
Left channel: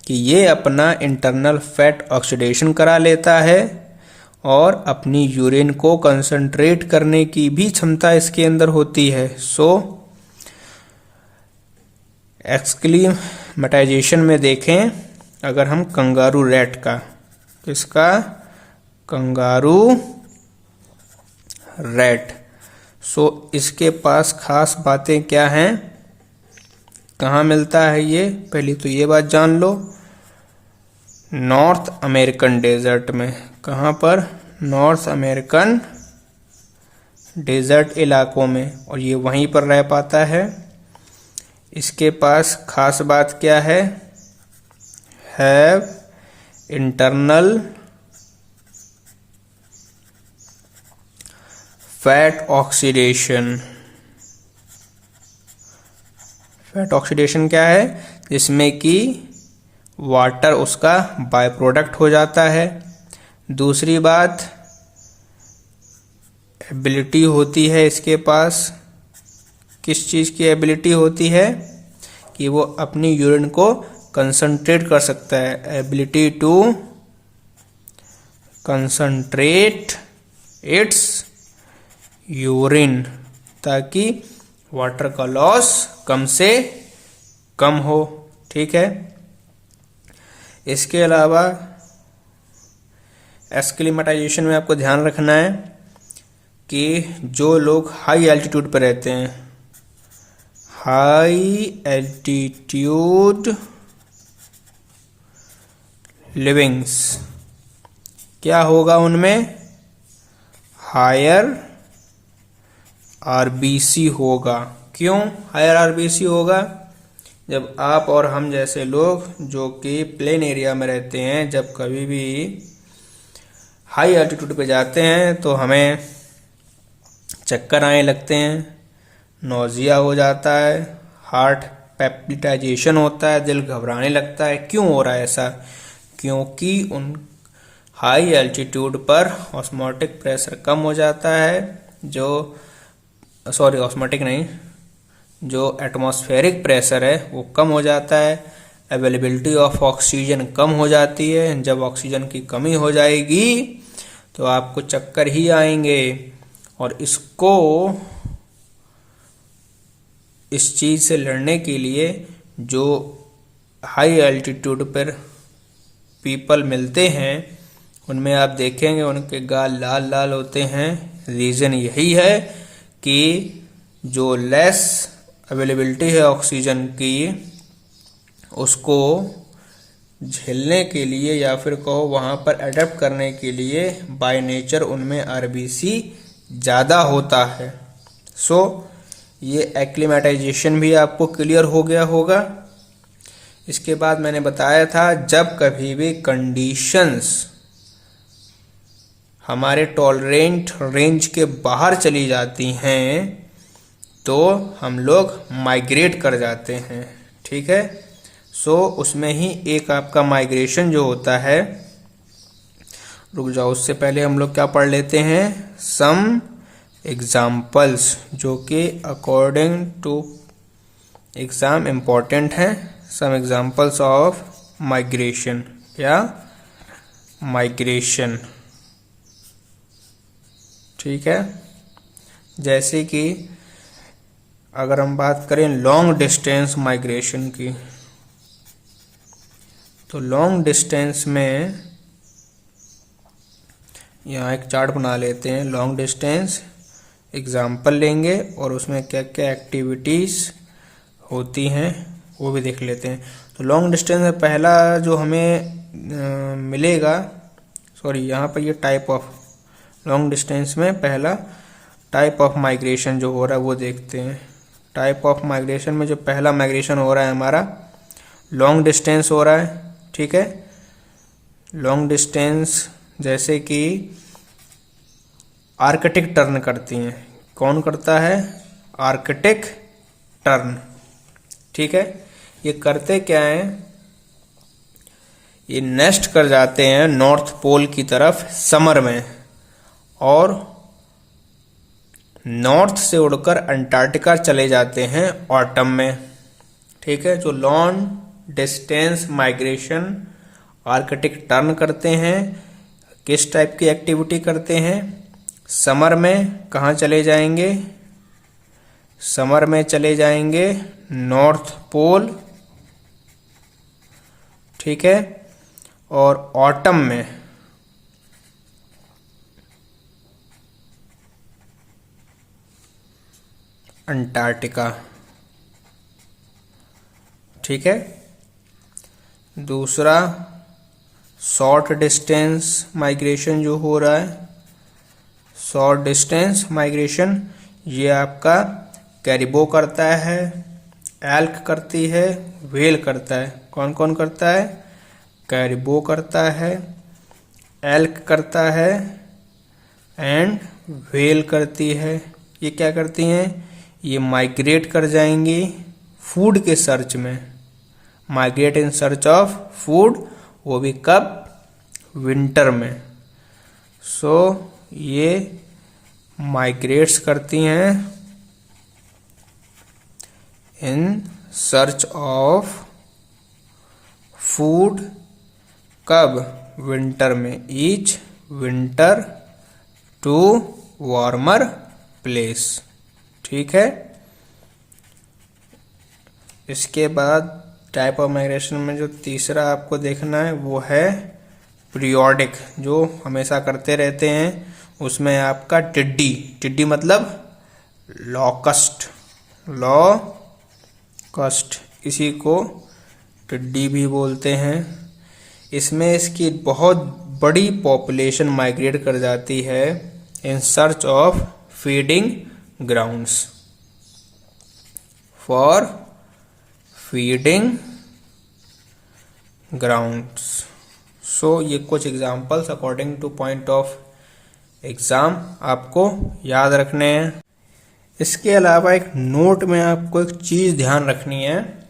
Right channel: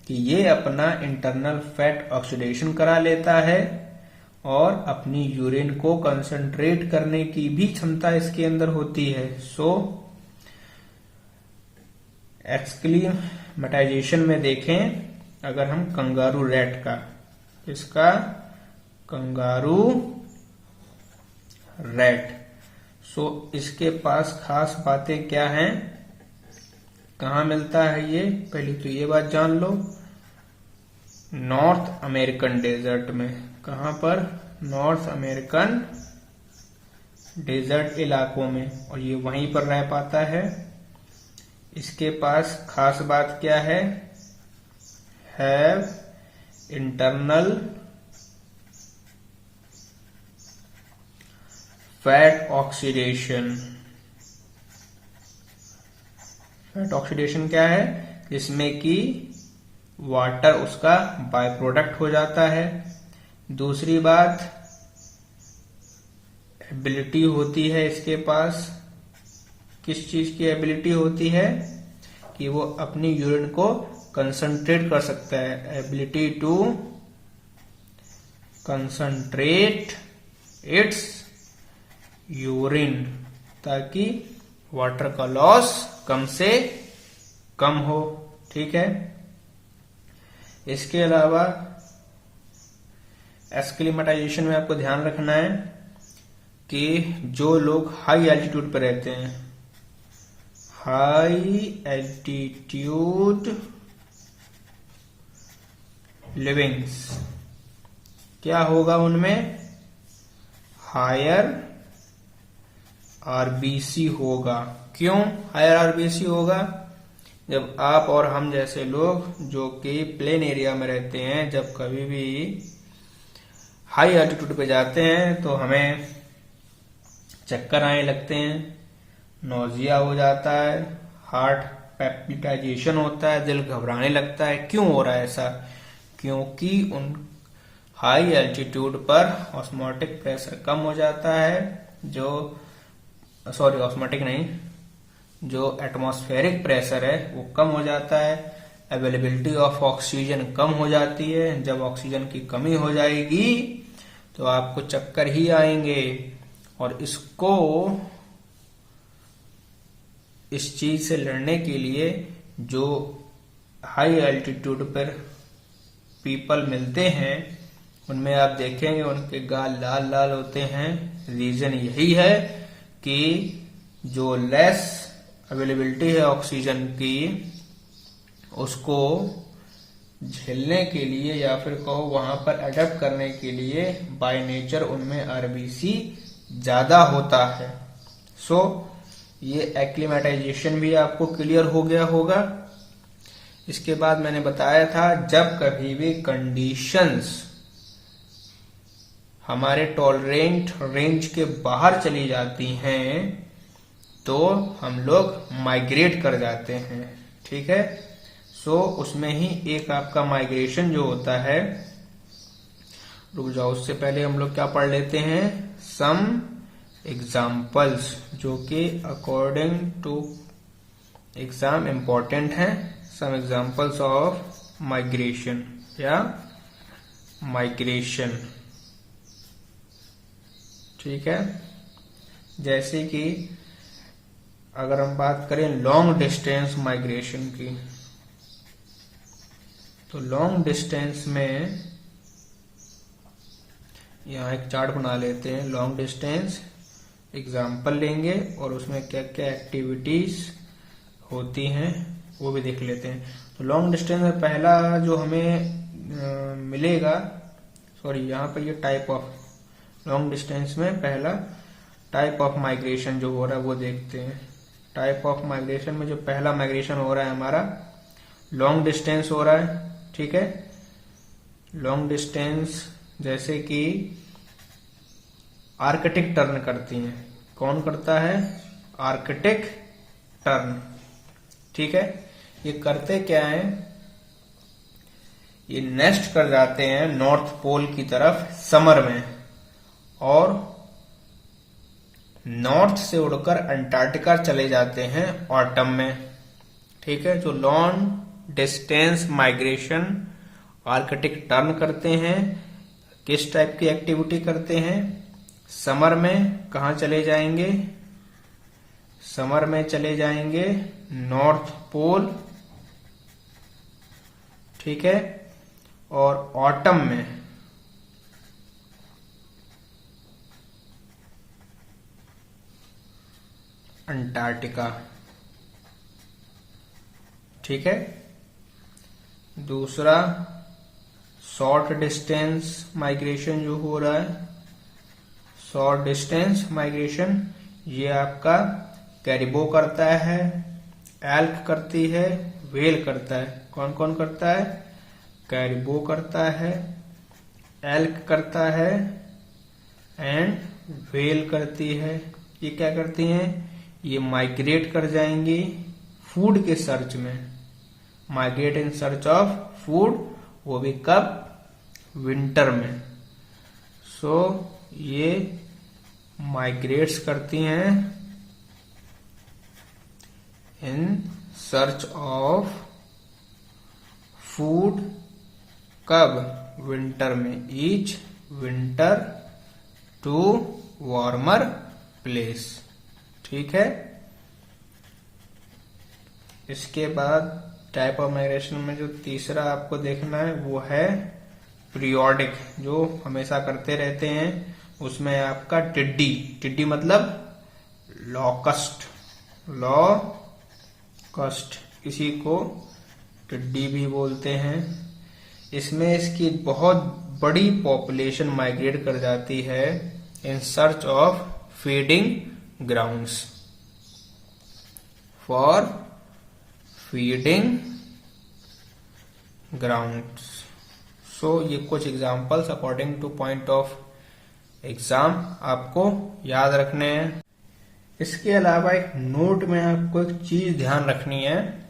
कि ये अपना इंटरनल फैट ऑक्सीडेशन करा लेता है और अपनी यूरिन को कंसंट्रेट करने की भी क्षमता इसके अंदर होती है। सो एक्सक्लीमेटाइजेशन में देखें अगर हम कंगारू रैट का, इसका कंगारू रैट, सो इसके पास खास बातें क्या हैं, कहाँ मिलता है ये, पहली तो ये बात जान लो, नॉर्थ अमेरिकन डेजर्ट में। कहाँ पर? नॉर्थ अमेरिकन डेजर्ट इलाकों में, और ये वहीं पर रह पाता है। इसके पास खास बात क्या है, have internal fat oxidation. Fat oxidation क्या है? जिसमें कि वाटर उसका बाय प्रोडक्ट हो जाता है। दूसरी बात, एबिलिटी होती है इसके पास, किस चीज़ की एबिलिटी होती है कि वो अपनी यूरिन को कंसंट्रेट कर सकता है, ability to concentrate its urine, ताकि वाटर का लॉस कम से कम हो। ठीक है। इसके अलावा एक्सक्लीमेटाइजेशन में आपको ध्यान रखना है कि जो लोग हाई एल्टीट्यूड पर रहते हैं, हाई एल्टीट्यूड लिविंग्स, क्या होगा उनमें? हायर आरबीसी होगा। क्यों हायर आरबीसी होगा? जब आप और हम जैसे लोग जो कि प्लेन एरिया में रहते हैं, जब कभी भी हाई एल्टीट्यूड पे जाते हैं तो हमें चक्कर आने लगते हैं, नौजिया हो जाता है, हार्ट पैल्पिटेशन होता है, दिल घबराने लगता है। क्यों हो रहा है ऐसा? क्योंकि उन हाई एल्टीट्यूड पर ऑस्मोटिक प्रेशर कम हो जाता है, ऑस्मोटिक नहीं, जो एटमॉस्फेरिक प्रेशर है वो कम हो जाता है, अवेलेबिलिटी ऑफ ऑक्सीजन कम हो जाती है। जब ऑक्सीजन की कमी हो जाएगी तो आपको चक्कर ही आएंगे। और इस चीज से लड़ने के लिए जो हाई एल्टीट्यूड पर पीपल मिलते हैं उनमें आप देखेंगे उनके गाल लाल लाल होते हैं। रीजन यही है कि जो लेस अवेलेबिलिटी है ऑक्सीजन की, उसको झेलने के लिए या फिर कहो वहां पर अडेप्ट करने के लिए बाय नेचर उनमें आरबीसी ज़्यादा होता है। सो ये एक्लिमेटाइजेशन भी आपको क्लियर हो गया होगा। इसके बाद मैंने बताया था जब कभी भी कंडीशंस हमारे टॉलरेंट रेंज के बाहर चली जाती हैं तो हम लोग माइग्रेट कर जाते हैं। ठीक है। सो उसमें ही एक आपका माइग्रेशन जो होता है, रुक जाओ उससे पहले हम लोग क्या पढ़ लेते हैं, सम एग्जाम्पल्स जो कि अकॉर्डिंग टू एग्जाम इम्पोर्टेंट है। सम एग्जाम्पल्स ऑफ माइग्रेशन या माइग्रेशन। ठीक है। जैसे कि अगर हम बात करें लॉन्ग डिस्टेंस माइग्रेशन की, तो लॉन्ग डिस्टेंस में यहाँ एक चार्ट बना लेते हैं। लॉन्ग डिस्टेंस एग्जाम्पल लेंगे और उसमें क्या क्या एक्टिविटीज़ होती हैं वो भी देख लेते हैं। तो लॉन्ग डिस्टेंस में पहला जो हमें मिलेगा, यहाँ पर ये टाइप ऑफ लॉन्ग डिस्टेंस में पहला टाइप ऑफ माइग्रेशन जो हो रहा है वो देखते हैं। टाइप ऑफ माइग्रेशन में जो पहला माइग्रेशन हो रहा है हमारा लॉन्ग डिस्टेंस हो रहा है। ठीक है। लॉन्ग डिस्टेंस जैसे कि आर्कटिक टर्न करती हैं। कौन करता है? Arctic tern. ठीक है, ये करते क्या हैं? ये नेस्ट कर जाते हैं नॉर्थ पोल की तरफ समर में, और नॉर्थ से उड़कर अंटार्कटिका चले जाते हैं ऑटम में। ठीक है, जो long distance migration Arctic tern करते हैं, किस टाइप की एक्टिविटी करते हैं? समर में कहाँ चले जाएंगे? समर में चले जाएंगे नॉर्थ पोल। ठीक है, और ऑटम में अंटार्कटिका। ठीक है, दूसरा शॉर्ट डिस्टेंस माइग्रेशन जो हो रहा है, शॉर्ट डिस्टेंस माइग्रेशन, ये आपका कैरिबो करता है, एल्क करती है, व्हेल करता है। कौन कौन करता है? कैरिबो करता है, एल्क करता है एंड व्हेल करती है। ये क्या करती हैं? ये माइग्रेट कर जाएंगी फूड के सर्च में, migrate in search of food, वो भी कब? विंटर में। सो ये माइग्रेट्स करती हैं इन सर्च ऑफ फूड, कब? विंटर में। Each winter to warmer place. ठीक है, इसके बाद टाइप ऑफ माइग्रेशन में जो तीसरा आपको देखना है वो है पीरियोडिक, जो हमेशा करते रहते हैं। उसमें आपका टिड्डी, टिड्डी मतलब लॉकस्ट, लॉकस्ट, इसी को टिड्डी भी बोलते हैं। इसमें इसकी बहुत बड़ी पॉपुलेशन माइग्रेट कर जाती है in search of feeding grounds, for feeding grounds. So ये कुछ examples according to point of exam आपको याद रखने हैं। इसके अलावा एक नोट में आपको एक चीज ध्यान रखनी है,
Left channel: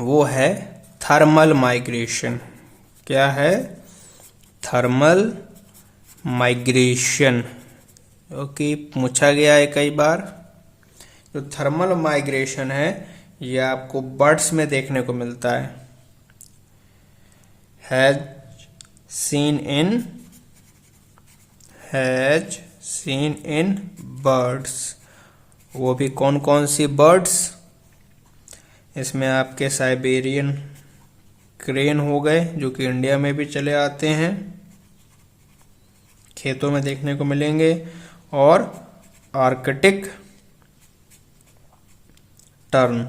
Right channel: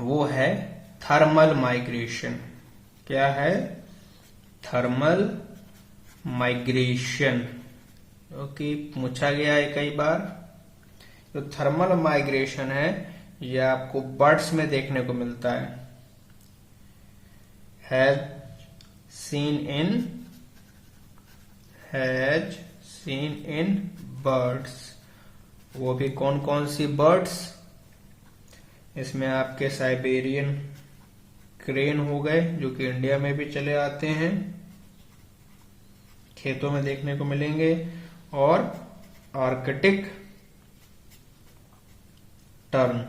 वो है थर्मल माइग्रेशन। क्या है? थर्मल माइग्रेशन, क्योंकि पूछा गया है कई बार। जो थर्मल माइग्रेशन है ये आपको बर्ड्स में देखने को मिलता है। Has seen in birds. वो भी कौन कौन सी बर्ड्स? इसमें आपके साइबेरियन क्रेन हो गए, जो कि इंडिया में भी चले आते हैं, खेतों में देखने को मिलेंगे, और आर्कटिक टर्न।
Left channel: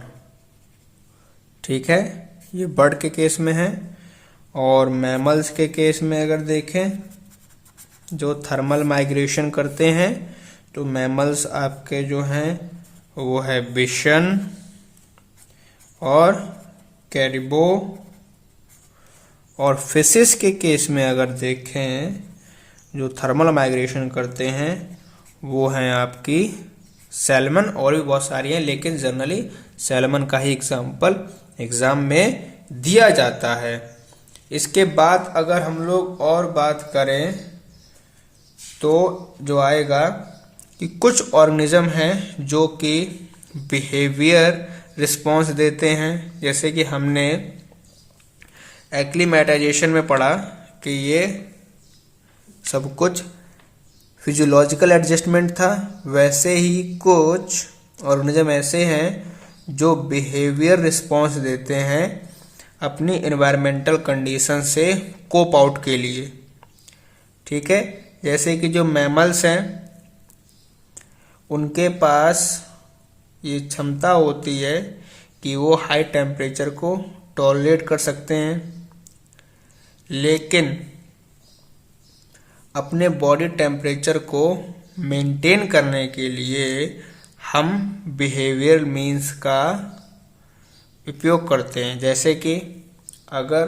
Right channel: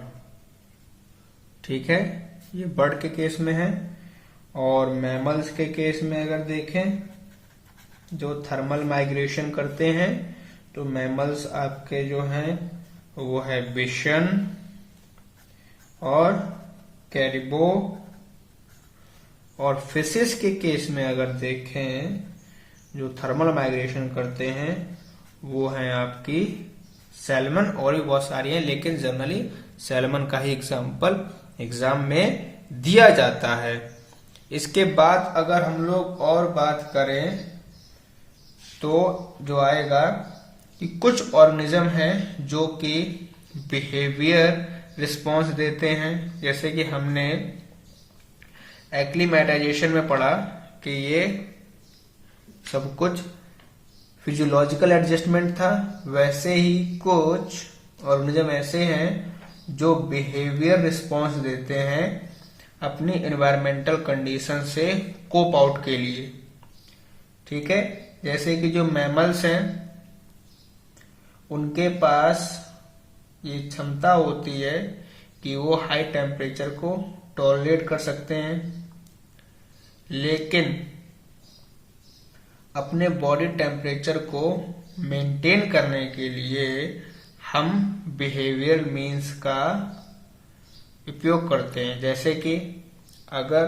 ठीक है, ये बर्ड के केस में है। और मैमल्स के केस में अगर देखें जो थर्मल माइग्रेशन करते हैं, तो मैमल्स आपके जो हैं वो है बिशन और कैरिबो। और फिशेस के केस में अगर देखें जो थर्मल माइग्रेशन करते हैं वो हैं आपकी सैल्मन, और भी बहुत सारी हैं, लेकिन जनरली सैल्मन का ही एग्जाम्पल एग्जाम में दिया जाता है। इसके बाद अगर हम लोग और बात करें तो जो आएगा कि कुछ ऑर्गेनिज्म हैं जो कि बिहेवियर रिस्पॉन्स देते हैं। जैसे कि हमने एक्लीमेटाइजेशन में पढ़ा कि ये सब कुछ फिजियोलॉजिकल एडजस्टमेंट था, वैसे ही कुछ ऑर्गेनिज्म ऐसे हैं जो बिहेवियर रिस्पॉन्स देते हैं अपनी एनवायरमेंटल कंडीशन से कोप आउट के लिए। ठीक है, जैसे कि जो मैमल्स हैं उनके पास ये क्षमता होती है कि वो हाई टेम्परेचर को टॉलरेट कर सकते हैं, लेकिन अपने बॉडी टेम्परेचर को मेंटेन करने के लिए हम बिहेवियर मीन्स का उपयोग करते हैं। जैसे कि अगर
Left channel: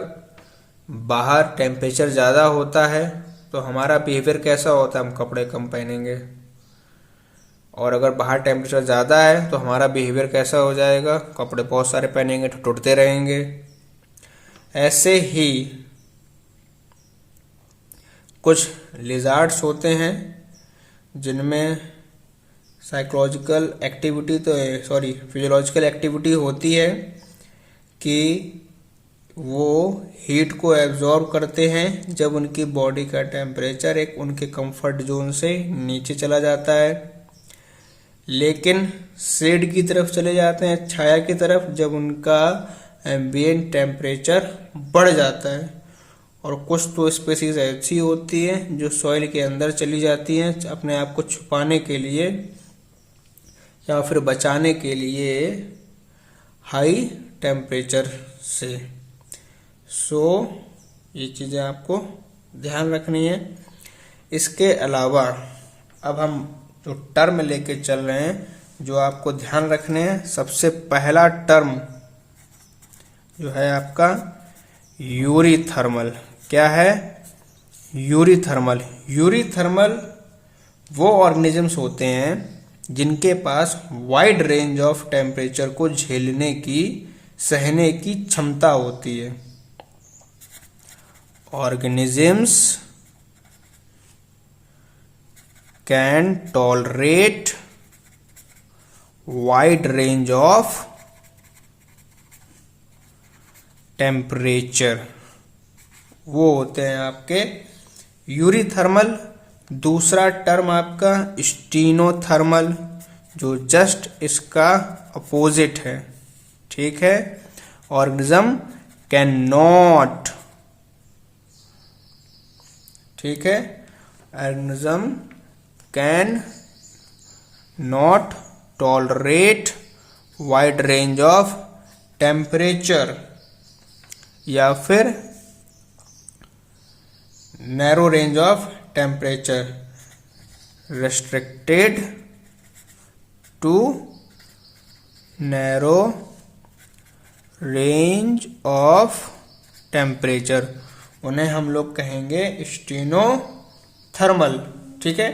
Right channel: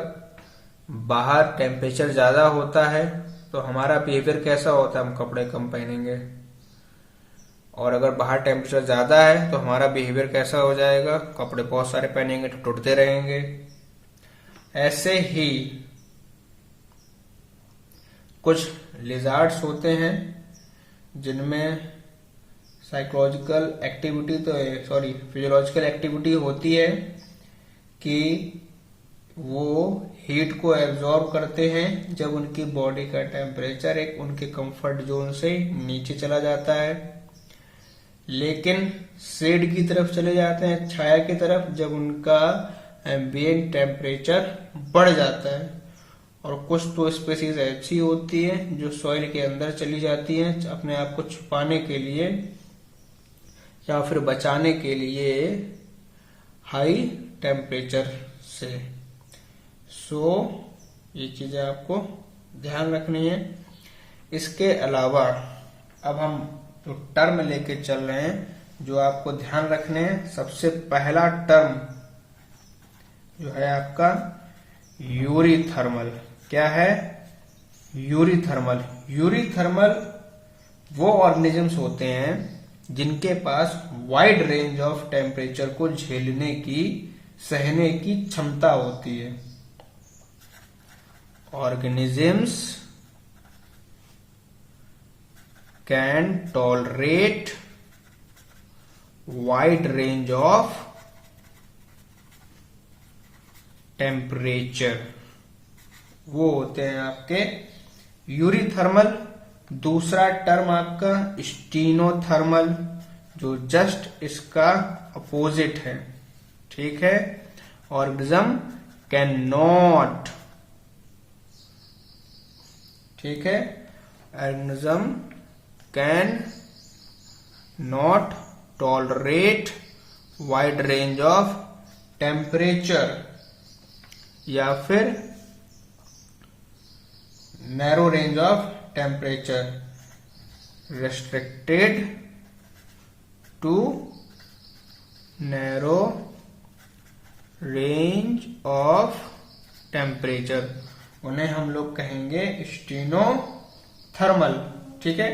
बाहर टेम्परेचर ज़्यादा होता है तो हमारा बिहेवियर कैसा होता है, हम कपड़े कम पहनेंगे। और अगर बाहर टेम्परेचर ज़्यादा है तो हमारा बिहेवियर कैसा हो जाएगा, कपड़े बहुत सारे पहनेंगे तो टूटते रहेंगे। ऐसे ही कुछ लिजार्ड्स होते हैं जिनमें फिजियोलॉजिकल एक्टिविटी होती है कि वो हीट को एब्जॉर्ब करते हैं जब उनकी बॉडी का टेम्परेचर एक उनके कंफर्ट जोन से नीचे चला जाता है, लेकिन शेड की तरफ चले जाते हैं, छाया की तरफ, जब उनका एम्बिएंट टेम्परेचर बढ़ जाता है। और कुछ तो स्पीसीज ऐसी होती है जो सॉइल के अंदर चली जाती हैं अपने आप को छुपाने के लिए या फिर बचाने के लिए हाई टेम्परेचर से। ये चीज़ें आपको ध्यान रखनी है। इसके अलावा अब हम जो टर्म लेके चल रहे हैं जो आपको ध्यान रखने हैं, सबसे पहला टर्म जो है आपका यूरीथर्मल। क्या है? यूरीथर्मल। यूरीथर्मल वो ऑर्गेनिजम्स होते हैं जिनके पास वाइड रेंज ऑफ टेम्परेचर को झेलने की, सहने की क्षमता होती है। Organisms can tolerate wide range of temperature, वो होते हैं आपके यूरीथर्मल। दूसरा टर्म आपका स्टीनोथर्मल, जो जस्ट इसका अपोजिट है। ठीक है, ऑर्गेनिज्म कैन नॉट, ठीक है, organism can not tolerate wide range of temperature या फिर narrow range of temperature, restricted to narrow range of temperature, उन्हें हम लोग कहेंगे स्टीनोथर्मल। ठीक है,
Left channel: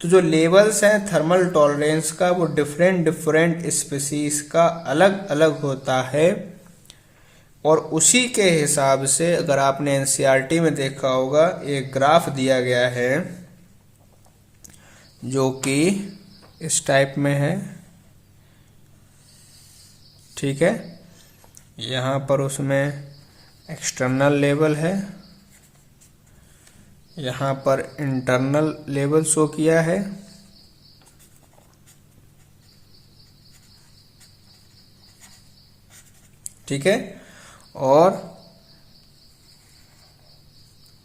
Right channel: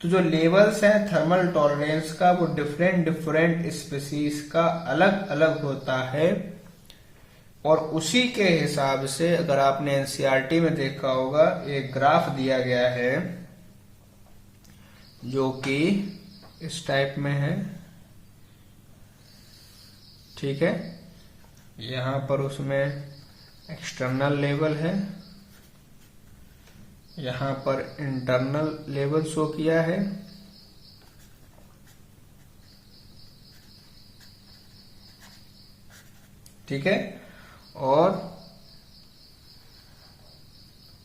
तो जो लेवल्स हैं थर्मल टॉलरेंस का वो डिफरेंट स्पीसीज का अलग अलग होता है। और उसी के हिसाब से अगर आपने एनसीईआरटी में देखा होगा, एक ग्राफ दिया गया है जो कि इस टाइप में है। ठीक है, यहाँ पर उसमें एक्सटर्नल लेवल है, यहाँ पर इंटरनल लेवल शो किया है। ठीक है, और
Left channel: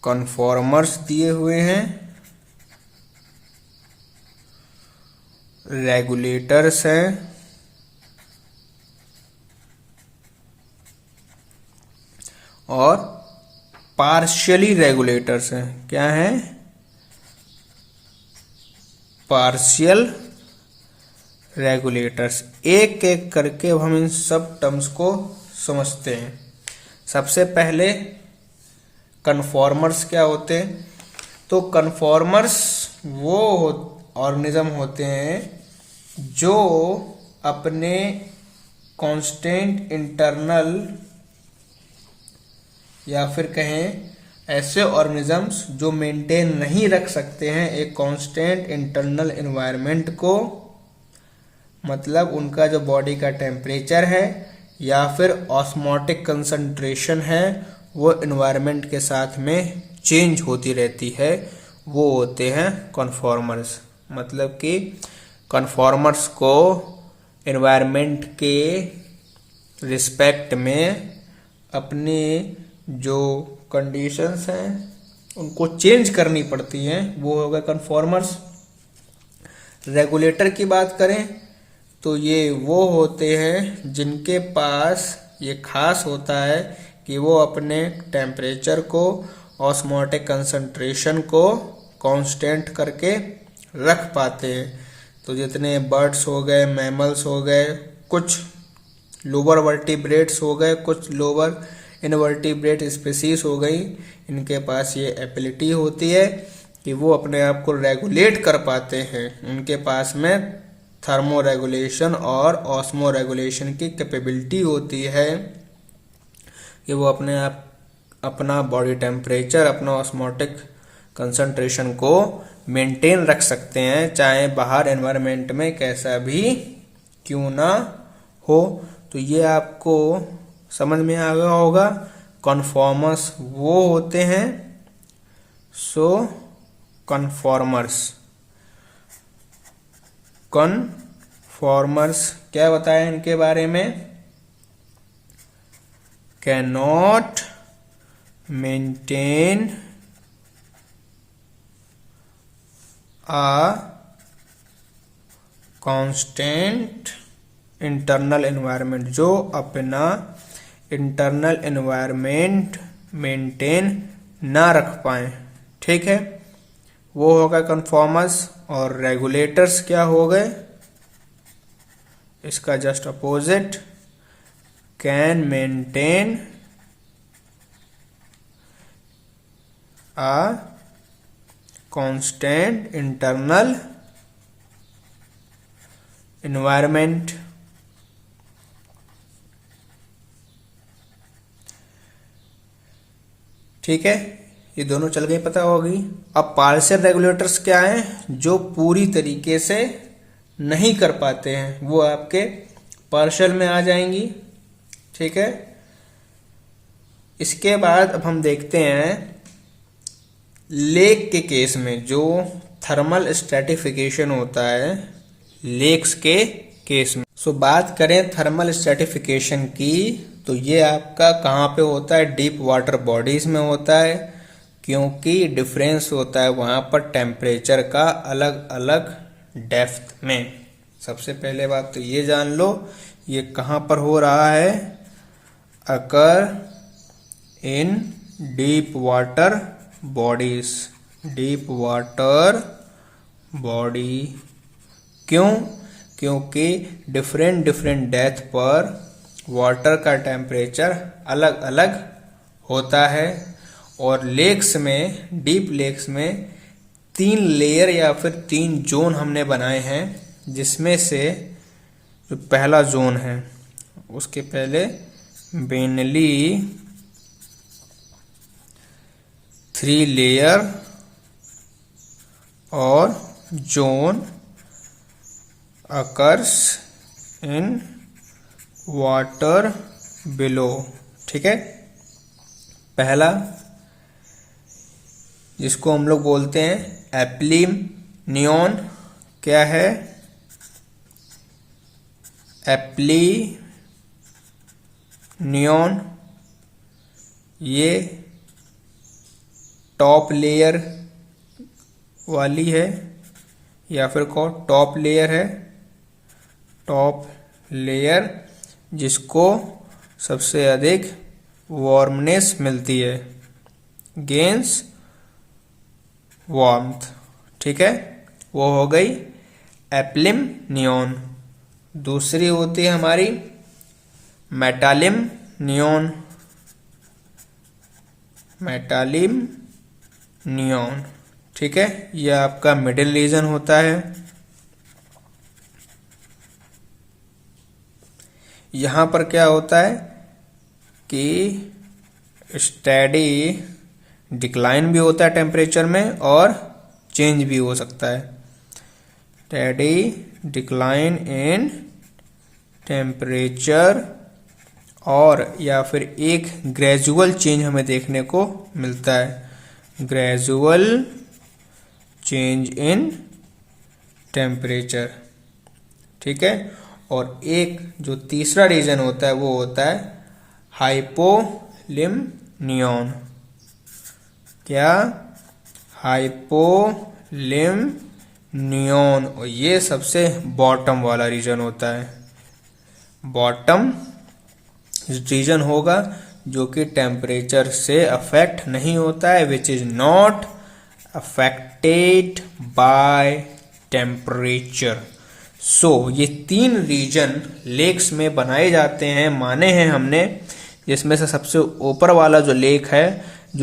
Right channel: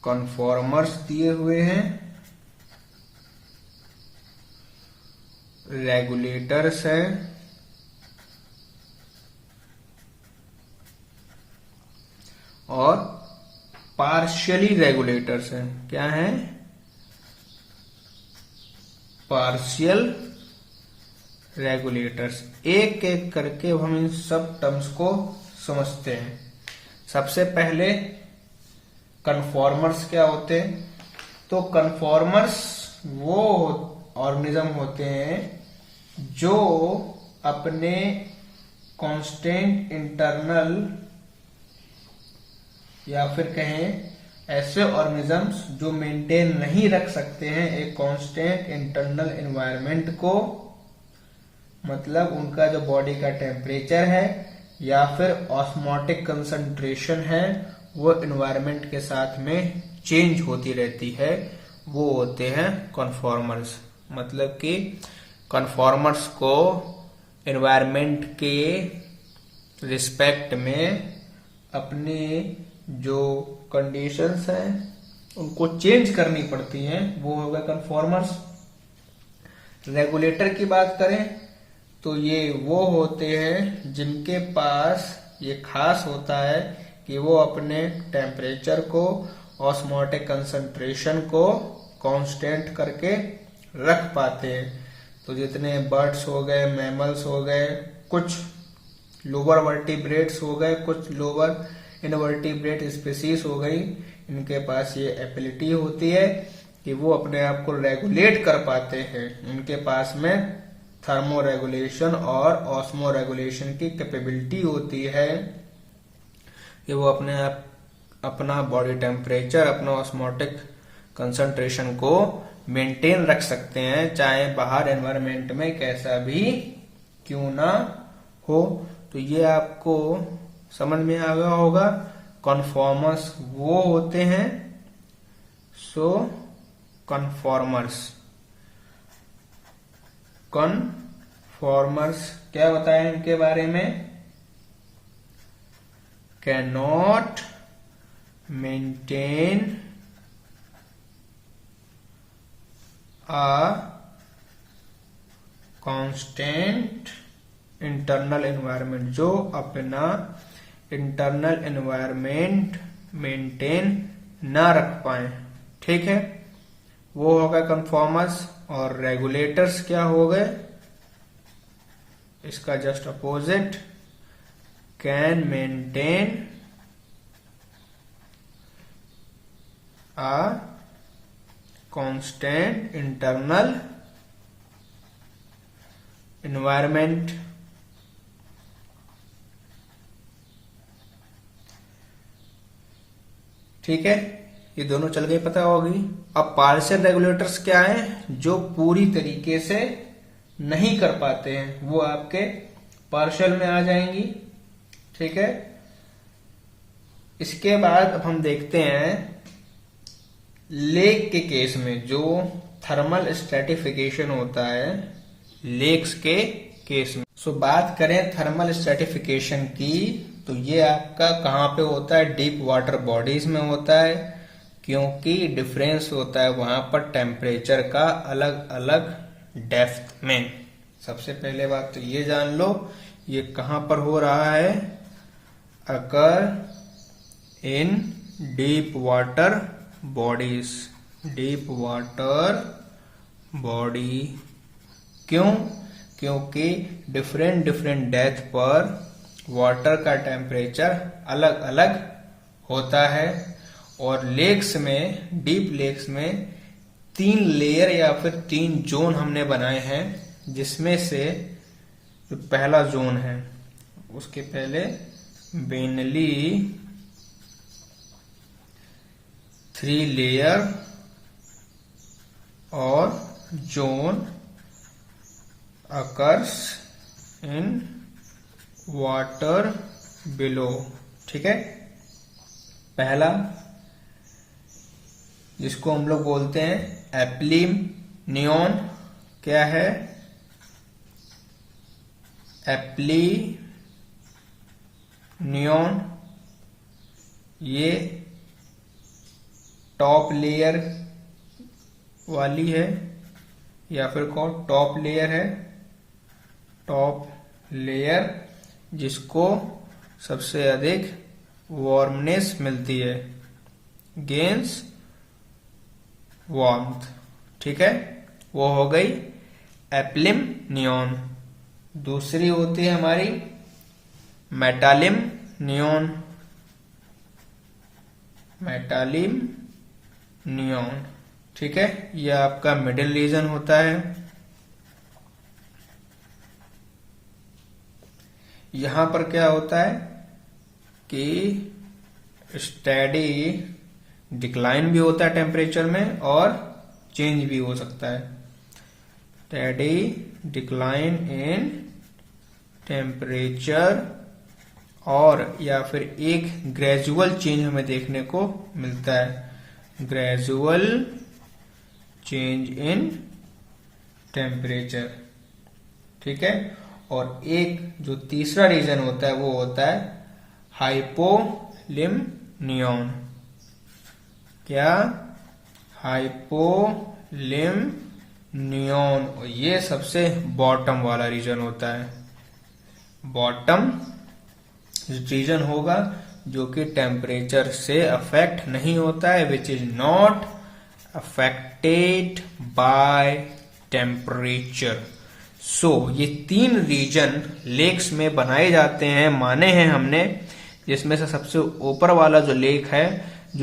कन्फॉर्मर्स दिए हुए हैं, रेगुलेटर्स हैं, और पार्शियली रेगुलेटर्स हैं। क्या है? Partial regulators. एक एक करके हम इन सब टर्म्स को समझते हैं। सबसे पहले कन्फॉर्मर्स क्या होते हैं? तो कन्फॉर्मर्स वो ऑर्गेनिज्म होते हैं जो अपने कांस्टेंट इंटरनल या फिर कहें ऐसे ऑर्गेनिजम्स जो मेंटेन नहीं रख सकते हैं एक कांस्टेंट इंटरनल एनवायरनमेंट को, मतलब उनका जो बॉडी का टेम्परेचर है या फिर ऑस्मोटिक कंसंट्रेशन है वो एनवायरनमेंट के साथ में चेंज होती रहती है, वो होते हैं कन्फॉर्मर्स। मतलब कि कन्फॉर्मर्स को एनवायरनमेंट के रिस्पेक्ट में अपने जो कंडीशंस हैं उनको चेंज करनी पड़ती हैं, वो होगा कन्फॉर्मर्स। रेगुलेटर की बात करें तो ये वो होते हैं जिनके पास ये खास होता है कि वो अपने टेम्परेचर को, ऑस्मोटिक कंसंट्रेशन को कांस्टेंट करके रख पाते हैं। तो जितने बर्ड्स हो गए, मैमल्स हो गए, कुछ लोअर वर्टिब्रेट्स हो गए, कुछ लोअर इनवर्टिब्रेट स्पीसीज हो गई, इनके पास ये एबिलिटी होती है कि वो अपने आप को रेगुलेट कर पाते हैं। उनके पास में थर्मो रेगुलेशन और ऑस्मो रेगुलेशन की कैपेबिलिटी होती है कि वो अपने आप अपना बॉडी टेम्परेचर, अपना ऑस्मोटिक कंसंट्रेशन को मेंटेन रख सकते हैं, चाहे बाहर एनवायरनमेंट में कैसा भी क्यों ना हो। तो ये आपको समझ में आ गया होगा। कन्फॉर्मर्स वो होते हैं, कन्फॉर्मर्स क्या बताया इनके बारे में? Can not maintain a constant internal environment, जो अपना इंटरनल एनवायरनमेंट मेंटेन ना रख पाए। ठीक है, वो हो गए कन्फॉर्मर्स। और रेगुलेटर्स क्या हो गए? इसका just opposite, can maintain a constant internal environment. ठीक है, ये दोनों चल गई, पता होगी। अब पार्शियल रेगुलेटर्स क्या हैं? जो पूरी तरीके से नहीं कर पाते हैं, वो आपके पार्शियल में आ जाएंगी। ठीक है, इसके बाद अब हम देखते हैं लेक के केस में जो थर्मल स्ट्रेटिफिकेशन होता है लेक्स के केस में। सो बात करें थर्मल स्ट्रेटिफिकेशन की, तो ये आपका कहाँ पे होता है? डीप वाटर बॉडीज में होता है, क्योंकि डिफरेंस होता है वहां पर टेम्परेचर का अलग अलग डेप्थ में। सबसे पहले बात तो ये जान लो ये कहाँ पर हो रहा है? Occur in deep water bodies, deep water body. क्यों? क्योंकि डिफरेंट डिफरेंट डेप्थ पर वाटर का टेम्परेचर अलग अलग होता है। और लेक्स में, डीप लेक्स में 3 लेयर या फिर 3 जोन हमने बनाए हैं, जिसमें से जो पहला जोन है, उसके पहले बेनली 3 लेयर और zone occurs in water below. ठीक है, पहला जिसको हम लोग बोलते हैं एप्लिम नियॉन, क्या है? Apply neon. ये टॉप लेयर वाली है, या फिर को टॉप लेयर है, टॉप लेयर जिसको सबसे अधिक वार्मनेस मिलती है, गेंस वार्मथ। ठीक है, वो हो गई एप्लिम नियॉन। दूसरी होती है हमारी मेटालिम नियॉन, मेटालिम नियॉन। ठीक है, यह आपका मिडिल रीजन होता है। यहां पर क्या होता है कि स्टेडी डिक्लाइन भी होता है टेम्परेचर में, और चेंज भी हो सकता है। स्टेडी डिक्लाइन इन टेम्परेचर, और या फिर एक ग्रेजुअल चेंज हमें देखने को मिलता है, ग्रेजुअल चेंज इन टेम्परेचर। ठीक है, और एक जो तीसरा रीजन होता है वो होता है हाइपोलिम नियॉन। क्या? हाइपोलिम नियॉन। और ये सबसे बॉटम वाला रीजन होता है, बॉटम रीजन होगा जो कि टेम्परेचर से अफेक्ट नहीं होता है, which is not affected by temperature. So ये 3 रीजन लेक्स में बनाए जाते हैं, माने हैं हमने, जिसमें से सबसे ऊपर वाला जो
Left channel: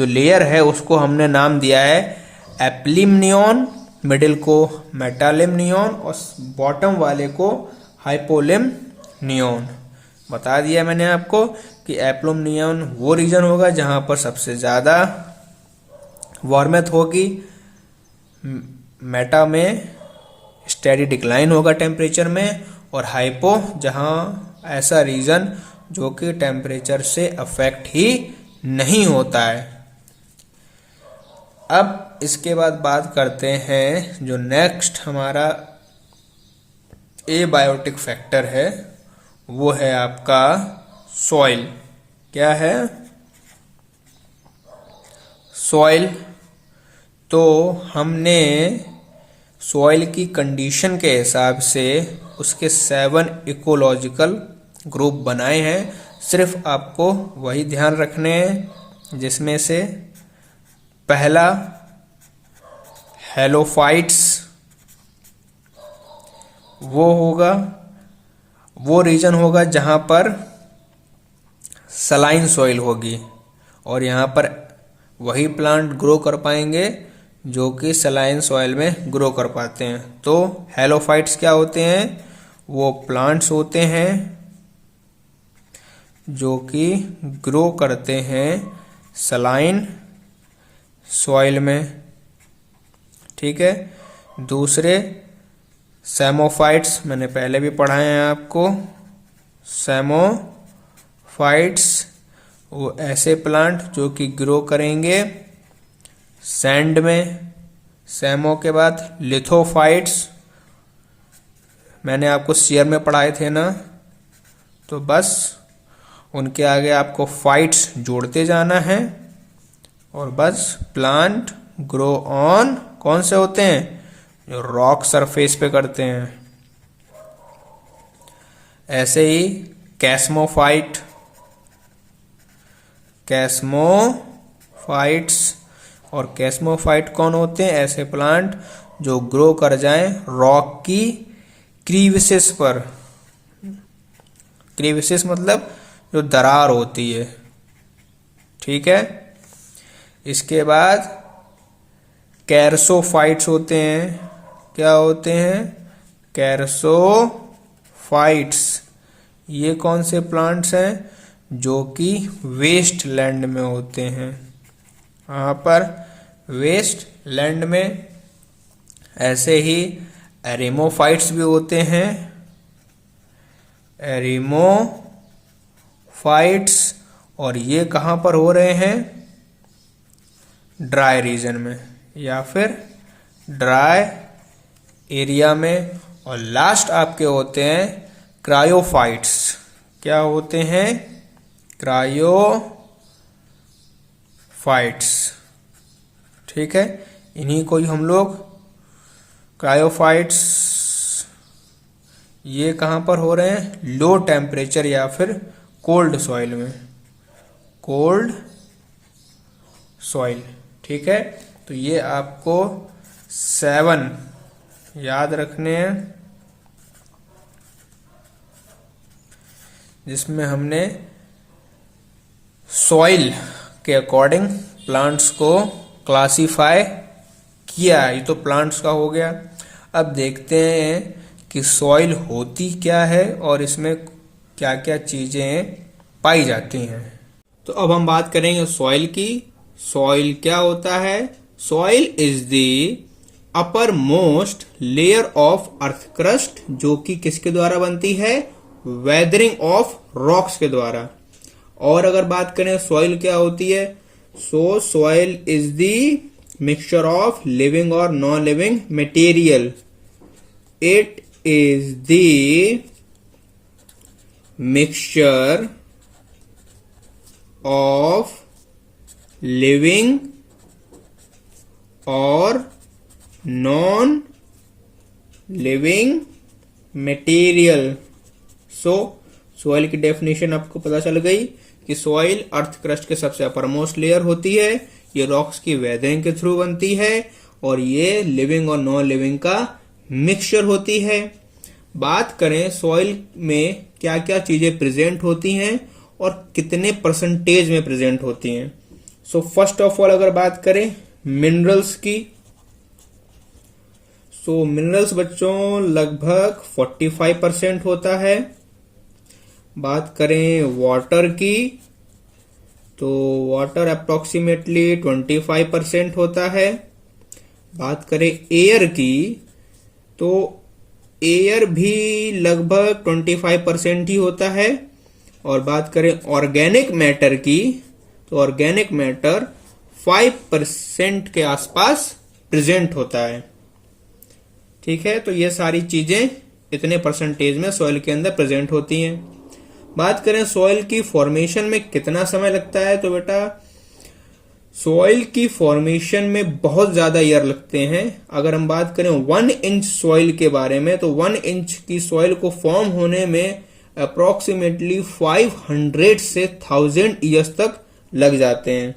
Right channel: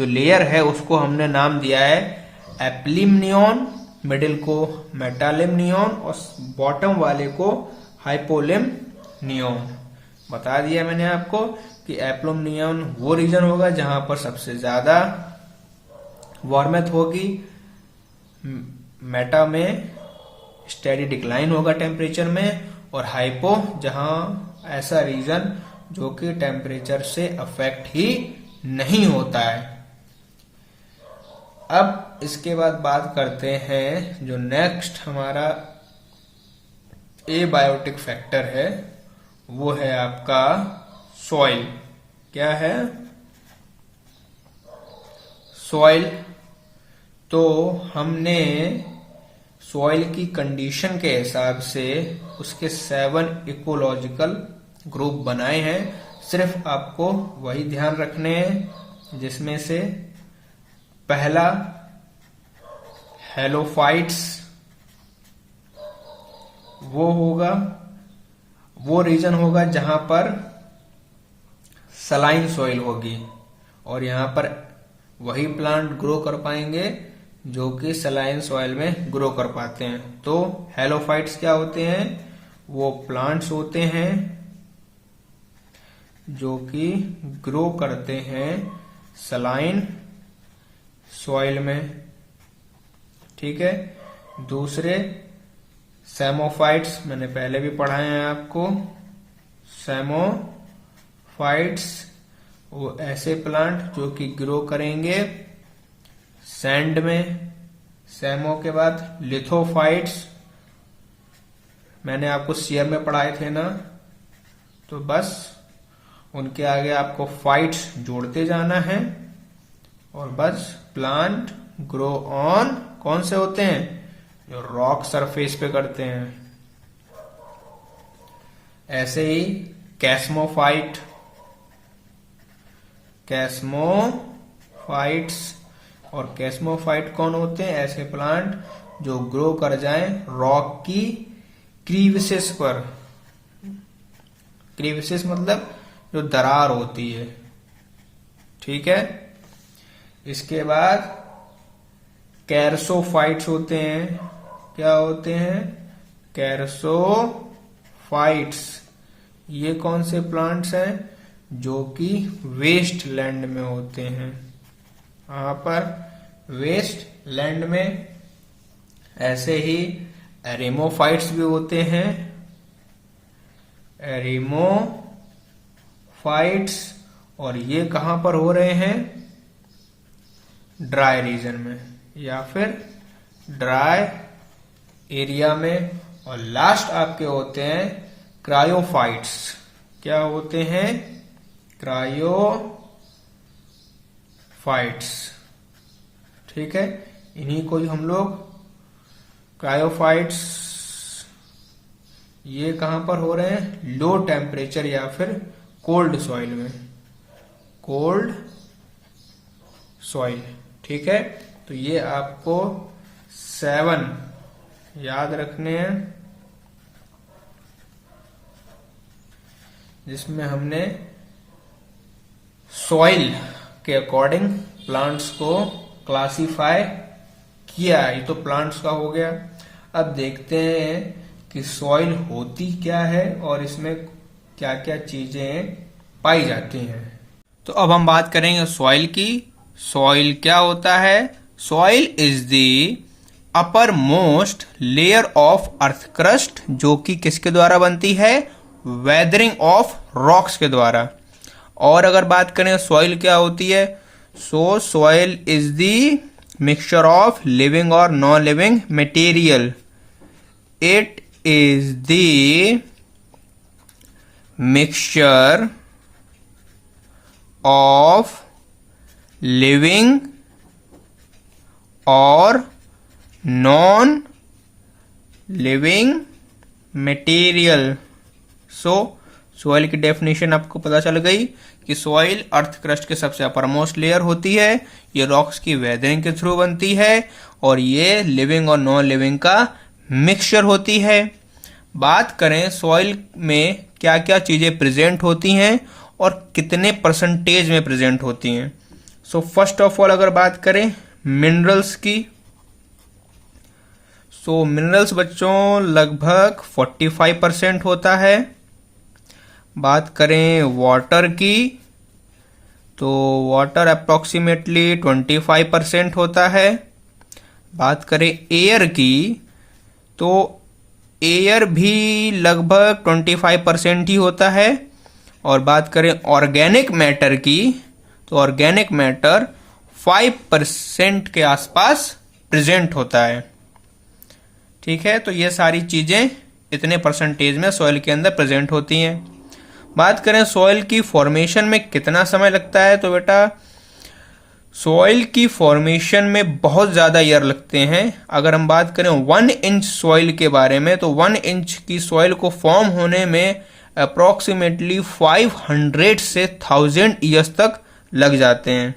लेयर है उसको हमने नाम दिया है एप्लिमनियन, मिडिल को मेटालिमनियन और बॉटम वाले को हाइपोलिमनियन। बता दिया मैंने आपको कि एप्लिमनियन वो रीजन होगा जहां पर सबसे ज्यादा वार्मथ होगी, मेटा में स्टेडी डिक्लाइन होगा टेम्परेचर में, और हाइपो जहां ऐसा रीजन जो कि टेम्परेचर से अफेक्ट ही नहीं होता है। अब इसके बाद बात करते हैं जो नेक्स्ट हमारा एबायोटिक फैक्टर है, वो है आपका सॉइल। क्या है? सॉइल। तो हमने सॉइल की कंडीशन के हिसाब से उसके 7 इकोलॉजिकल ग्रुप बनाए हैं। सिर्फ आपको वही ध्यान रखने हैं, जिसमें से पहला हेलोफाइट्स वो होगा, वो रीजन होगा जहां पर सलाइन सॉइल होगी, और यहां पर वही प्लांट ग्रो कर पाएंगे जो कि सलाइन सॉइल में ग्रो कर पाते हैं। तो हेलोफाइट्स क्या होते हैं? वो प्लांट्स होते हैं जो कि ग्रो करते हैं सलाइन सॉइल में। ठीक है। दूसरे सेमोफाइट्स मैंने पहले भी पढ़ाए हैं आपको। सेमोफाइट्स वो ऐसे प्लांट जो कि ग्रो करेंगे सैंड में। सेमो के बाद लिथोफाइट्स मैंने आपको सीयर में पढ़ाए थे ना, तो बस उनके आगे आपको फाइट्स जोड़ते जाना है, और बस प्लांट ग्रो ऑन कौन से होते हैं? जो रॉक सरफेस पे करते हैं। ऐसे ही कैस्मोफाइट, कैस्मोफाइट्स और कैस्मोफाइट कौन होते हैं? ऐसे प्लांट जो ग्रो कर जाएं रॉक की क्रीविसेस पर। क्रीविसेस मतलब जो दरार होती है। ठीक है। इसके बाद कैरसोफाइट्स होते हैं। क्या होते हैं? कैरसोफाइट्स। ये कौन से प्लांट्स हैं? जो कि वेस्ट लैंड में होते हैं। यहाँ पर वेस्ट लैंड में ऐसे ही एरिमोफाइट्स भी होते हैं। एरिमोफाइट्स, और ये कहाँ पर हो रहे हैं? ड्राई रीजन में या फिर ड्राई एरिया में। और लास्ट आपके होते हैं क्रायोफाइट्स। क्या होते हैं? क्रायोफाइट्स। ठीक है। इन्हीं को ही हम लोग क्रायोफाइट्स, ये कहां पर हो रहे हैं? लो टेम्परेचर या फिर कोल्ड सॉइल में। Cold soil. ठीक है। तो ये आपको 7 याद रखने हैं, जिसमें हमने सॉइल के अकॉर्डिंग प्लांट्स को क्लासिफाई किया। ये तो प्लांट्स का हो गया। अब देखते हैं कि सॉइल होती क्या है और इसमें क्या क्या चीजें पाई जाती हैं। तो अब हम बात करेंगे सॉइल की। सॉइल क्या होता है? Soil is the upper most layer of earth crust, जो कि किसके द्वारा बनती है? वेदरिंग ऑफ रॉक्स के द्वारा। और अगर बात करें सॉइल क्या होती है, so soil is the mixture of living और non living material. It is the mixture of living और non living material. So soil की डेफिनेशन आपको पता चल गई कि सॉइल अर्थ क्रस्ट के सबसे अपर मोस्ट लेयर होती है। ये रॉक्स की वेदरिंग के थ्रू बनती है और ये लिविंग और नॉन लिविंग का मिक्सचर होती है। बात करें सॉइल में क्या क्या चीजें प्रेजेंट होती हैं और कितने परसेंटेज में प्रेजेंट होती हैं। सो फर्स्ट ऑफ ऑल अगर बात करें मिनरल्स की, सो मिनरल्स बच्चों लगभग 45% होता है। बात करें वाटर की तो वाटर अप्रोक्सीमेटली 25% होता है। बात करें एयर की तो एयर भी लगभग 25% ही होता है। और बात करें ऑर्गेनिक मैटर की तो ऑर्गेनिक मैटर 5% के आसपास प्रेजेंट होता है। ठीक है, तो ये सारी चीजें इतने परसेंटेज में सॉइल के अंदर प्रेजेंट होती हैं। बात करें सॉइल की फॉर्मेशन में कितना समय लगता है, तो बेटा सॉइल की फॉर्मेशन में बहुत ज्यादा ईयर लगते हैं। अगर हम बात करें 1 इंच सॉइल के बारे में तो 1 इंच की सॉइल को फॉर्म होने में अप्रोक्सीमेटली 500 से 1000 ईयर्स तक लग जाते हैं।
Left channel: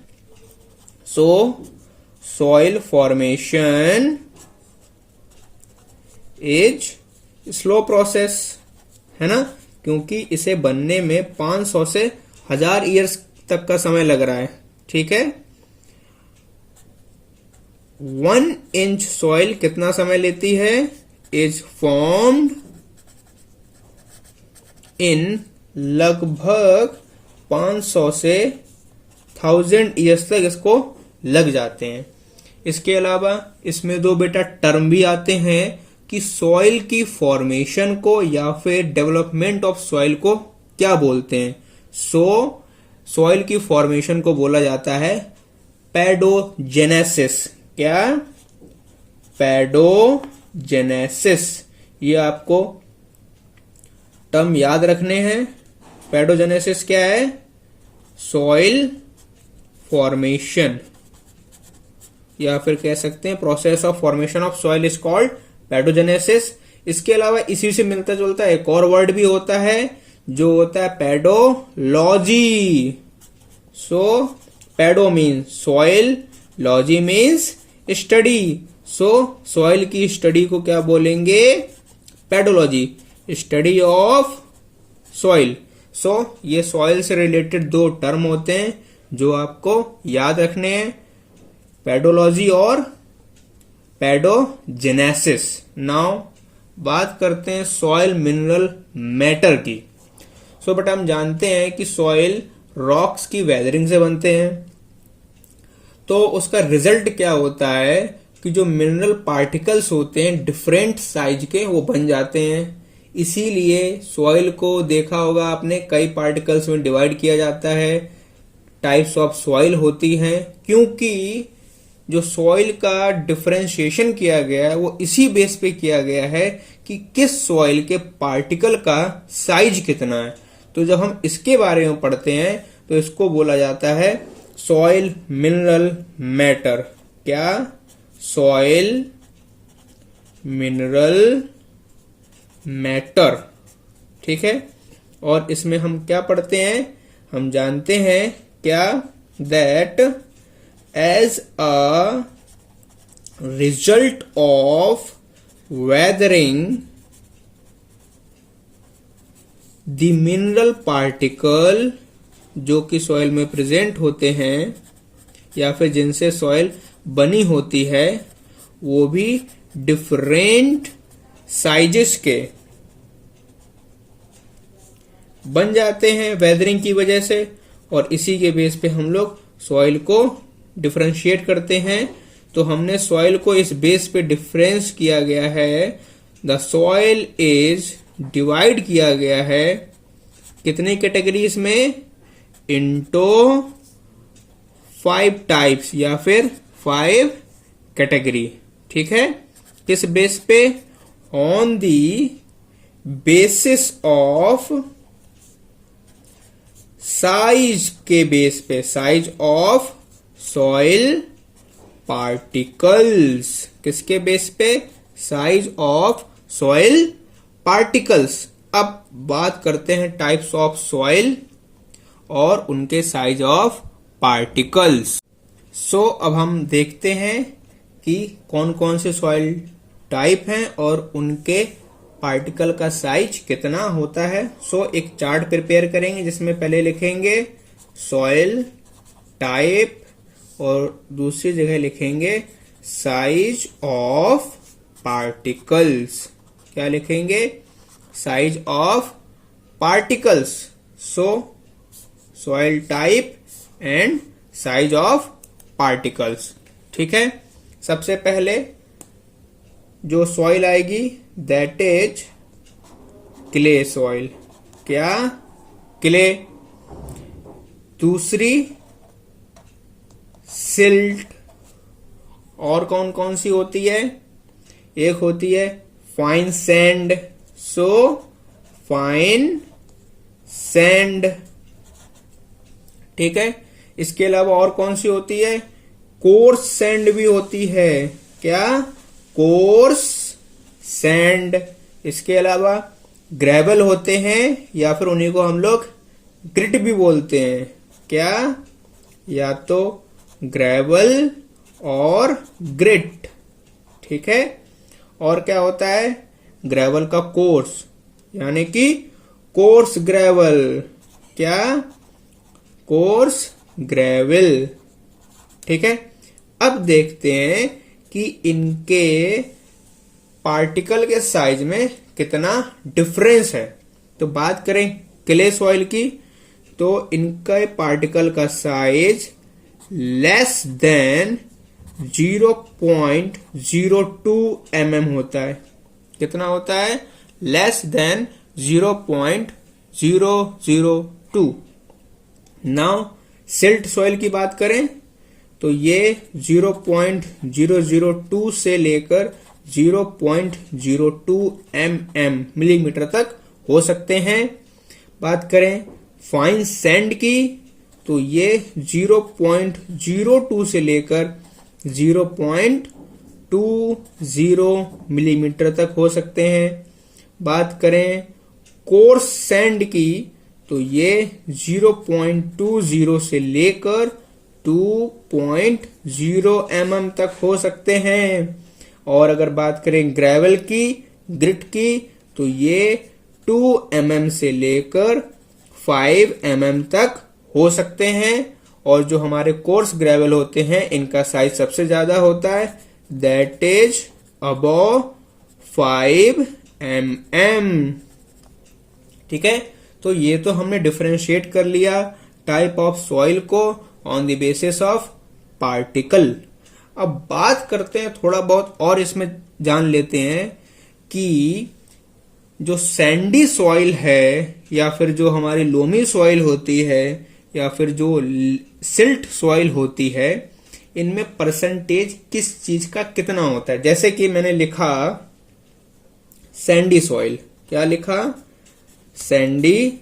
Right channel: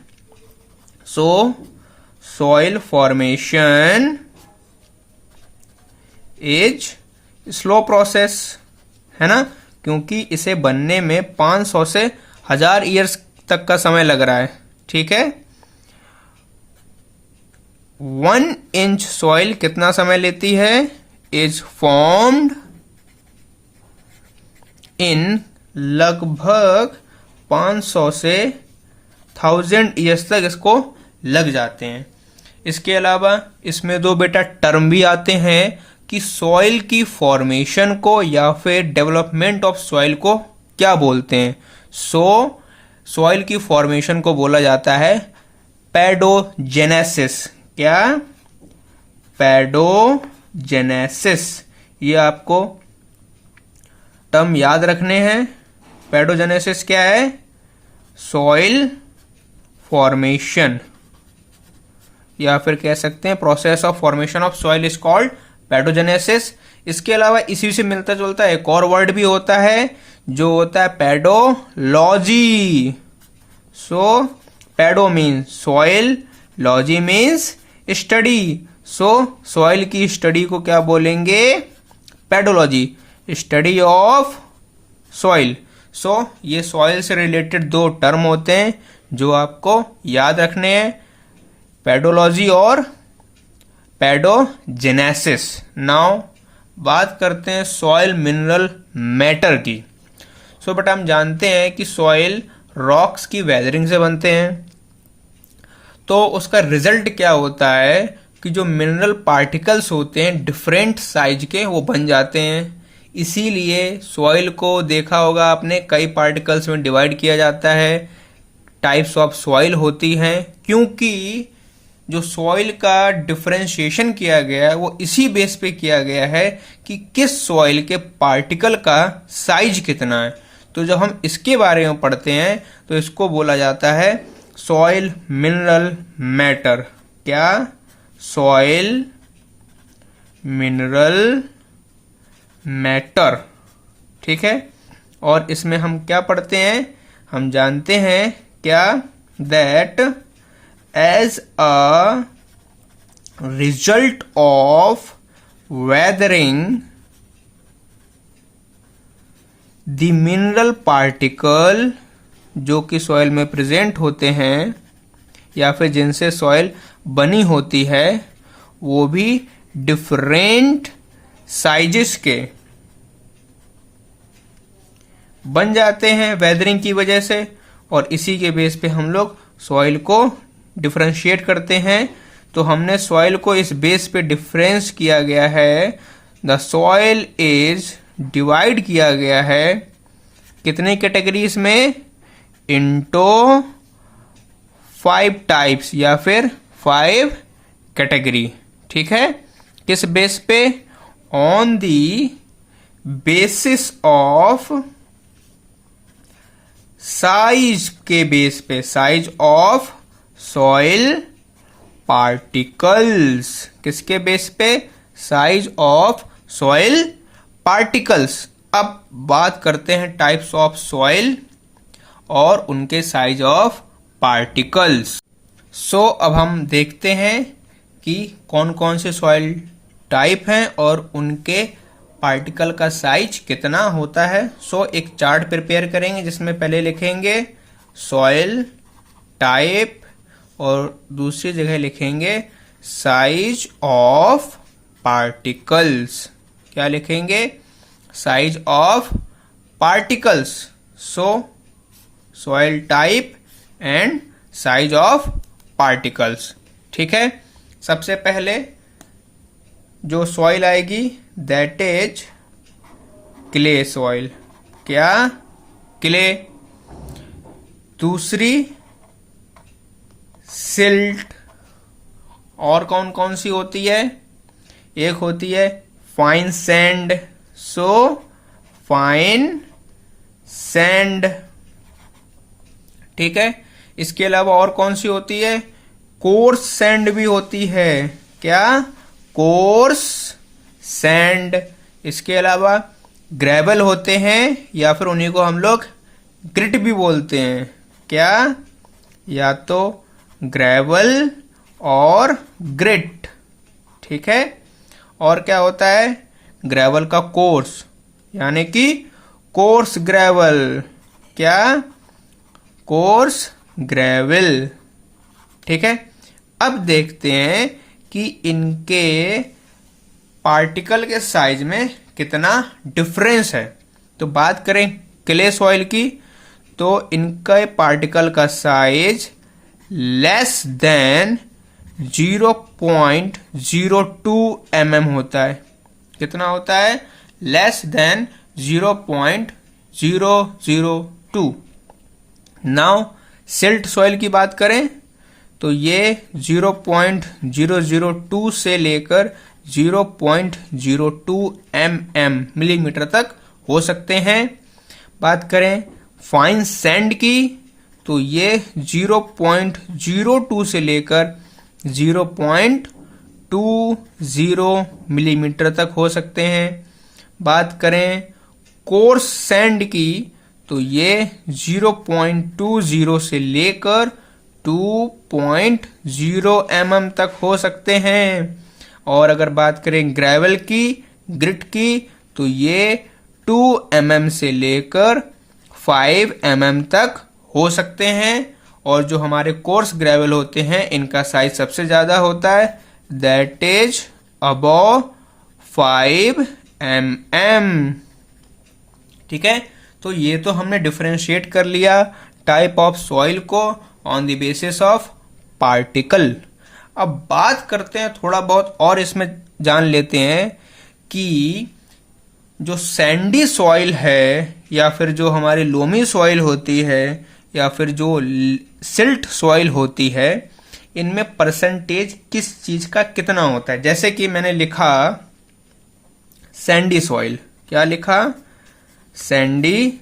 सो soil formation is slow process, है ना, क्योंकि इसे बनने में 500 से 1000 ईयर्स तक का समय लग रहा है। ठीक है, 1 इंच सॉइल कितना समय लेती है, इज फॉर्म्ड इन लगभग 500 से 1000 ईयर्स तक इसको लग जाते हैं। इसके अलावा इसमें दो बेटा टर्म भी आते हैं कि सॉइल की फॉर्मेशन को या फिर डेवलपमेंट ऑफ सॉइल को क्या बोलते हैं। सॉइल की फॉर्मेशन को बोला जाता है पैडोजेनेसिस। क्या, पैडोजेनेसिस। ये आपको टर्म याद रखने हैं। पैडोजेनेसिस क्या है, सॉइल फॉर्मेशन, या फिर कह सकते हैं process of formation of soil is called pedogenesis. इसके अलावा इसी से मिलता जुलता एक और वर्ड भी होता है जो होता है pedology. So pedo means soil, logy means study. So soil की स्टडी को क्या बोलेंगे, pedology, study of soil. So ये सॉइल से रिलेटेड दो टर्म होते हैं जो आपको याद रखने हैं, पैडोलॉजी और पैडोजेनेसिस। नाउ बात करते हैं सॉइल मिनरल मैटर की। सो बट हम जानते हैं कि सॉइल रॉक्स की वेदरिंग से बनते हैं, तो उसका रिजल्ट क्या होता है कि जो मिनरल पार्टिकल्स होते हैं डिफरेंट साइज के वो बन जाते हैं। इसीलिए सॉइल को देखा होगा आपने, कई पार्टिकल्स में डिवाइड किया जाता है, टाइप्स ऑफ सॉइल होती हैं, क्योंकि जो सॉइल का डिफरेंशिएशन किया गया है वो इसी बेस पे किया गया है कि किस सॉइल के पार्टिकल का साइज कितना है। तो जब हम इसके बारे में पढ़ते हैं तो इसको बोला जाता है सॉइल मिनरल मैटर। क्या, सॉइल मिनरल मैटर। ठीक है, और इसमें हम क्या पढ़ते हैं, हम जानते हैं क्या, that as a result of weathering the mineral particle जो कि सॉइल में प्रेजेंट होते हैं या फिर जिनसे सॉइल बनी होती है वो भी डिफरेंट साइजेस के बन जाते हैं वेदरिंग की वजह से, और इसी के बेस पे हम लोग सॉइल को डिफरेंशिएट करते हैं। तो हमने सॉइल को इस बेस पे डिफरेंस किया गया है, द सॉइल इज डिवाइड किया गया है कितने कैटेगरीज में, इनटू 5 टाइप्स या फिर 5 कैटेगरी। ठीक है, किस बेस पे, on the basis of size के बेस पे, साइज ऑफ सॉइल पार्टिकल्स। किसके बेस पे, साइज ऑफ सॉइल पार्टिकल्स। अब बात करते हैं टाइप्स ऑफ सॉइल और उनके साइज ऑफ पार्टिकल्स। सो अब हम देखते हैं कि कौन कौन से सॉइल टाइप हैं और उनके पार्टिकल का साइज कितना होता है। सो एक चार्ट प्रिपेयर करेंगे जिसमें पहले लिखेंगे सॉइल टाइप और दूसरी जगह लिखेंगे साइज ऑफ पार्टिकल्स। क्या लिखेंगे? Size of particles. So soil type and size of particles. ठीक है, सबसे पहले जो सॉइल आएगी दैट इज क्ले सॉइल। क्या? क्ले। दूसरी सिल्ट। और कौन कौन सी होती है? एक होती है fine sand. So fine sand. ठीक है, इसके अलावा और कौन सी होती है? कोर्स सैंड भी होती है। क्या? Coarse sand. इसके अलावा ग्रेवल होते हैं या फिर उन्हीं को हम लोग ग्रिट भी बोलते हैं। क्या? या तो ग्रेवल और ग्रिट। ठीक है, और क्या होता है? ग्रेवल का कोर्स यानी कि कोर्स ग्रेवल। क्या? Course gravel. ठीक है, अब देखते हैं कि इनके पार्टिकल के साइज में कितना डिफरेंस है। तो बात करें क्ले सॉइल की, तो इनका पार्टिकल का साइज लेस देन 0.02 mm होता है। कितना होता है? Less than 0.002। Now silt soil की बात करें तो ये 0.002 से लेकर 0.02 मिलीमीटर तक हो सकते हैं। बात करें फाइन सैंड की तो ये 0.02 से लेकर 0.20 मिलीमीटर तक हो सकते हैं। बात करें कोर्स सैंड की तो ये 0.20 से लेकर 2.0 mm तक हो सकते हैं। और अगर बात करें ग्रेवल की, ग्रिट की, तो ये 2 mm से लेकर 5 mm तक हो सकते हैं। और जो हमारे कोर्स ग्रेवल होते हैं इनका साइज सबसे ज्यादा होता है, दैट इज अबव 5 mm। ठीक है, तो ये तो हमने डिफरेंशिएट कर लिया टाइप ऑफ सॉइल को on the basis of particle. अब बात करते हैं थोड़ा बहुत और इसमें जान लेते हैं कि जो सैंडी सॉइल है या फिर जो हमारी लोमी सॉइल होती है या फिर जो सिल्ट सॉइल होती है, इनमें परसेंटेज किस चीज का कितना होता है। जैसे कि मैंने लिखा सैंडी सॉइल। क्या लिखा? Sandy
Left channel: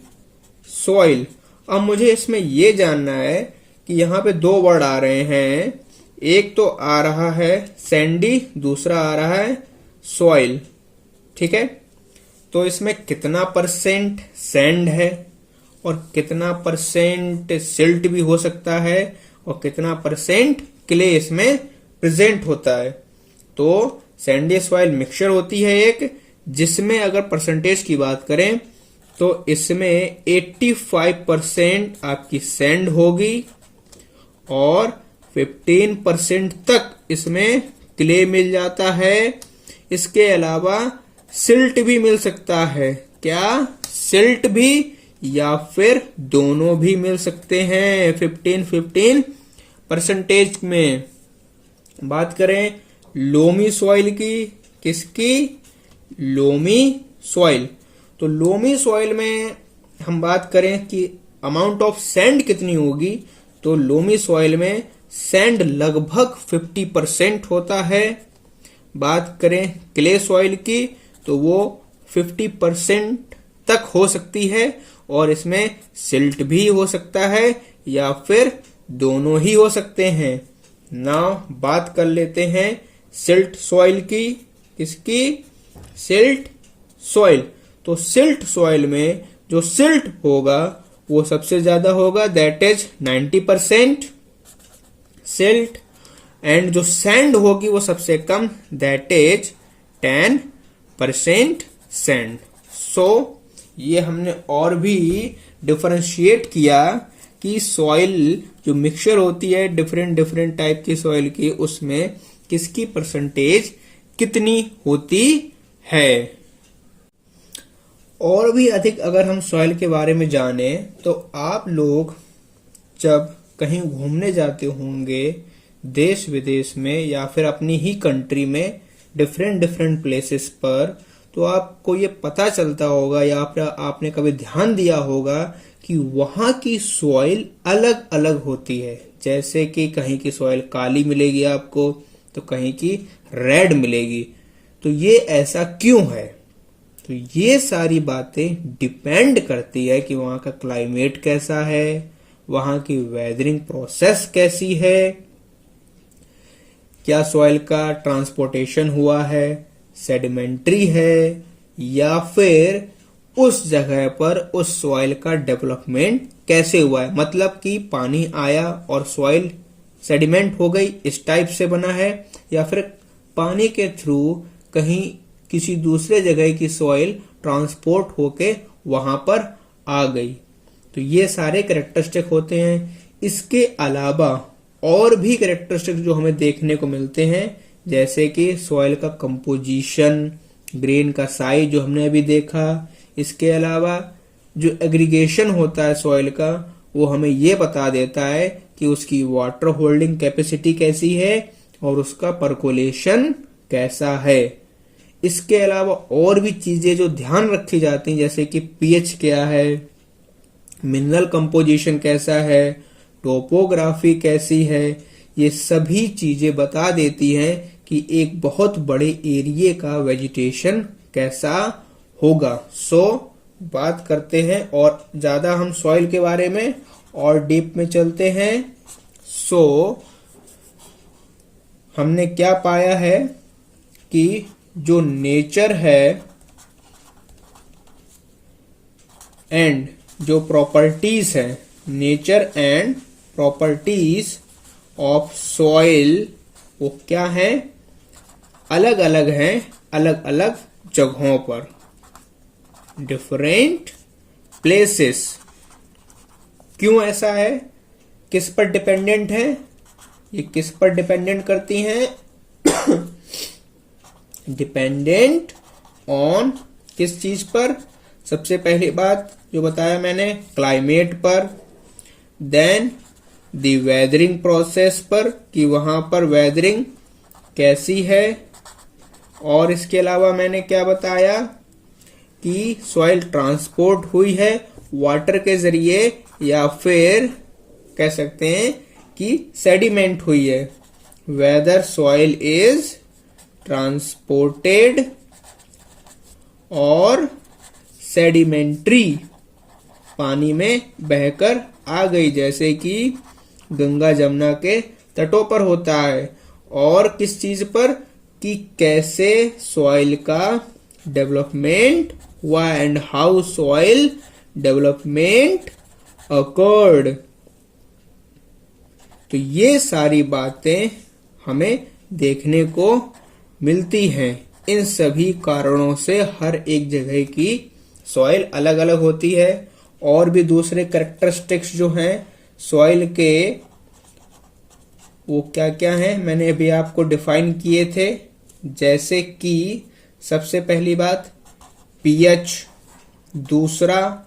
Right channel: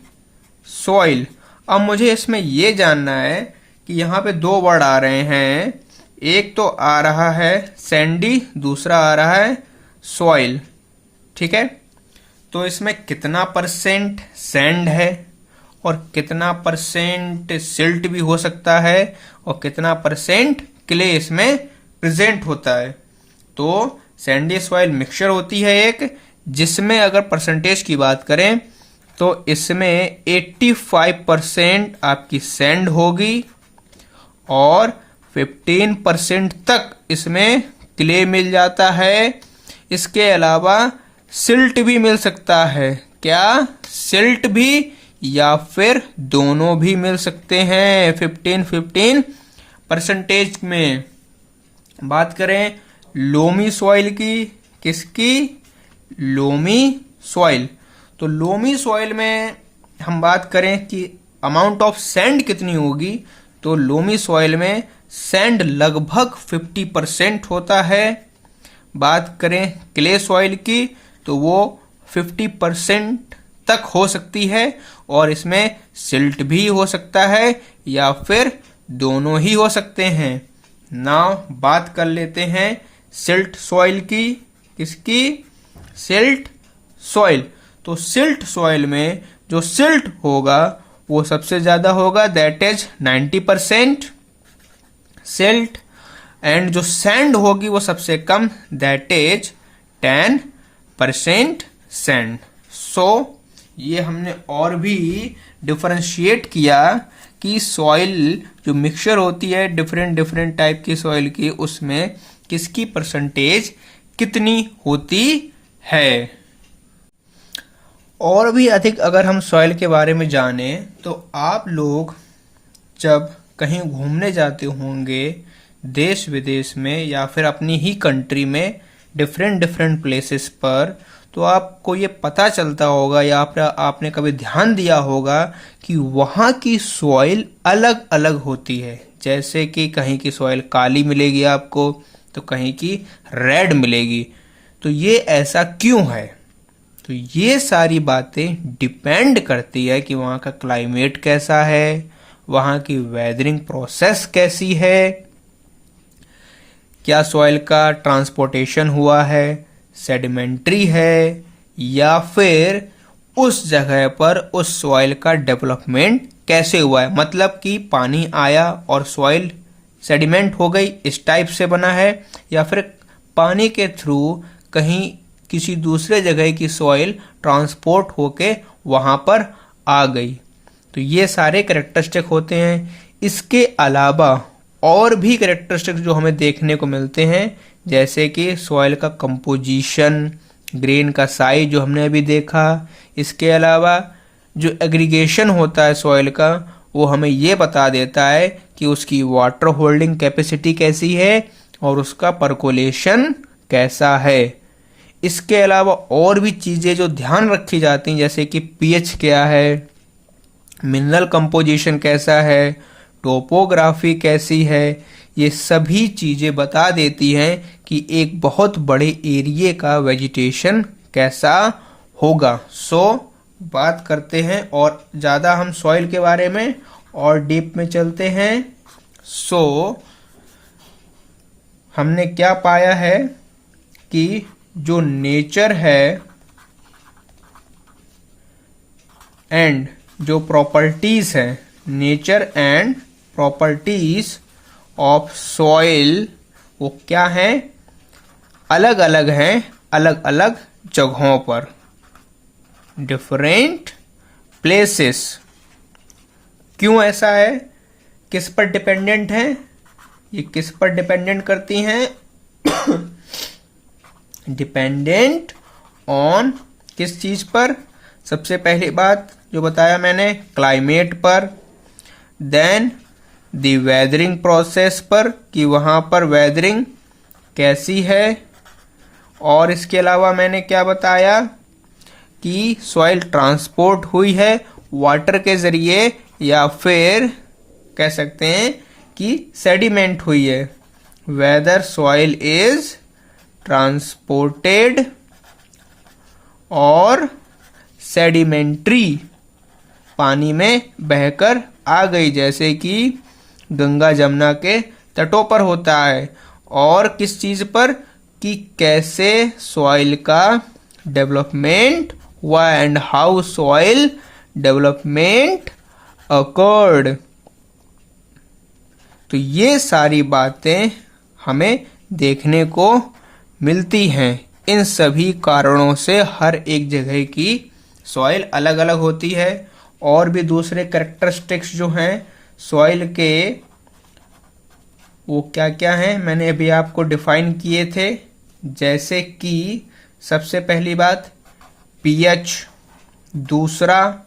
soil. अब मुझे इसमें यह जानना है कि यहां पे दो वर्ड आ रहे हैं, एक तो आ रहा है सैंडी, दूसरा आ रहा है सॉइल। ठीक है, तो इसमें कितना परसेंट सैंड है और कितना परसेंट सिल्ट भी हो सकता है और कितना परसेंट क्ले इसमें प्रेजेंट होता है। तो सैंडी सॉइल मिक्सचर होती है एक, जिसमें अगर परसेंटेज की बात करें तो इसमें 85% आपकी सैंड होगी और 15% तक इसमें क्ले मिल जाता है। इसके अलावा सिल्ट भी मिल सकता है। क्या? सिल्ट भी या फिर दोनों भी मिल सकते हैं 15% में। बात करें लोमी सॉइल की, किसकी? Loamy soil. तो लोमी सॉइल में हम बात करें कि अमाउंट ऑफ सैंड कितनी होगी, तो लोमी सॉइल में सैंड लगभग 50% होता है। बात करें क्ले सॉइल की तो वो 50% तक हो सकती है और इसमें सिल्ट भी हो सकता है या फिर दोनों ही हो सकते हैं। नाउ बात कर लेते हैं सिल्ट सॉइल की। किसकी? Silt soil. तो सिल्ट सॉइल में जो सिल्ट होगा वो सबसे ज्यादा होगा, दैट इज 90% सिल्ट। एंड जो सैंड होगी वो सबसे कम, दैट इज 10% सैंड। सो ये हमने और भी डिफरेंशिएट किया कि सॉइल जो मिक्सचर होती है डिफरेंट डिफरेंट टाइप की सॉइल की, उसमें किसकी परसेंटेज कितनी होती है। और भी अधिक अगर हम सॉइल के बारे में जाने तो आप लोग जब कहीं घूमने जाते होंगे देश विदेश में या फिर अपनी ही कंट्री में डिफरेंट डिफरेंट प्लेसेस पर, तो आपको ये पता चलता होगा या फिर आपने कभी ध्यान दिया होगा कि वहां की सॉइल अलग अलग होती है। जैसे कि कहीं की सॉइल काली मिलेगी आपको तो कहीं की रेड मिलेगी। तो ये ऐसा क्यों है? तो ये सारी बातें डिपेंड करती है कि वहां का क्लाइमेट कैसा है, वहां की वेदरिंग प्रोसेस कैसी है, क्या सॉइल का ट्रांसपोर्टेशन हुआ है, सेडिमेंट्री है, या फिर उस जगह पर उस सॉइल का डेवलपमेंट कैसे हुआ है। मतलब कि पानी आया और सॉइल सेडिमेंट हो गई, इस टाइप से बना है, या फिर पानी के थ्रू कहीं किसी दूसरे जगह की सॉइल ट्रांसपोर्ट होके वहां पर आ गई। तो ये सारे कैरेक्टरिस्टिक होते हैं। इसके अलावा और भी कैरेक्टरिस्टिक जो हमें देखने को मिलते हैं, जैसे कि सॉइल का कंपोजिशन, ग्रेन का साइज जो हमने अभी देखा। इसके अलावा जो एग्रीगेशन होता है सॉइल का, वो हमें ये बता देता है कि उसकी वाटर होल्डिंग कैपेसिटी कैसी है और उसका परकोलेशन कैसा है। इसके अलावा और भी चीजें जो ध्यान रखी जाती हैं, जैसे कि पीएच क्या है, मिनरल कंपोजिशन कैसा है, टोपोग्राफी कैसी है, ये सभी चीजें बता देती हैं कि एक बहुत बड़े एरिया का वेजिटेशन कैसा होगा। सो बात करते हैं और ज्यादा हम सॉइल के बारे में और डीप में चलते हैं। सो हमने क्या पाया है कि जो नेचर है एंड जो प्रॉपर्टीज है, nature and properties of soil, वो क्या है, अलग अलग हैं अलग अलग जगहों पर, डिफरेंट प्लेसेस। क्यों ऐसा है, किस पर डिपेंडेंट है, ये किस पर डिपेंडेंट करती हैं डिपेंडेंट ऑन किस चीज पर, सबसे पहली बात जो बताया मैंने क्लाइमेट पर, देन द वेदरिंग प्रोसेस पर कि वहां पर वेदरिंग कैसी है, और इसके अलावा मैंने क्या बताया कि सॉइल ट्रांसपोर्ट हुई है वाटर के जरिए या फिर कह सकते हैं कि सेडिमेंट हुई है, वेदर सॉइल इज ट्रांसपोर्टेड और सेडिमेंट्री, पानी में बहकर आ गई, जैसे कि गंगा जमुना के तटों पर होता है। और किस चीज पर कि कैसे सॉइल का डेवलपमेंट हुआ and how soil development occurred. तो ये सारी बातें हमें देखने को मिलती हैं। इन सभी कारणों से हर एक जगह की सॉइल अलग अलग होती है। और भी दूसरे कैरेक्टरिस्टिक्स जो हैं सॉइल के, वो क्या क्या हैं मैंने अभी आपको डिफाइन किए थे। जैसे कि सबसे पहली बात पीएच, दूसरा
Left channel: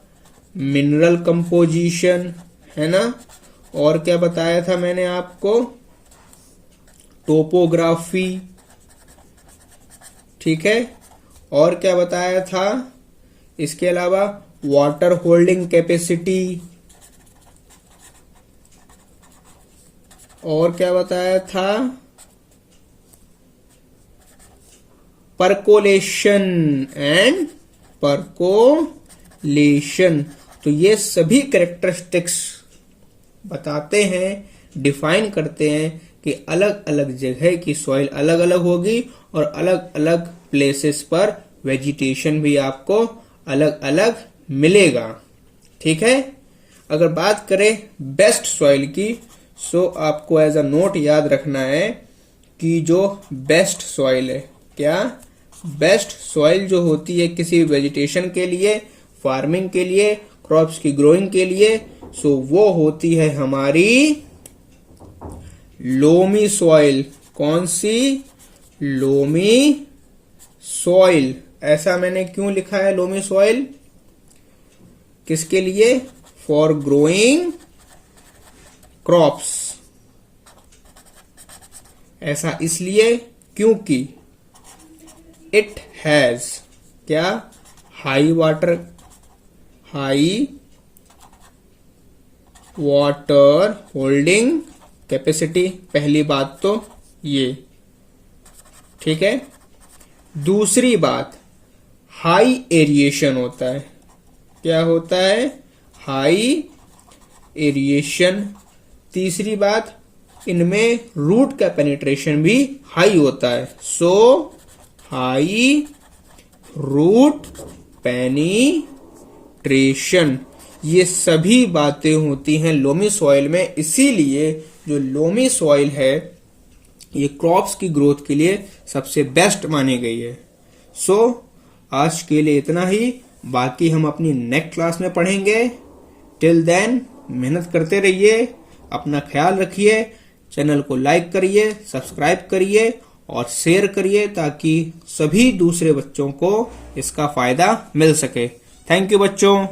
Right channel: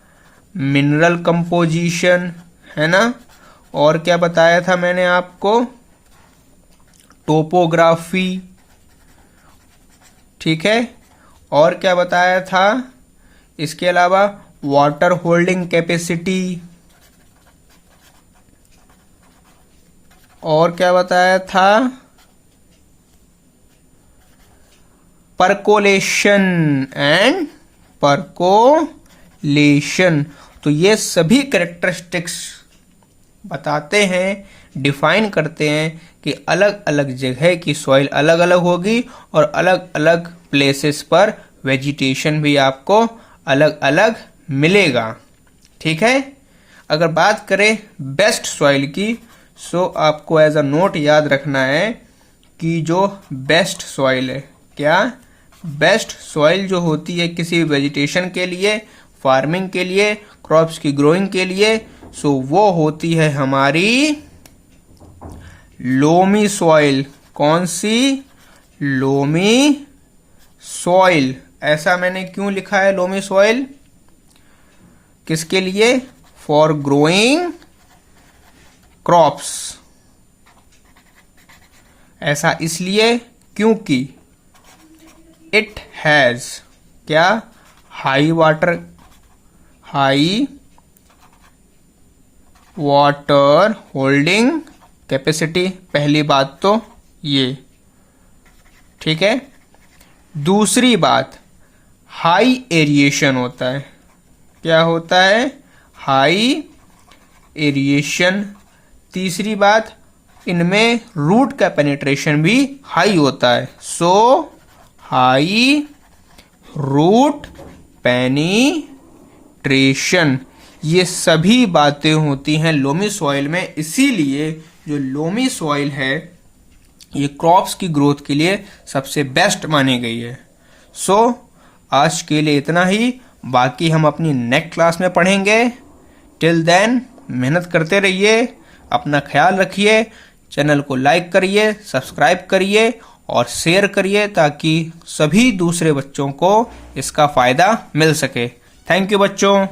मिनरल कंपोजिशन, है ना, और क्या बताया था मैंने आपको, टोपोग्राफी, ठीक है, और क्या बताया था इसके अलावा वाटर होल्डिंग कैपेसिटी, और क्या बताया था परकोलेशन एंड परकोलेशन। तो ये सभी कैरेक्टरिस्टिक्स बताते हैं, डिफाइन करते हैं कि अलग अलग जगह की सॉइल अलग अलग होगी और अलग अलग प्लेसेस पर वेजिटेशन भी आपको अलग अलग मिलेगा। ठीक है, अगर बात करें बेस्ट सॉइल की, सो आपको एज अ नोट याद रखना है कि जो बेस्ट सॉइल है, क्या बेस्ट सॉइल जो होती है किसी वेजिटेशन के लिए, फार्मिंग के लिए, क्रॉप्स की ग्रोइंग के लिए, सो वो होती है हमारी लोमी सॉइल। कौन सी? Loamy soil. ऐसा मैंने क्यों लिखा है लोमी सॉइल? किसके लिए? For growing crops. ऐसा इसलिए क्योंकि इट हैज क्या? High water holding capacity. पहली बात तो ये ठीक है। दूसरी बात, हाई एरिएशन होता है। क्या होता है? High aeration. तीसरी बात, इनमें रूट का पेनिट्रेशन भी हाई होता है। सो हाई रूट पेनिट्रेशन, ये सभी बातें होती हैं लोमी सॉइल में। इसीलिए जो लोमी सॉइल है ये क्रॉप्स की ग्रोथ के लिए सबसे बेस्ट मानी गई है। सो आज के लिए इतना ही, बाकी हम अपनी नेक्स्ट क्लास में पढ़ेंगे। टिल देन मेहनत करते रहिए, अपना ख्याल रखिए, चैनल को लाइक करिए, सब्सक्राइब करिए और शेयर करिए ताकि सभी दूसरे बच्चों को इसका फायदा मिल सके। थैंक यू बच्चों।